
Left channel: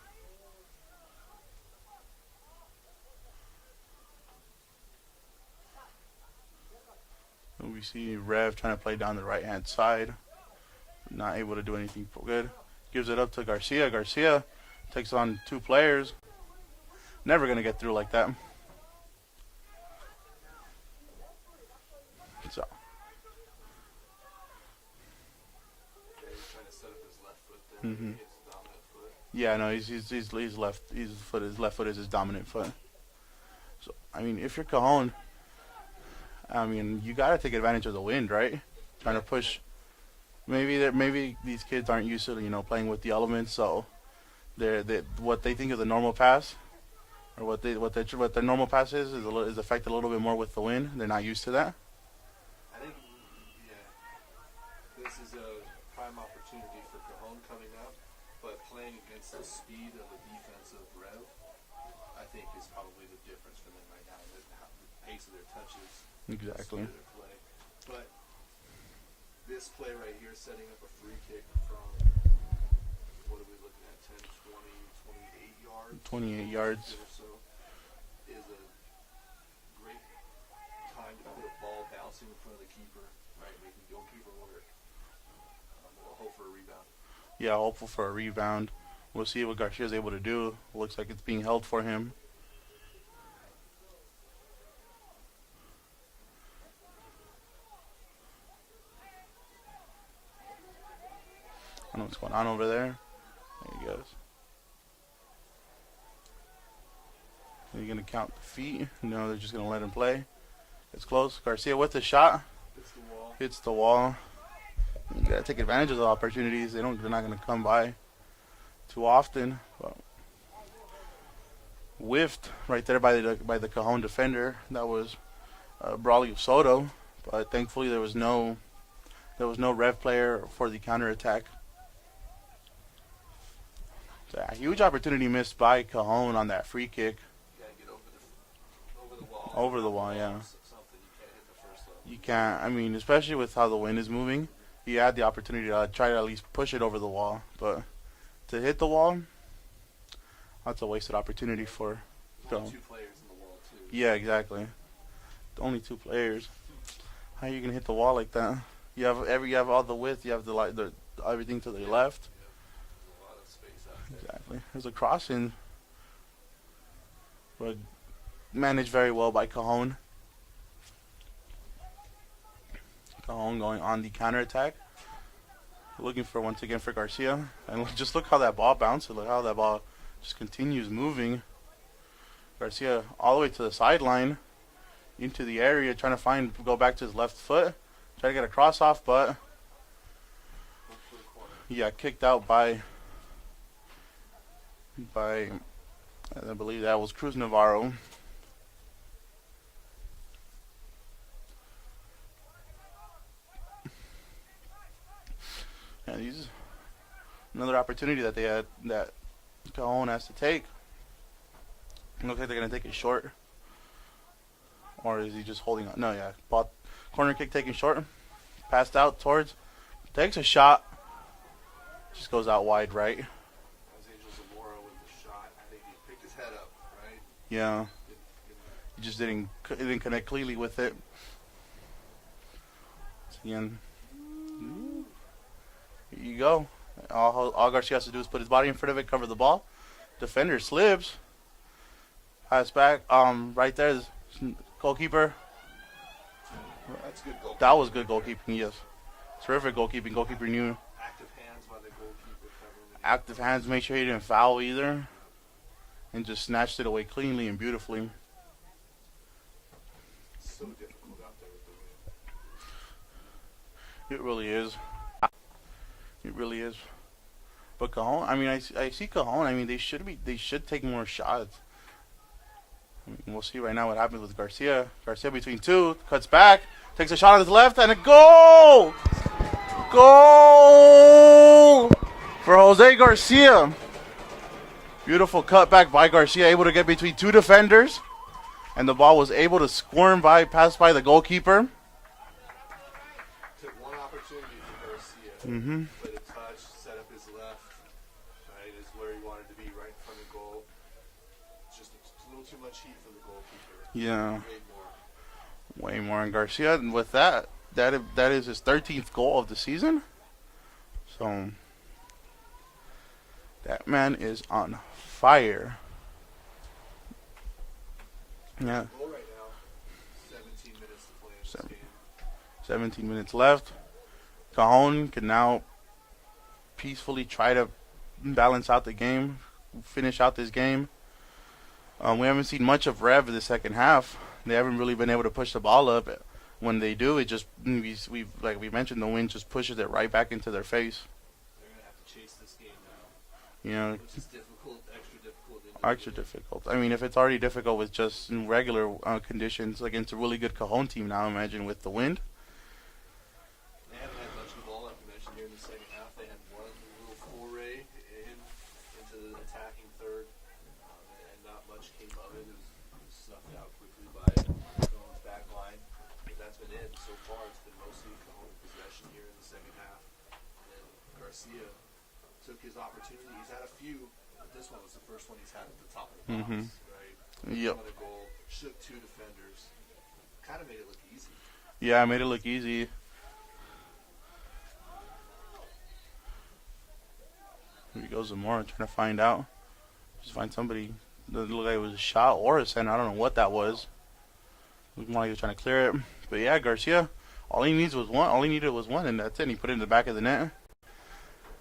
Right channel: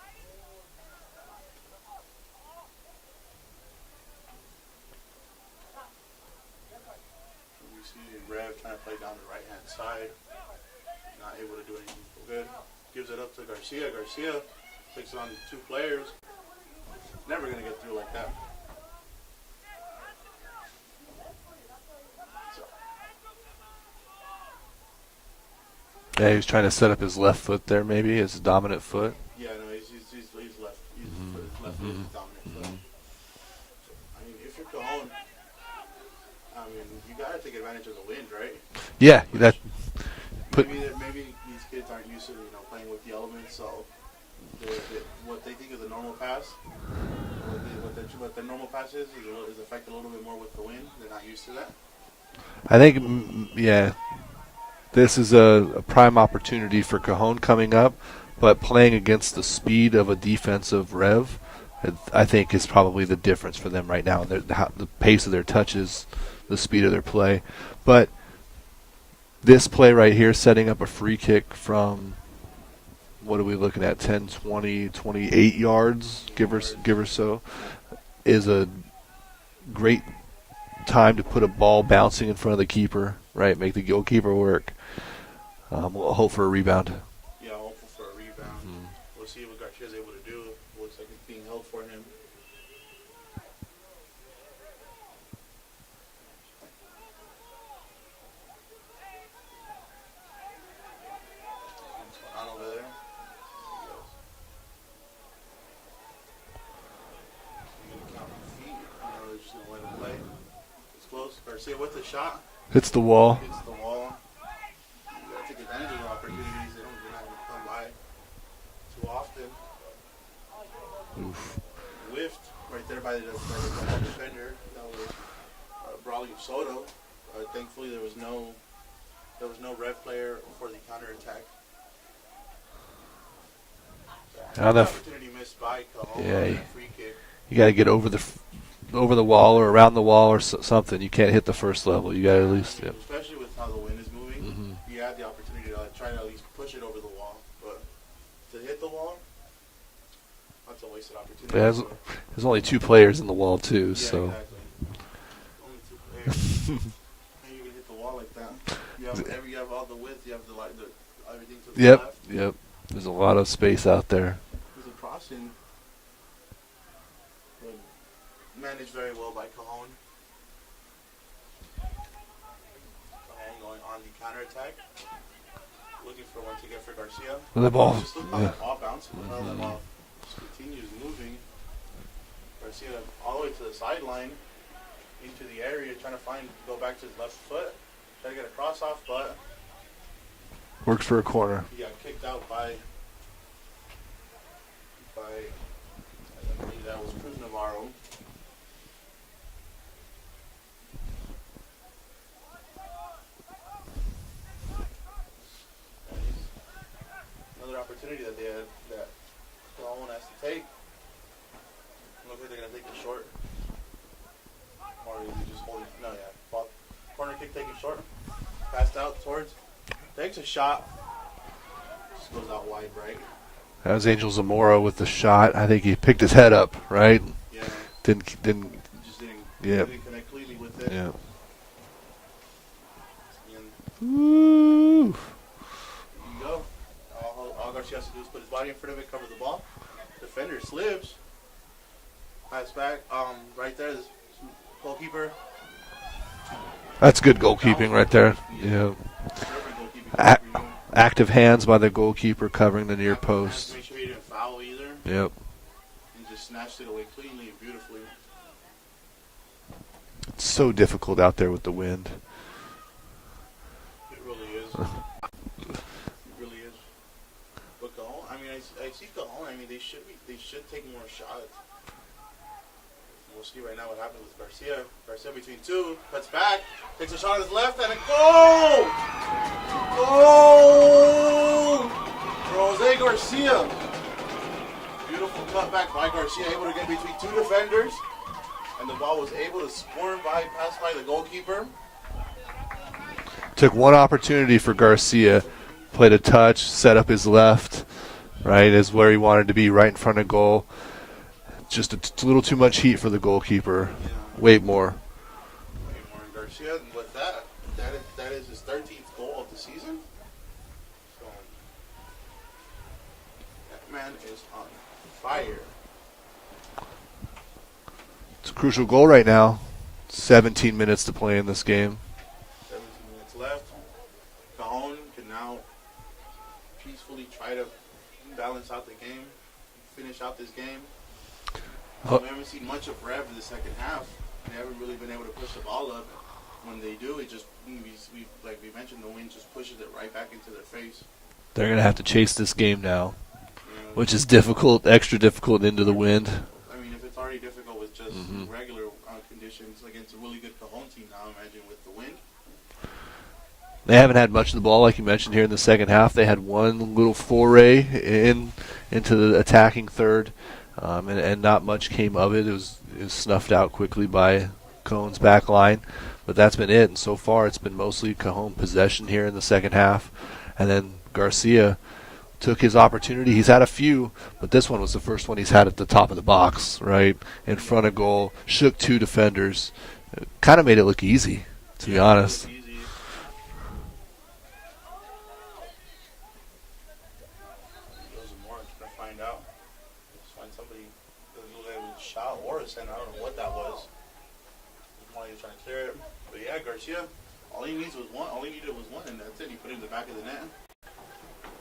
And we see Rev trying to play down the right-hand side. Not able to do anything good. Gives it up to Garcia. Garcia takes on two players. Never going to get through like that. So. Yeah, he was trying to set up his left foot there, maybe his dominant foot. Yeah, no, he's left. His left foot is his dominant foot. So I mean, if you're Cajon, I mean, you got to take advantage of the wind, right? Yeah. Maybe these kids aren't used to playing with the elements, so what they think is a normal pass. What their normal pass is affected a little bit more with the wind. They're not used to that. I think, yeah, this is a prime opportunity for Cajon coming up, but playing against the speed of a defensive Rev, I think is probably the difference for them right now. The pace of their touches, the speed of their play. But this play right here, setting up a free kick from, what are we looking at, 10, 20, 28 yards, give or so, is a great time to put a ball bouncing in front of the keeper, right? Make the goalkeeper work. We'll hope for a rebound. Yeah, hopeful for a rebound. We'll see what Garcia's able to do. Looks like it's being held for him. I don't know what's going on over there. There he goes. Are you going to count the feet? No, they're just going to let him play. It's close. Garcia with the shot. Hits the wall. Hits the wall. You got to take advantage of the opportunities. They're not going to come by too often. But whiffed right there by the Cajon defender. That was Brawley of Soto. But thankfully there was no Rev player for the counterattack. Huge opportunity missed by Cajon on that free kick. You got to get over the wall or around the wall or something. You can't hit the first level. You got to at least. Especially with how the wind is moving, he had the opportunity to try to at least push it over the wall, but to hit the wall, that's a wasted opportunity. Yeah, there's only two players in the wall too. Yeah, so. Exactly. Only two players. How are you gonna hit the wall like that? You have all the width. You have the everything to the left. Yep. There's a lot of space out there. There's a crossing. Managed very well by Cajon. Cajon going on the counterattack. Looking for once again for Garcia. The ball. Just look how that ball bounces. Look how that ball just continues moving. Garcia all the way to the sideline, into the area, trying to go back to his left foot, try to get a cross off, but works for a corner. He got kicked out by I believe that was Cruz Navarro. And he's another opportunity that Cajon has to take. It looks like they're going to take it short. Or is he just holding on? No, yeah. Corner kick taken short. Passed out towards. Takes a shot. Just goes out wide right. That was Angel Zamora with the shot. I think he picked his head up, right? Yeah. Didn't just didn't Yep. didn't connect cleanly with it. Yeah. Again. Here you go. All Garcia has to do is put his body in front of it, cover the ball. Defender slips. Pass back. Right there, the goalkeeper. That's good That was goalkeeping good right there. goalkeeping, Yeah. Terrific goalkeeping. Goalkeeper knew. Active hands by the goalkeeper covering the near Active post. hands, make sure he didn't foul either. Yep. And just snatched it away cleanly and beautifully. It's so difficult out there with the wind. It really is. It really is. But Cajon, I mean, I see Cajon. I mean, they should take more shots. And we'll see right now what happens with Garcia. Garcia between two, cuts back, takes a shot on his left, and a goal! Goal for Jose Garcia. Beautiful cutback by Garcia, able to get between two defenders, and the ball was able to pass by the goalkeeper. Took one opportunity for Garcia. Played a touch, set up his left, right, is where he wanted to be, right in front of goal. Just a little too much heat for the goalkeeper. Yeah. Wait more. Way more on Garcia, and with that is his 13th goal of the season. So that man is on fire. It's a crucial goal right now. 17 minutes to play in this game. 17 minutes left. Cajon can now peacefully try to balance out the game, finish out this game. We haven't seen much of Rev in the second half. They haven't really been able to push the ball up. When they do, it just like we mentioned, the wind just pushes it right back into their face. They're going to have to chase this game now, You know, which is difficult, extra difficult into the wind. difficult. I mean, if it's already difficult with just regular conditions against a really good Cajon team, now imagine with the wind. They haven't had much of the ball, like you mentioned here in the second half. They had one little foray into the attacking third, and not much came of it. It was snuffed out quickly by Cajon's back line, but that's been it. And so far, it's been mostly Cajon possession here in the second half, and then Garcia took his opportunity. He's had a few, but this one was the first one he's had at the top of the box, right in front of goal. Shook two defenders, kind of made it look easy. To be honest. Made it look easy. Here goes Zamora trying to find out. Just find somebody. Doesn't look like it was a shot or a send. I don't know what that was. Looked more like he was trying to clear it. But yeah, Garcia, all he needed was one, and that's it. And he put it in the back of the net.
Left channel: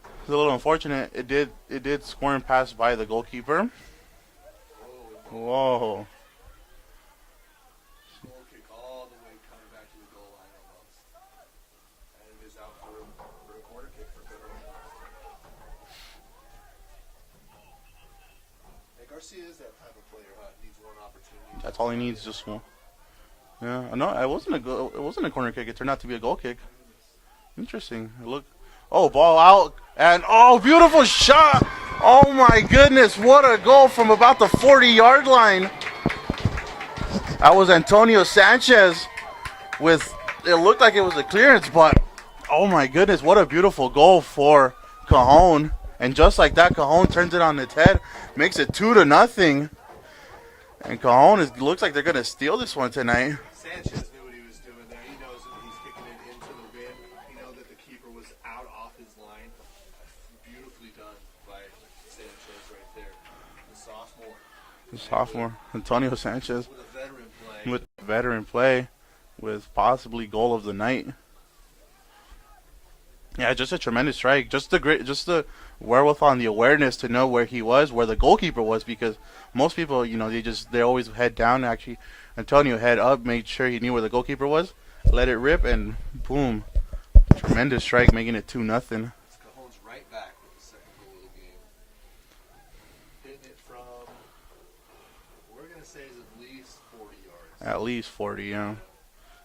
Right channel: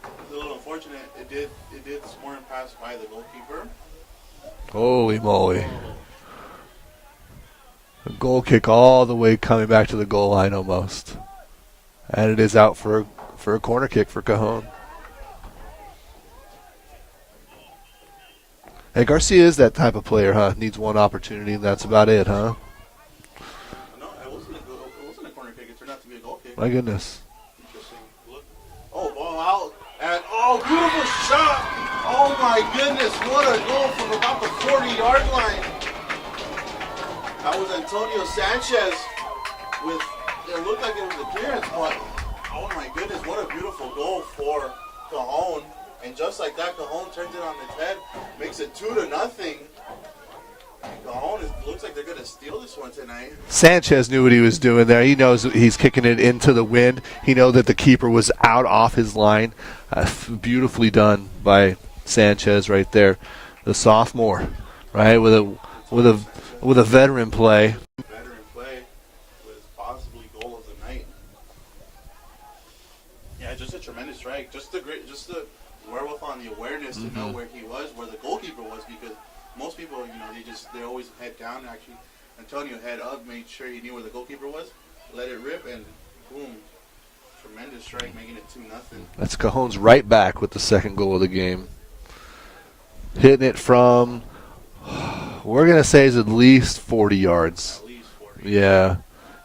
It's a little unfortunate. It did squirm pass by the goalkeeper. Holy moly. Oh. A goal kick all the way coming back to the goal line almost. And it is out for a corner kick for Cajon. Hey, Garcia is that type of player, huh? Needs one opportunity, and that's about it, huh? Yeah, no, it wasn't a corner kick. It turned out to be a goal kick. My goodness. Interesting. Look. Oh, ball out. And, beautiful shot. Oh, my goodness. What a goal from about the 40-yard line. That was Antonio Sanchez with, it looked like it was a clearance, but, oh, my goodness. What a beautiful goal for Cajon. And just like that, Cajon turns it on its head, makes it 2-0. And Cajon looks like they're going to steal this one tonight. Sanchez knew what he was doing there. He knows he's kicking it into the wind. He knew that the keeper was out off his line. Beautifully done by Sanchez right there. The sophomore, right? With a veteran play. With veteran play, with possibly goal of the night. Yeah, just a tremendous strike. Just the wherewithal and the awareness to know where he was, where the goalkeeper was, because most people, they always head down. Actually, Antonio head up, made sure he knew where the goalkeeper was, let it rip, and boom, tremendous strike, making it 2-0. That's Cajon's right back with the second goal of the game. Hitting it from, we're going to say, is at least 40 yards. At least 40. Yeah.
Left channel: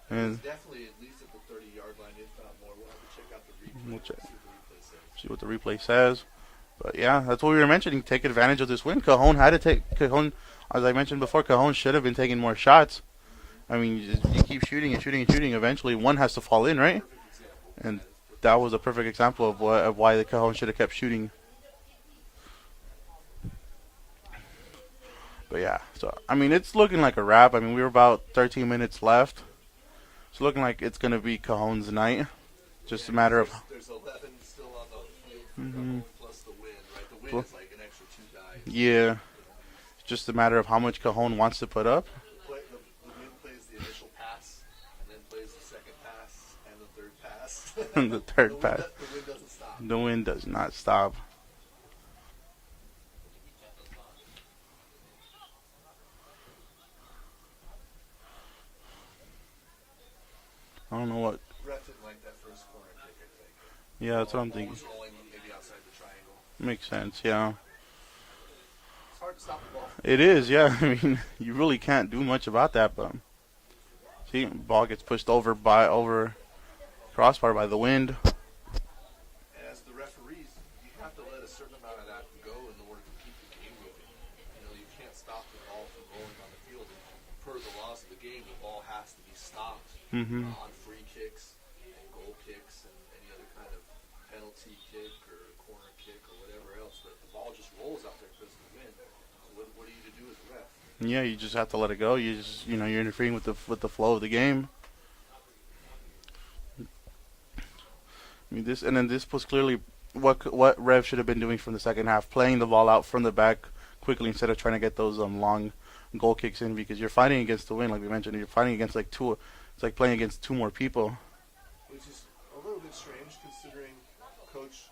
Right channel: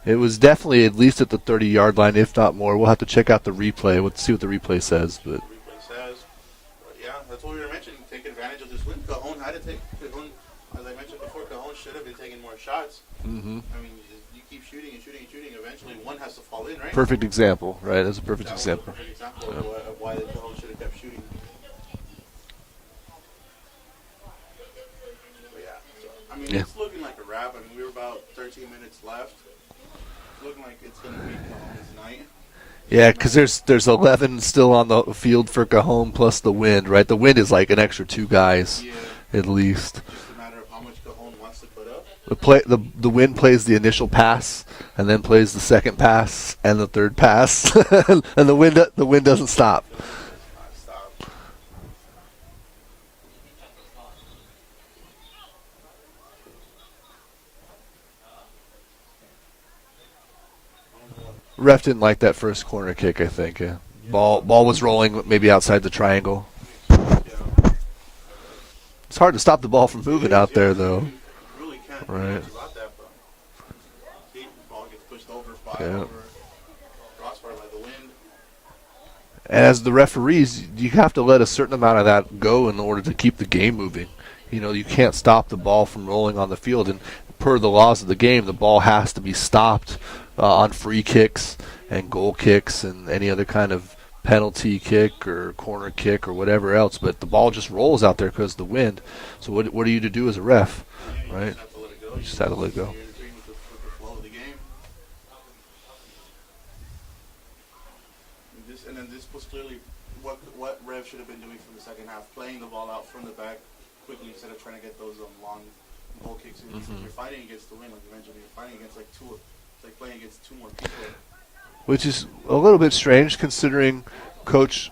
It was definitely at least at the 30-yard line, if not more. We'll have to check out the replay. We'll see what the replay says. But the replay says. But yeah, that's what we were mentioning. Take advantage of this win. Cajon, as I mentioned before, Cajon should have been taking more shots. I mean, you keep shooting and shooting and shooting. Eventually, one has to fall in, right? Perfect example, right? That's a perfect example. That was a perfect example of why the Cajon should have kept shooting. But yeah, so I mean, it's looking like a wrap. I mean, we were about 13 minutes left. It's looking like it's gonna be Cajon's night. Yeah, because there's 11 still on the field for Cajon plus the wind, right? The wind is like an extra 2 guys. Yeah. At least. Just a matter of how much Cajon wants to put up. The wind plays the initial pass, and then plays the second pass and the third pass, and the wind doesn't stop. The wind does not stop. I don't know what. Ref didn't like that first corner kick, I think. Yeah, ball was rolling maybe outside the triangle. Makes sense, yeah. It's hard to stop the ball from moving out there, though. I mean, you really can't do much about that, but see, ball gets pushed over over crossbar by the wind. And as the referees, you have to let a certain amount of that go in order to keep the game moving. You know, you can't stop the ball from rolling on the field, and per the laws of the game, the ball has to be stopped on free kicks and goal kicks and any other kind of penalty kick or corner kick or whatever else. But the ball just rolls out there because of the wind. So what are you to do as a ref? Yeah, you just have to let it go. You just have to let it go. You're interfering with the flow of the game. I mean, this was clearly what Rev should have been doing from the second half, playing the ball out from the back quickly instead of trying to get those long goal kicks in, because you're fighting against the wind, like we mentioned. You're fighting against it's like playing against 2 more people. Which is a little bit strange considering Coach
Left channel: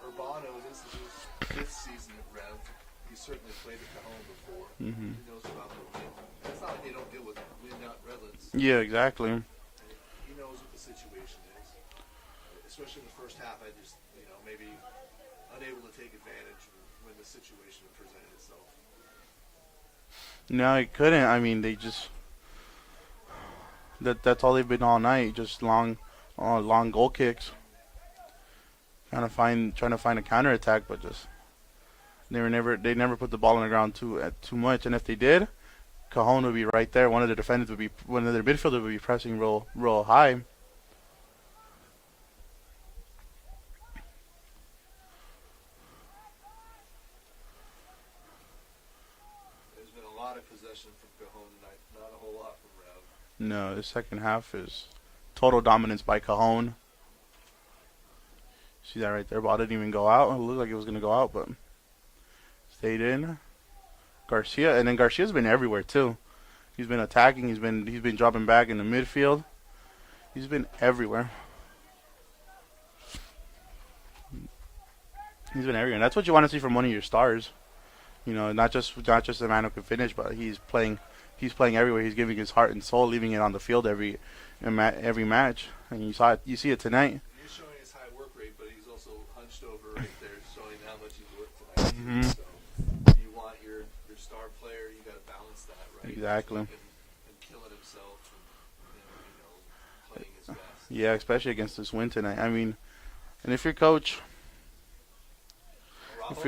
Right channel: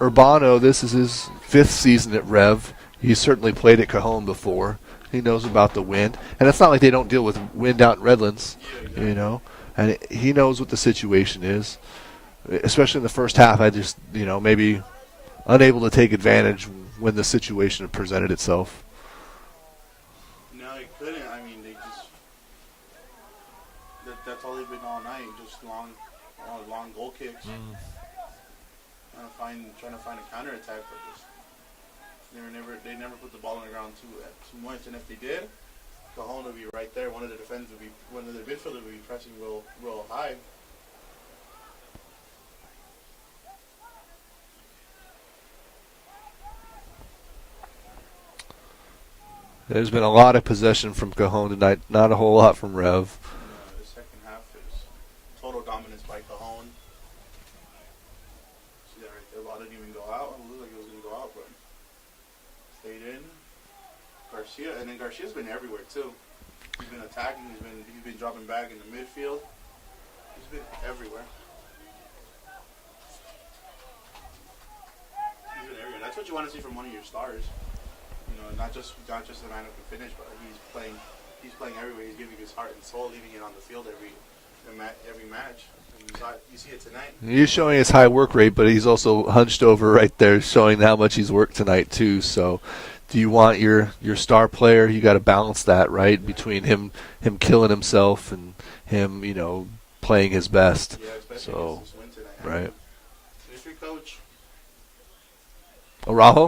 Urbano, this is his 5th season at Rev. He's certainly played at Cajon before. He knows about the wind. And it's not like they don't deal with wind out in Redlands. Yeah, exactly. You know? And he knows what the situation is. Especially in the first half, I just, maybe unable to take advantage when the situation presented itself. No, he couldn't. I mean, they just that's all they've been all night, just long goal kicks. Trying to find a counterattack, but they never put the ball on the ground too much. And if they did, Cajon would be right there. One of their midfielders would be pressing real high. There's been a lot of possession from Cajon tonight, not a whole lot from Rev. No, the second half is total dominance by Cajon. See that right there? Ball didn't even go out. It looked like it was going to go out, but stayed in. Garcia, and then Garcia's been everywhere too. He's been attacking. He's been dropping back in the midfield. He's been everywhere. He's been everywhere. And that's what you want to see from one of your stars. You know, not just a man who can finish, but he's playing everywhere. He's giving his heart and soul, leaving it on the field every match. And you see it tonight. He's showing his high work rate, but he's also hunched over right there, showing how much he's worked tonight too. So, do you want your star player? You got to balance that, right? Exactly. Between him killing himself and him, playing his best. Yeah, especially against this win tonight. I mean, and if you're Coach Araujo,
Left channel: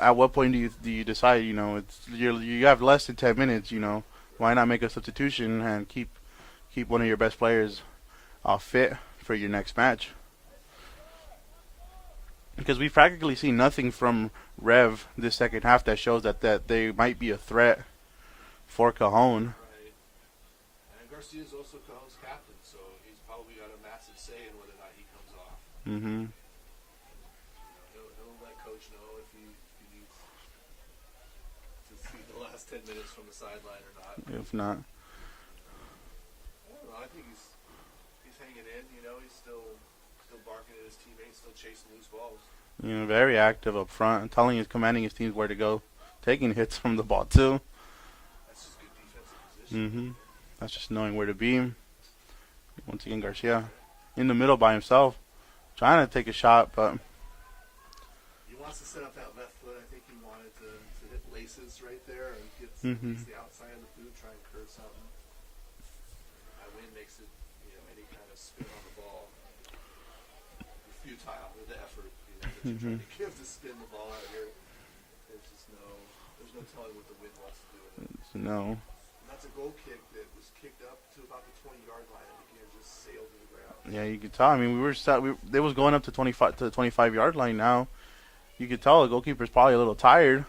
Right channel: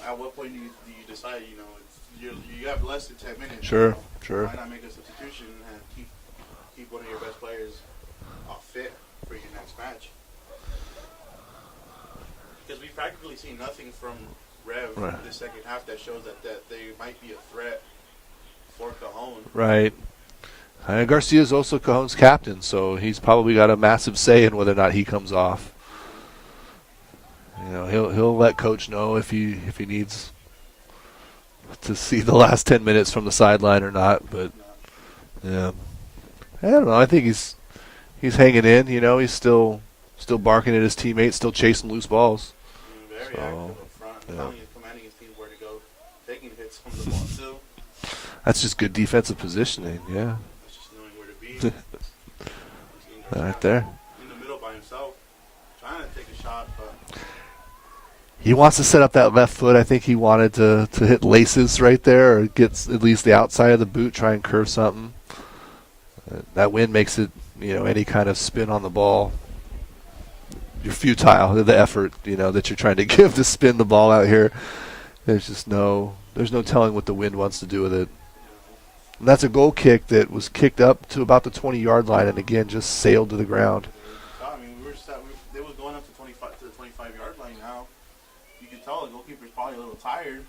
at what point do you decide? You have less than 10 minutes. Sure. Why not make a substitution and keep one of your best players fit for your next match? Because we've practically seen nothing from Rev this second half that shows that they might be a threat for Cajon. Right. And Garcia is also Cajon's captain, so he's probably got a massive say in whether or not he comes off. He'll let Coach know if he needs to see the last 10 minutes from the sideline or not. But yeah, I don't know. I think he's hanging in. He's still barking at his teammates, still chasing loose balls. Very active up front, commanding his teams where to go, taking hits from the ball too. That's just good defensive positioning. Yeah, that's just knowing where to be. Once again, Garcia right there in the middle by himself, trying to take a shot, but he wants to set up that left foot. I think he wanted to hit laces right there, or get at least the outside of the boot, try and curve something. That wind makes it, any kind of spin on the ball, you're futile. The effort, that you're trying to give to spin the ball out here. There's no telling what the wind wants to do with it. No. And that's a goal kick that was kicked up to about the 20-yard line, and again just sailed to the ground. Yeah, you could tell. I mean, it was going up to the 25-yard line now. You could tell the goalkeeper's probably a little tired.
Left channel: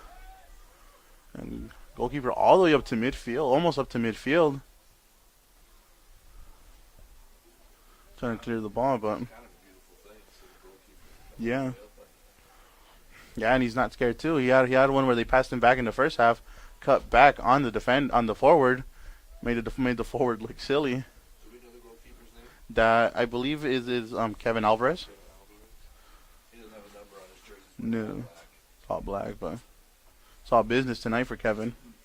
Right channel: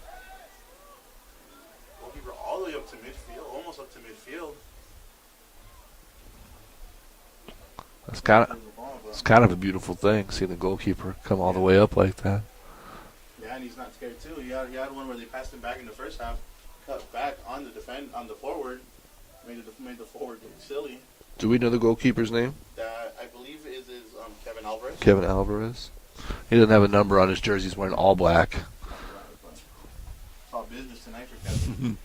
Goalkeeper all the way up to midfield, almost up to midfield. That's Trying to kind clear the ball, but it's kind of a beautiful thing, seeing the goalkeeper come all the Yeah. way up like that. yeah, and he's not scared too. He had one where they passed him back in the first half, cut back on the forward, made the forward look silly. Do we know the goalkeeper's name? That I believe is Kevin Alvarez. Kevin Alvarez. He doesn't have a number on his jersey. He's wearing Yeah. all black. All black, but it's all business tonight for Kevin.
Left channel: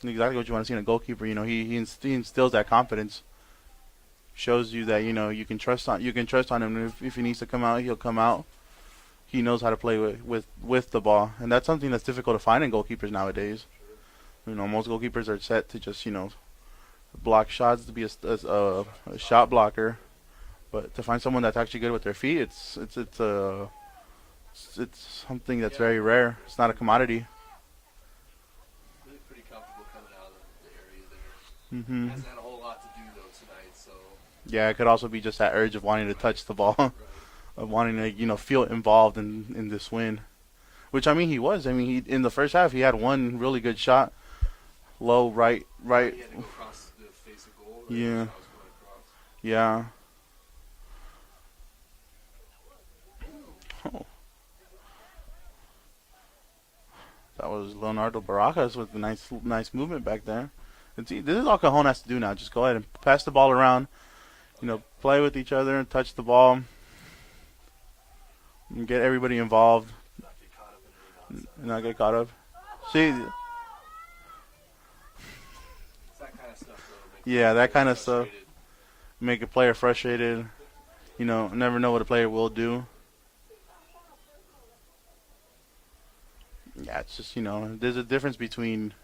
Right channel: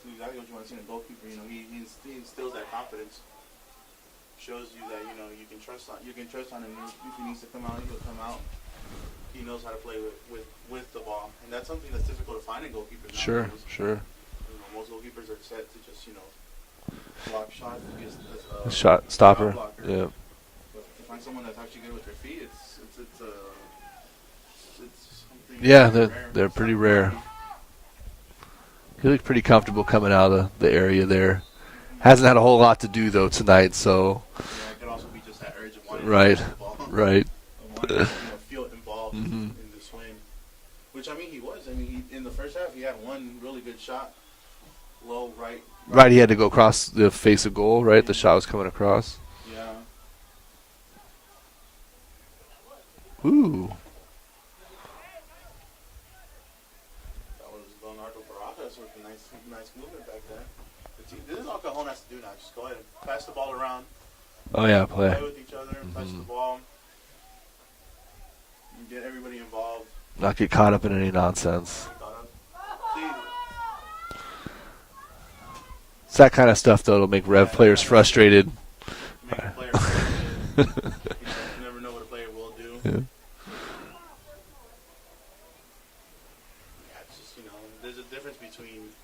It's exactly what you want to see in a goalkeeper. You know, he instills that confidence. Shows you that you can trust on him. If he needs to come out, he'll come out. He knows how to play with the ball, and that's something that's difficult to find in goalkeepers nowadays. Sure. You know, most goalkeepers are set to just block shots, to be a Shot shot blocker. Yeah. But to find someone that's actually good with their feet, it's something that's Yeah, very rare. they're It's not a pretty rare. commodity. He looked pretty comfortable coming out of the area there. Mhm. Hasn't had a whole lot to do though tonight, so. Yeah, it could also be just that urge of wanting to Right. touch the ball, Right. of wanting to feel involved in this win. Which I mean, he was. I mean, in the first half, he had one really good shot, low right. Right, he had to go across the face of goal, right? The Yeah. shot was coming across. Yeah. Ooh. That was Leonardo Baracas with a nice movement back there. And see, this is all Cajon has to do now. Just go ahead and pass the ball around. Oh, yeah, play. With each other, touch the ball, and get everybody involved. Not get caught up in any nonsense. Not get caught up. See, It's that kind of stuff that'll make Yeah, Rev that players kind of frustrated. make a player frustrated. Never know what a player will do. Yeah. Yeah, it's just, there's a difference between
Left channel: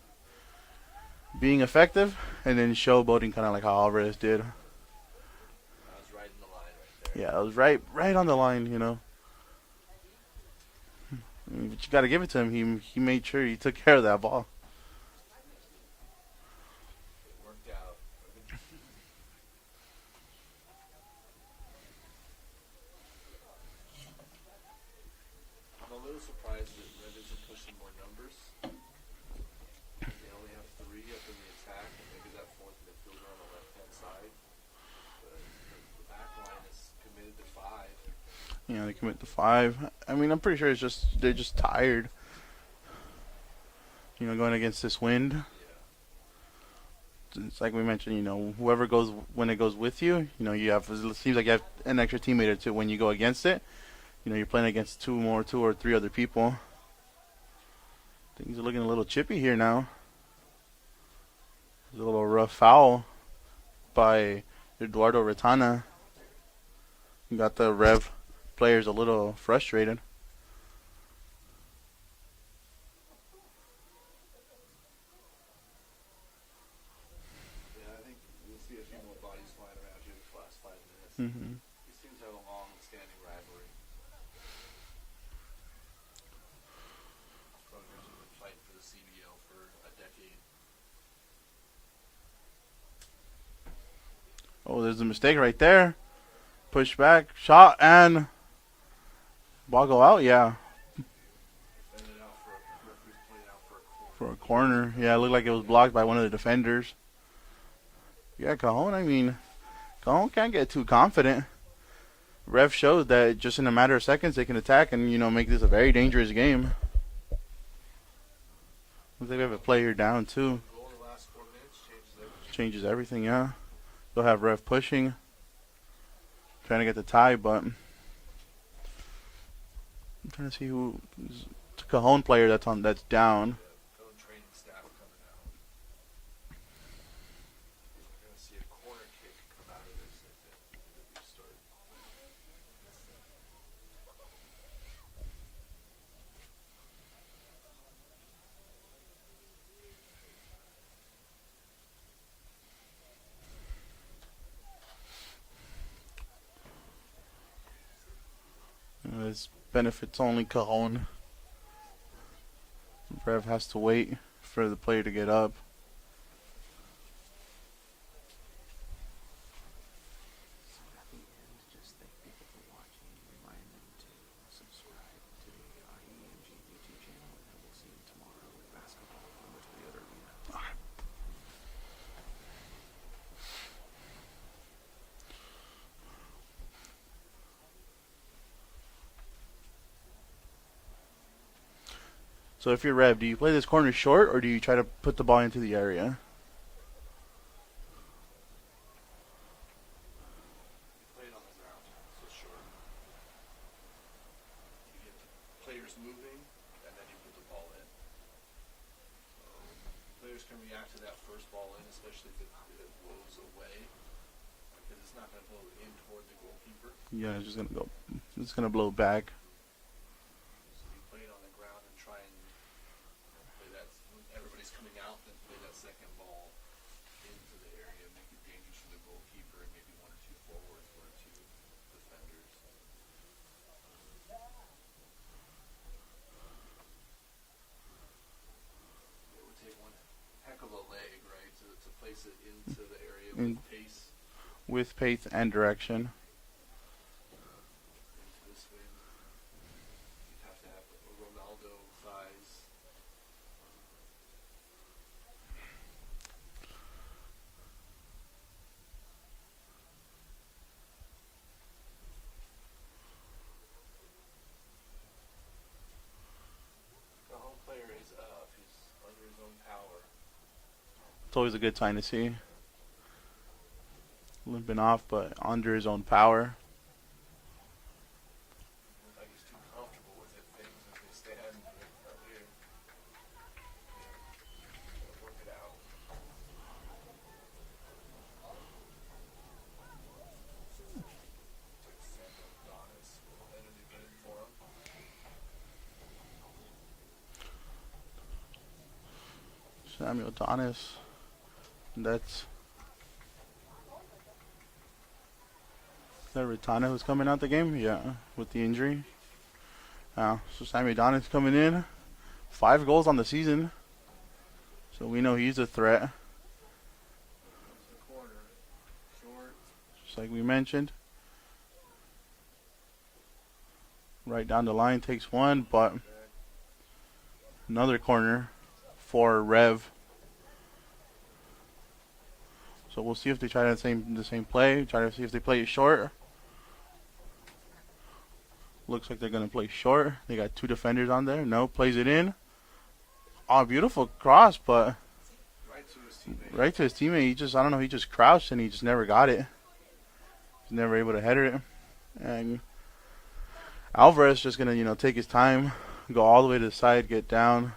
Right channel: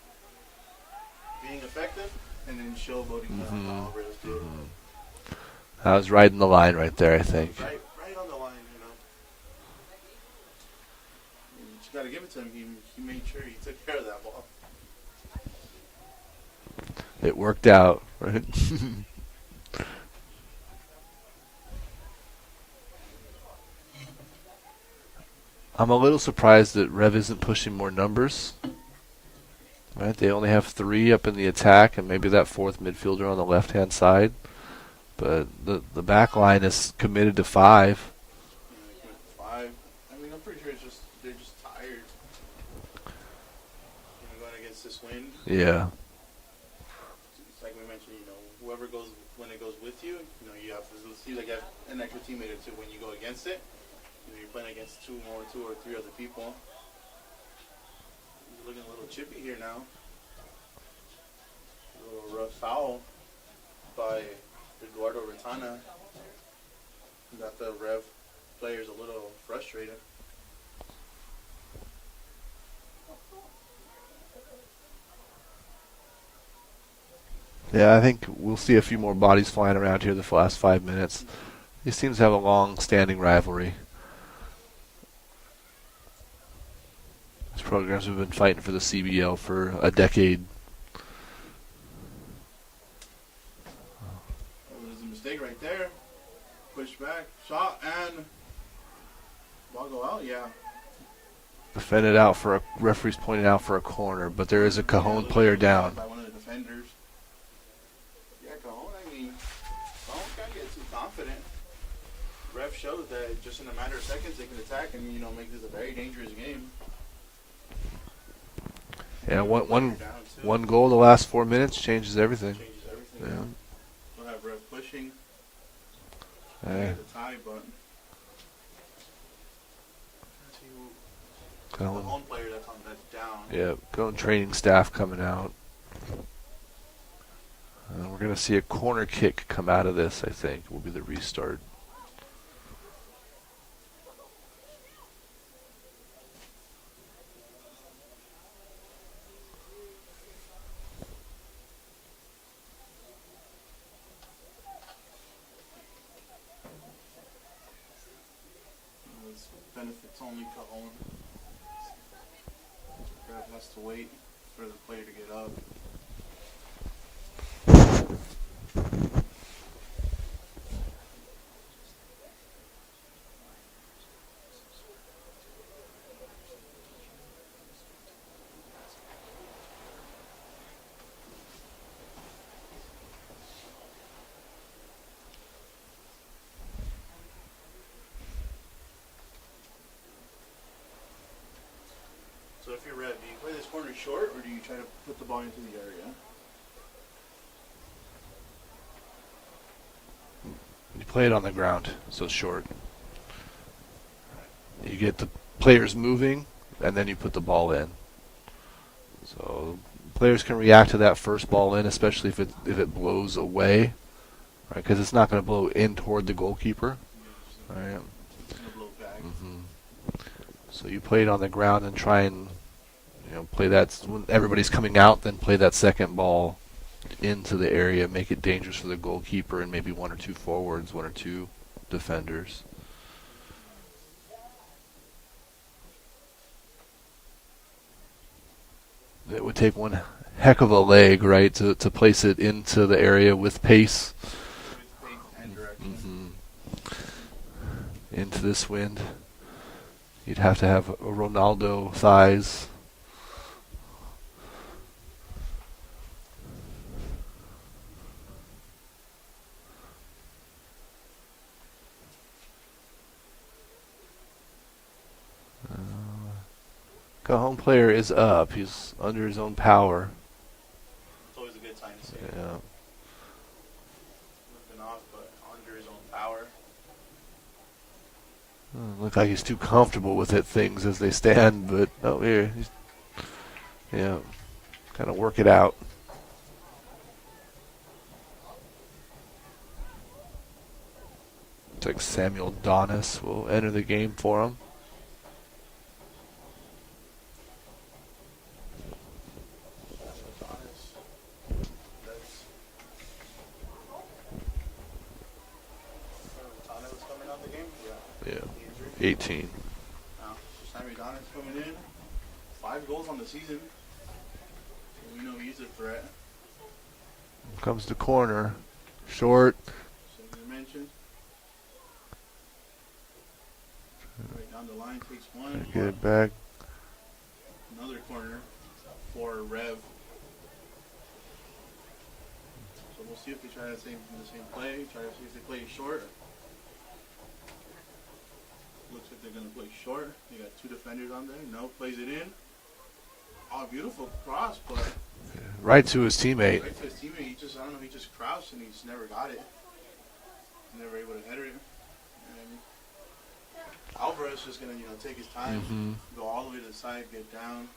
being effective and then showboating, kind of like how Alvarez did. I was riding the line right there, I Yeah, it think. was right on the line, But you got to give it to him. He made sure he took care of that ball. It worked out, right? I'm a little surprised that Rev isn't pushing more numbers. Right, they only have 3 up in the attack, and maybe that fourth midfielder on the left-hand side. But the back line is committed to 5. They commit to 5. I mean, I'm pretty sure they're just tired. Going against this wind. Yeah. It's like we mentioned, whoever goes when it goes with you, you have. It seems like you have an extra teammate or two when you go against it. You're playing against 2 or 3 other people. Things are looking a little chippy here now. There's a little rough foul by Eduardo Retana. Got the Rev players a little frustrated. Yeah, I think we'll see a few more bodies flying around here the last 5 minutes. Mhm. These teams have a long-standing rivalry. These programs have been fighting for the CBL for a decade. Oh, there's a mistake right there. Push back, shot, and ball go out. Yeah. Defended out for a referee's pointed out for a corner, but there is a Corner. Cajon it looked like it player was down. blocked by one of the defenders. Yeah, Cajon. I mean, Cajon can't get too confident. Ref showed that just in a matter of seconds they can attack and make this a very dangerous game. Yeah, one player down too. One goal the last 4 minutes changes everything. Changes everything. Yeah. They'll have Ref pushing, trying to Yeah. get the tie, but I'm trying to see who Cajon player that's down. Yeah, going training staff coming out. We're going to see a corner kick come out of this, I think, will be the restart. This benefits only Cajon. Rev has to wait for the player to get up. So if you're Rev, do you play this corner short or do you try to put the ball into the area? You play it on the ground, so short. You get the players moving, and then you put the ball in. So players can react to that first ball in, especially if it blows away, right? Because it's not going to blow in toward the goalkeeper. Yeah, it's gonna blow back. So you play it on the ground and try and play that when everybody's coming out. Then play that second ball into the area, make it dangerous for the goalkeeper and maybe one or two forwards, one or two defenders. It would take one heck of a leg, right, to place it into the area with pace. With pace and direction. Into this wind. You'd have to have a Ronaldo thighs. Cajon player is up. He's under his own power. It's always a good sign to see. Yeah. Limping off, but under his own power. Look like he's too comfortable with it, things as they stand, but here, kind of work it out. Looks like Samuel Donis will enter the game for him. Samuel Donis. That's Ritana who's coming out the game? Yeah. With the injury. 18. So Samuel Donis coming in. 5 goals on the season. So we know he's a threat. Comes to corner. Short. Just like we mentioned. Right down the line, takes one, but back. Another corner for Rev. So we'll see if they try the same play. Try to see if they play it short. Looks like they're going to play short. They got 2 defenders on there. No, plays it in. Oh, beautiful cross, but right to his teammate. Right to his teammate. He just crouched and he just never got it. He's never able to header it. And Alvarez just going to, take his time, go all the way to the side, get down.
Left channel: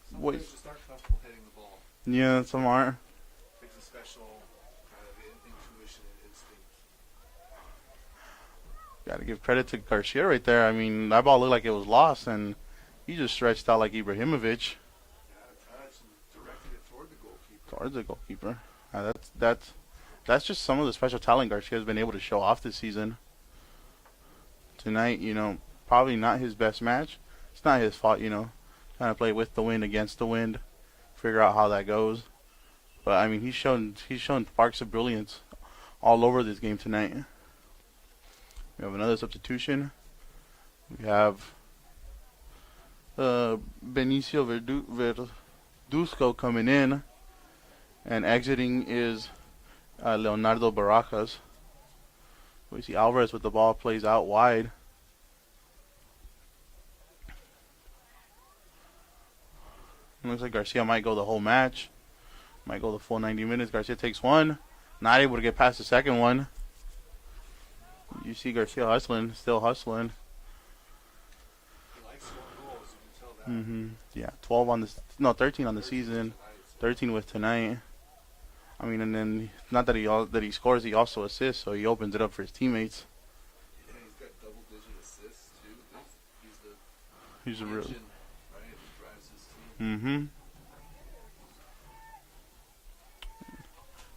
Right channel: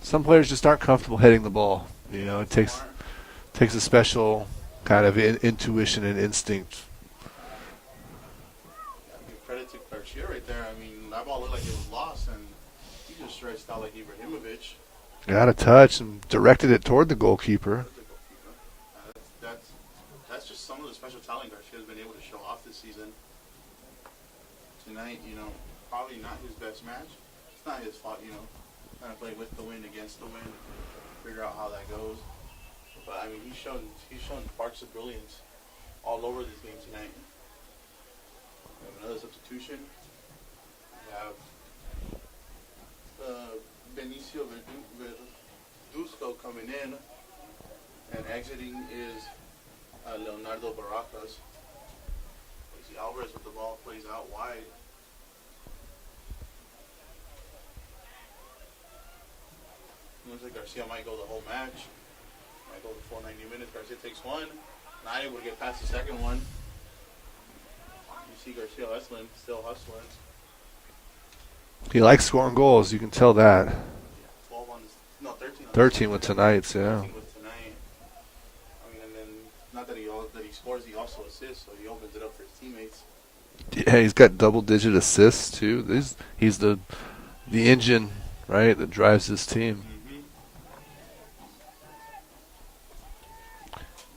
Some players just aren't comfortable heading the ball. Yeah, it takes a special kind of intuition and instinct. Got to give credit to Garcia right there. I mean, that ball looked like it was lost, and he just stretched out like Ibrahimovic. Got a touch and directed it toward the goalkeeper. Towards the goalkeeper. That's just some of the special talent Garcia has been able to show off this season. Tonight, probably not his best match. It's not his fault, trying to play with the wind, against the wind, figure out how that goes. But I mean, he's shown sparks of brilliance all over this game tonight. We have another substitution. We have Benicio Verduzco coming in, and exiting is Leonardo Barajas. We see Alvarez with the ball, plays out wide. It looks like Garcia might go the whole match. Might go the full 90 minutes. Garcia takes one. Not able to get past the second one. You see Garcia hustling, still hustling. He likes scoring goals. You can tell that. Yeah, 13 on the 13 season. with tonight's, yeah. 13 with tonight. I mean, and then not that he scores, he also assists, so he opens it up for his teammates. Yeah, he's got double-digit assists too. He's the engine, right, that drives his team.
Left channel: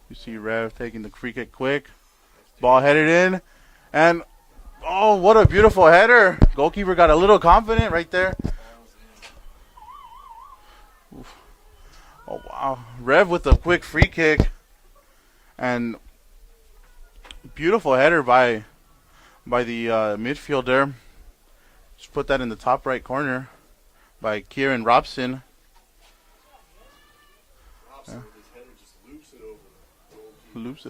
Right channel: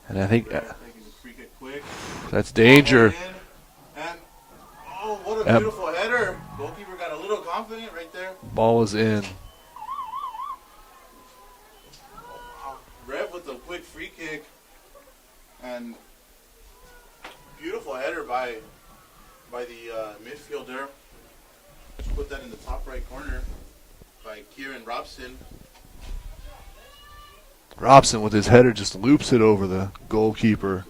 And I think Rev taking the free kick quick. That's Ball danger. headed in, and oh, what a beautiful header! Goalkeeper got a little confident right there. Ball was in. Oh wow! Rev with a quick free kick, and beautiful header by the midfielder. Just put that in the top right corner by Kieran Robson. Robson with his header just loops it over the goalkeeper.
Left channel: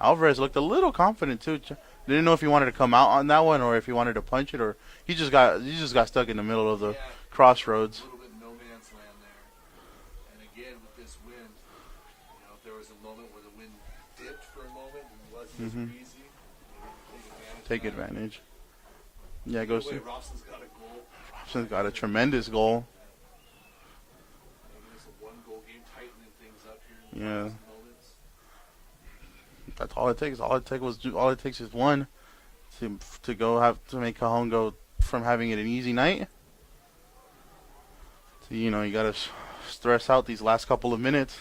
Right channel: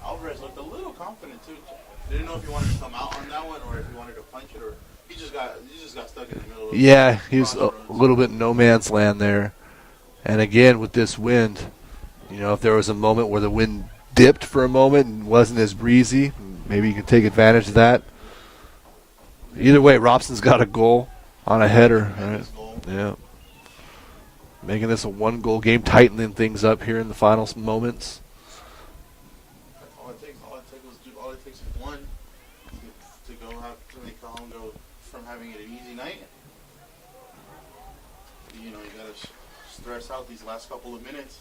Alvarez looked a little confident too. Didn't know if he wanted to come out on that one or if he wanted to punch it or he just got stuck in the middle of Yeah, the he was crossroads. a little bit no man's land there. And again, with this wind, you know, if there was a moment where the wind dipped for a moment and wasn't as breezy, maybe you can take advantage of that. Yeah, Either way, Robson's got a goal on a header. Tremendous goal. Yeah. Making this a 1-goal game, tightening things up here in the final moments. That's all it takes. All it takes is one to make Cajon go from having it an easy night. You know, you got to stress out these last couple of minutes.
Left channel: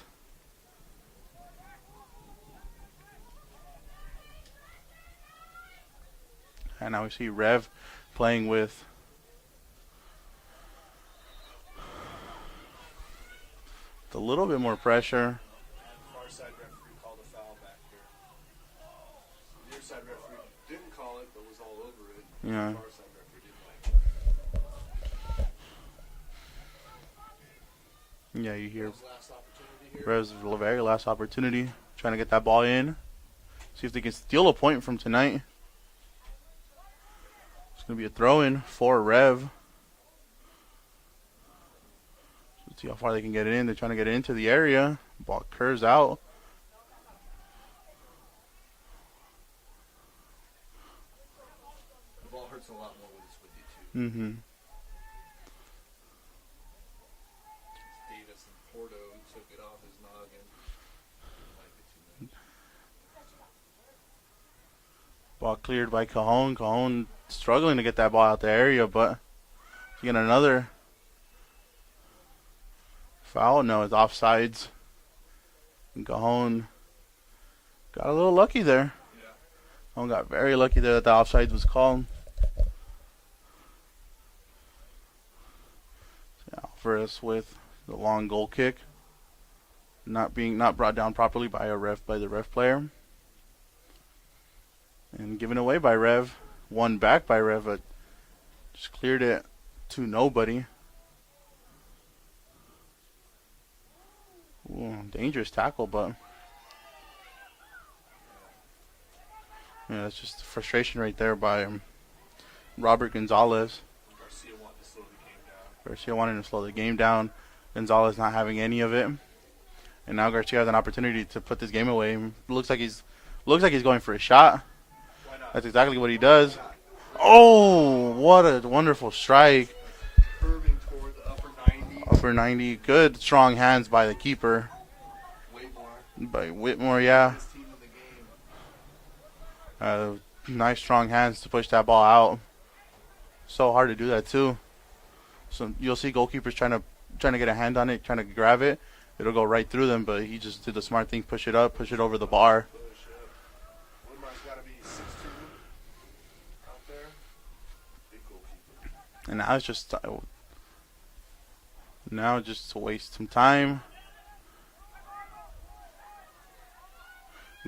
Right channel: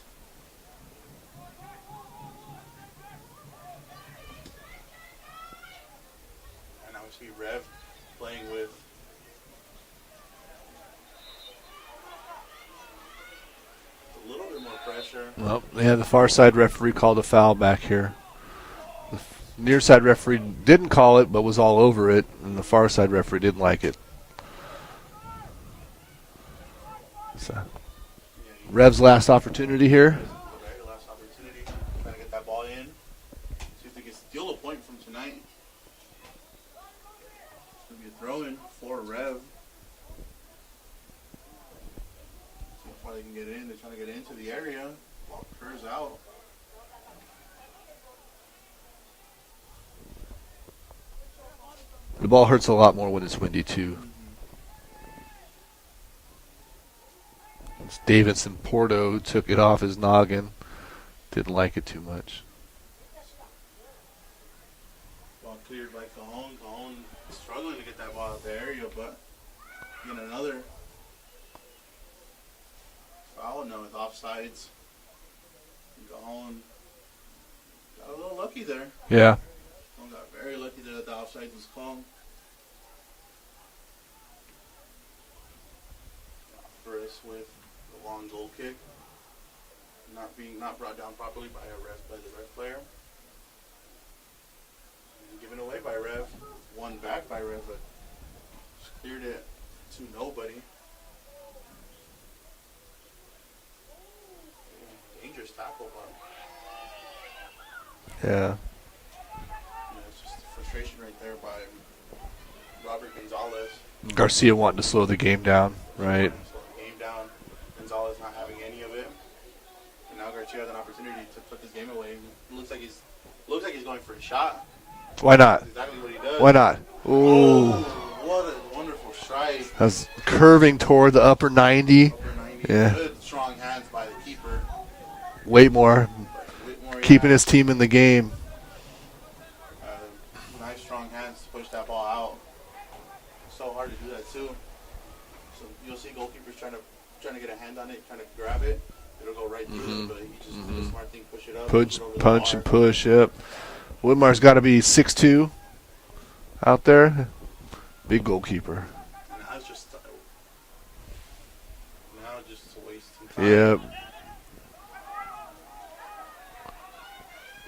And now we see Rev playing with a little bit more pressure. Well, yeah, the far side referee called a foul back here. The near side referee didn't call it, but was all over it. And the far side referee didn't like it. So, Rev's last opportunity here. Rev's very last opportunity, trying to get that ball in. See if they can steal a point from tonight. It's going to be a throw-in for Rev. Let's see how far they can get it in. They're trying to get it into the area. Ball curves out. The ball hurts a lot more when it's windy, too. Mm-hmm. It's Davidson Porto took it off his noggin. Didn't like it too much. Ball cleared by Cajon. Cajon struggling to get that ball out the area, but you get another foul. No, it's offsides. And Cajon got a little lucky there. Yeah. Cajon got very lucky there that the offsides was called. Alvarez with the long goal kick, not brought down properly by the ref player, and given away by Rev. One back by Rev, but just cleared it to nobody. Ooh, dangerous tackle, but yeah, that's just frustration right there by Robert Gonzalez. Garcia wanting to slow the game down. Garcia wanting to slow the game down. Gonzalez not having any of it, and now Garcia has an opportunity to put this game away. Looks like he's going for a shot. Why not? That's exactly what he does. Why not? Ooh. Oh, what a wonderful strike! That's curving toward the upper 90. Upper 90. Yeah. Good, strong hands by the keeper. Whitmore. By Whitmore, yeah. Keeping his team in the game. Nice, strong hands to push that ball out. So hard to do that too. So you'll see goalkeepers trying to get a hand on it, trying to grab it. It'll go right through them, but he just did the smart thing, push it up, push it over the bar. Punch and push, yep. Whitmore's got to be 6'2" out there. Big goalkeeper. And now it's just to waste some time. Yep.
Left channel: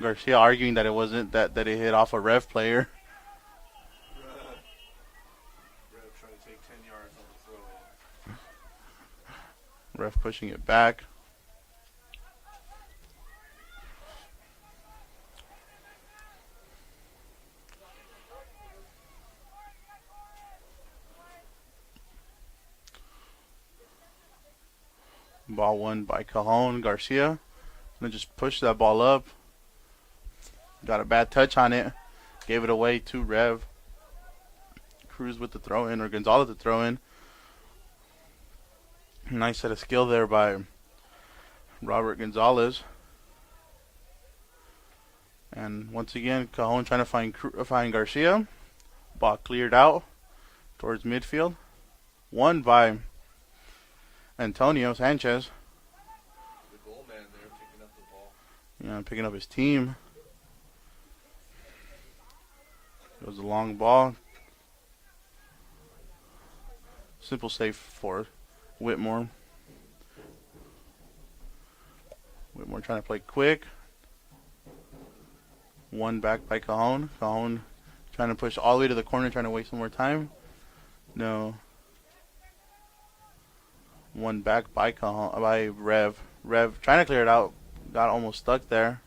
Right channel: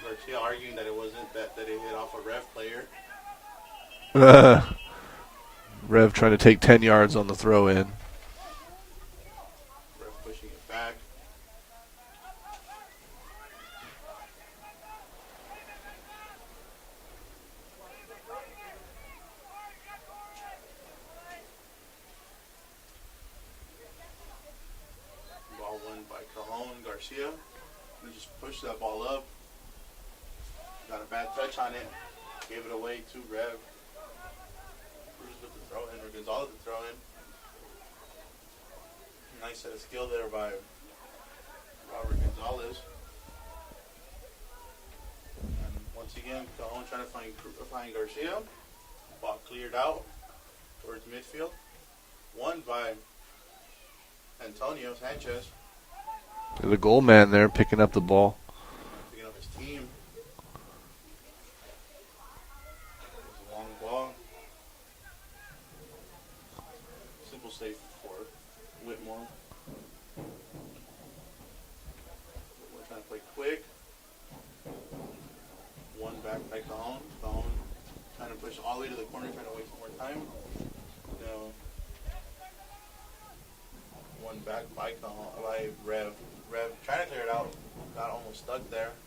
Garcia arguing that it wasn't that it hit off a Rev player. Rev trying to take 10 yards on the throw in. Rev pushing it back. Ball won by Cajon. Garcia and just pushed that ball up. Got a bad touch on it. Gave it away to Rev. Cruz with the throw in, or Gonzalez the throw in. Nice set of skill there by Robert Gonzalez. And once again, Cajon trying to find Garcia. Ball cleared out towards midfield. Won by Antonio Sanchez. The goal man there picking up the ball. Yeah, picking up his team. It was a long ball. Simple save for Whitmore. Whitmore trying to play quick. One back by Cajon. Cajon trying to push all the way to the corner, trying to waste some more time. No. One back by Cajon, by Rev. Rev trying to clear it out. Got almost stuck there.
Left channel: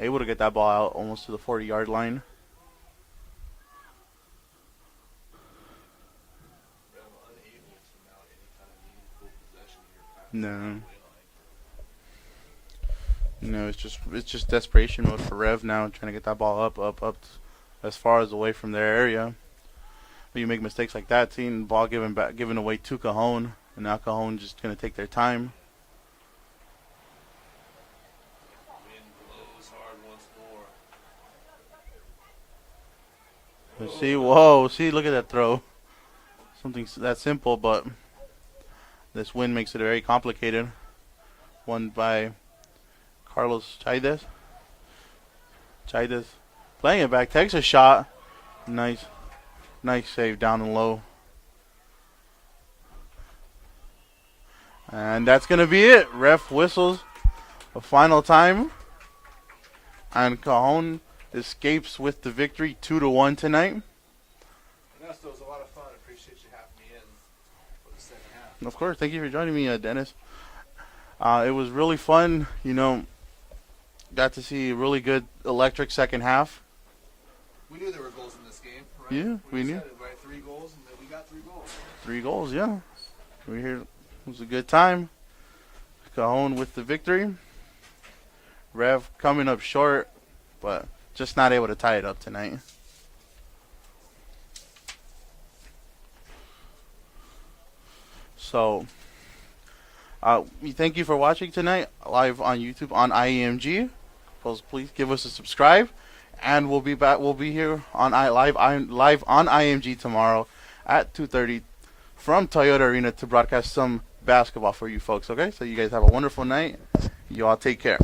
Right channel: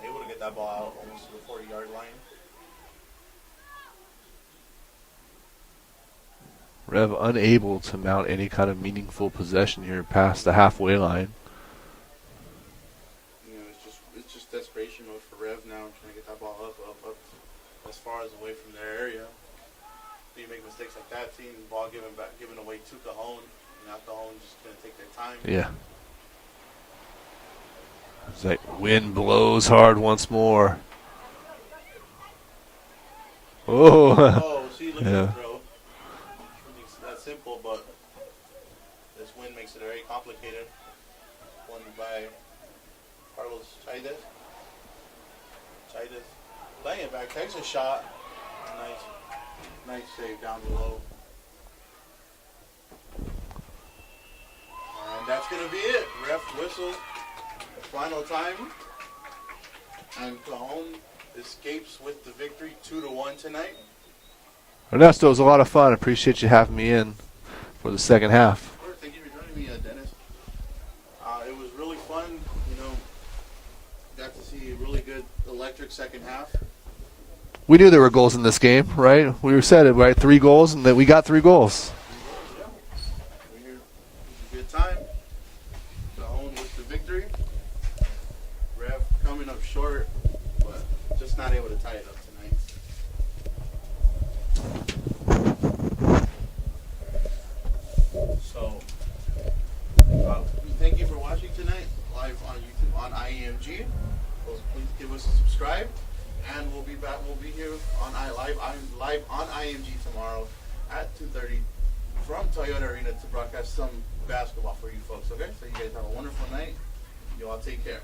Able to get that ball out almost to the 40-yard line. Rev unable to mount any kind of meaningful possession here past the halfway line. It's just desperation mode for Rev now, trying to get that ball up as far as away from their area. When you make mistakes like that, seeing the ball given away to Cajon, and now Cajon just gonna take their time. Yeah. It's like wind blows hard once more. Oh, See, look at that throw. Something that simple, but this wind makes it very complicated. Won by Carlos Chaides. Playing it back, takes a shot. Nice save down and low. And that's going to be it. Ref whistles a final time. And Cajon escapes with the victory 2-1 tonight. Ernesto, it was a lot of fun. Appreciate you having me in for the second half. Of course. Thank you for joining me, Dennis. It was really fun. Got to see a really good electric second half. We knew there were goals in this game, right? We said it, right? 3 goals, and that we got 3 goals. 3 goals, yeah. We're here. It was a good time. Cajon with the victory. Rev coming up short, but just not able to tie it up tonight. So, we thank you for watching tonight live on YouTube on IEMG. Please give us a subscribe, and we'll be back. We'll be here on live on IMG tomorrow at 2:30 from Toyota Arena to broadcast some basketball for you folks. Okay, so you guys have a wonderful night. You all take care.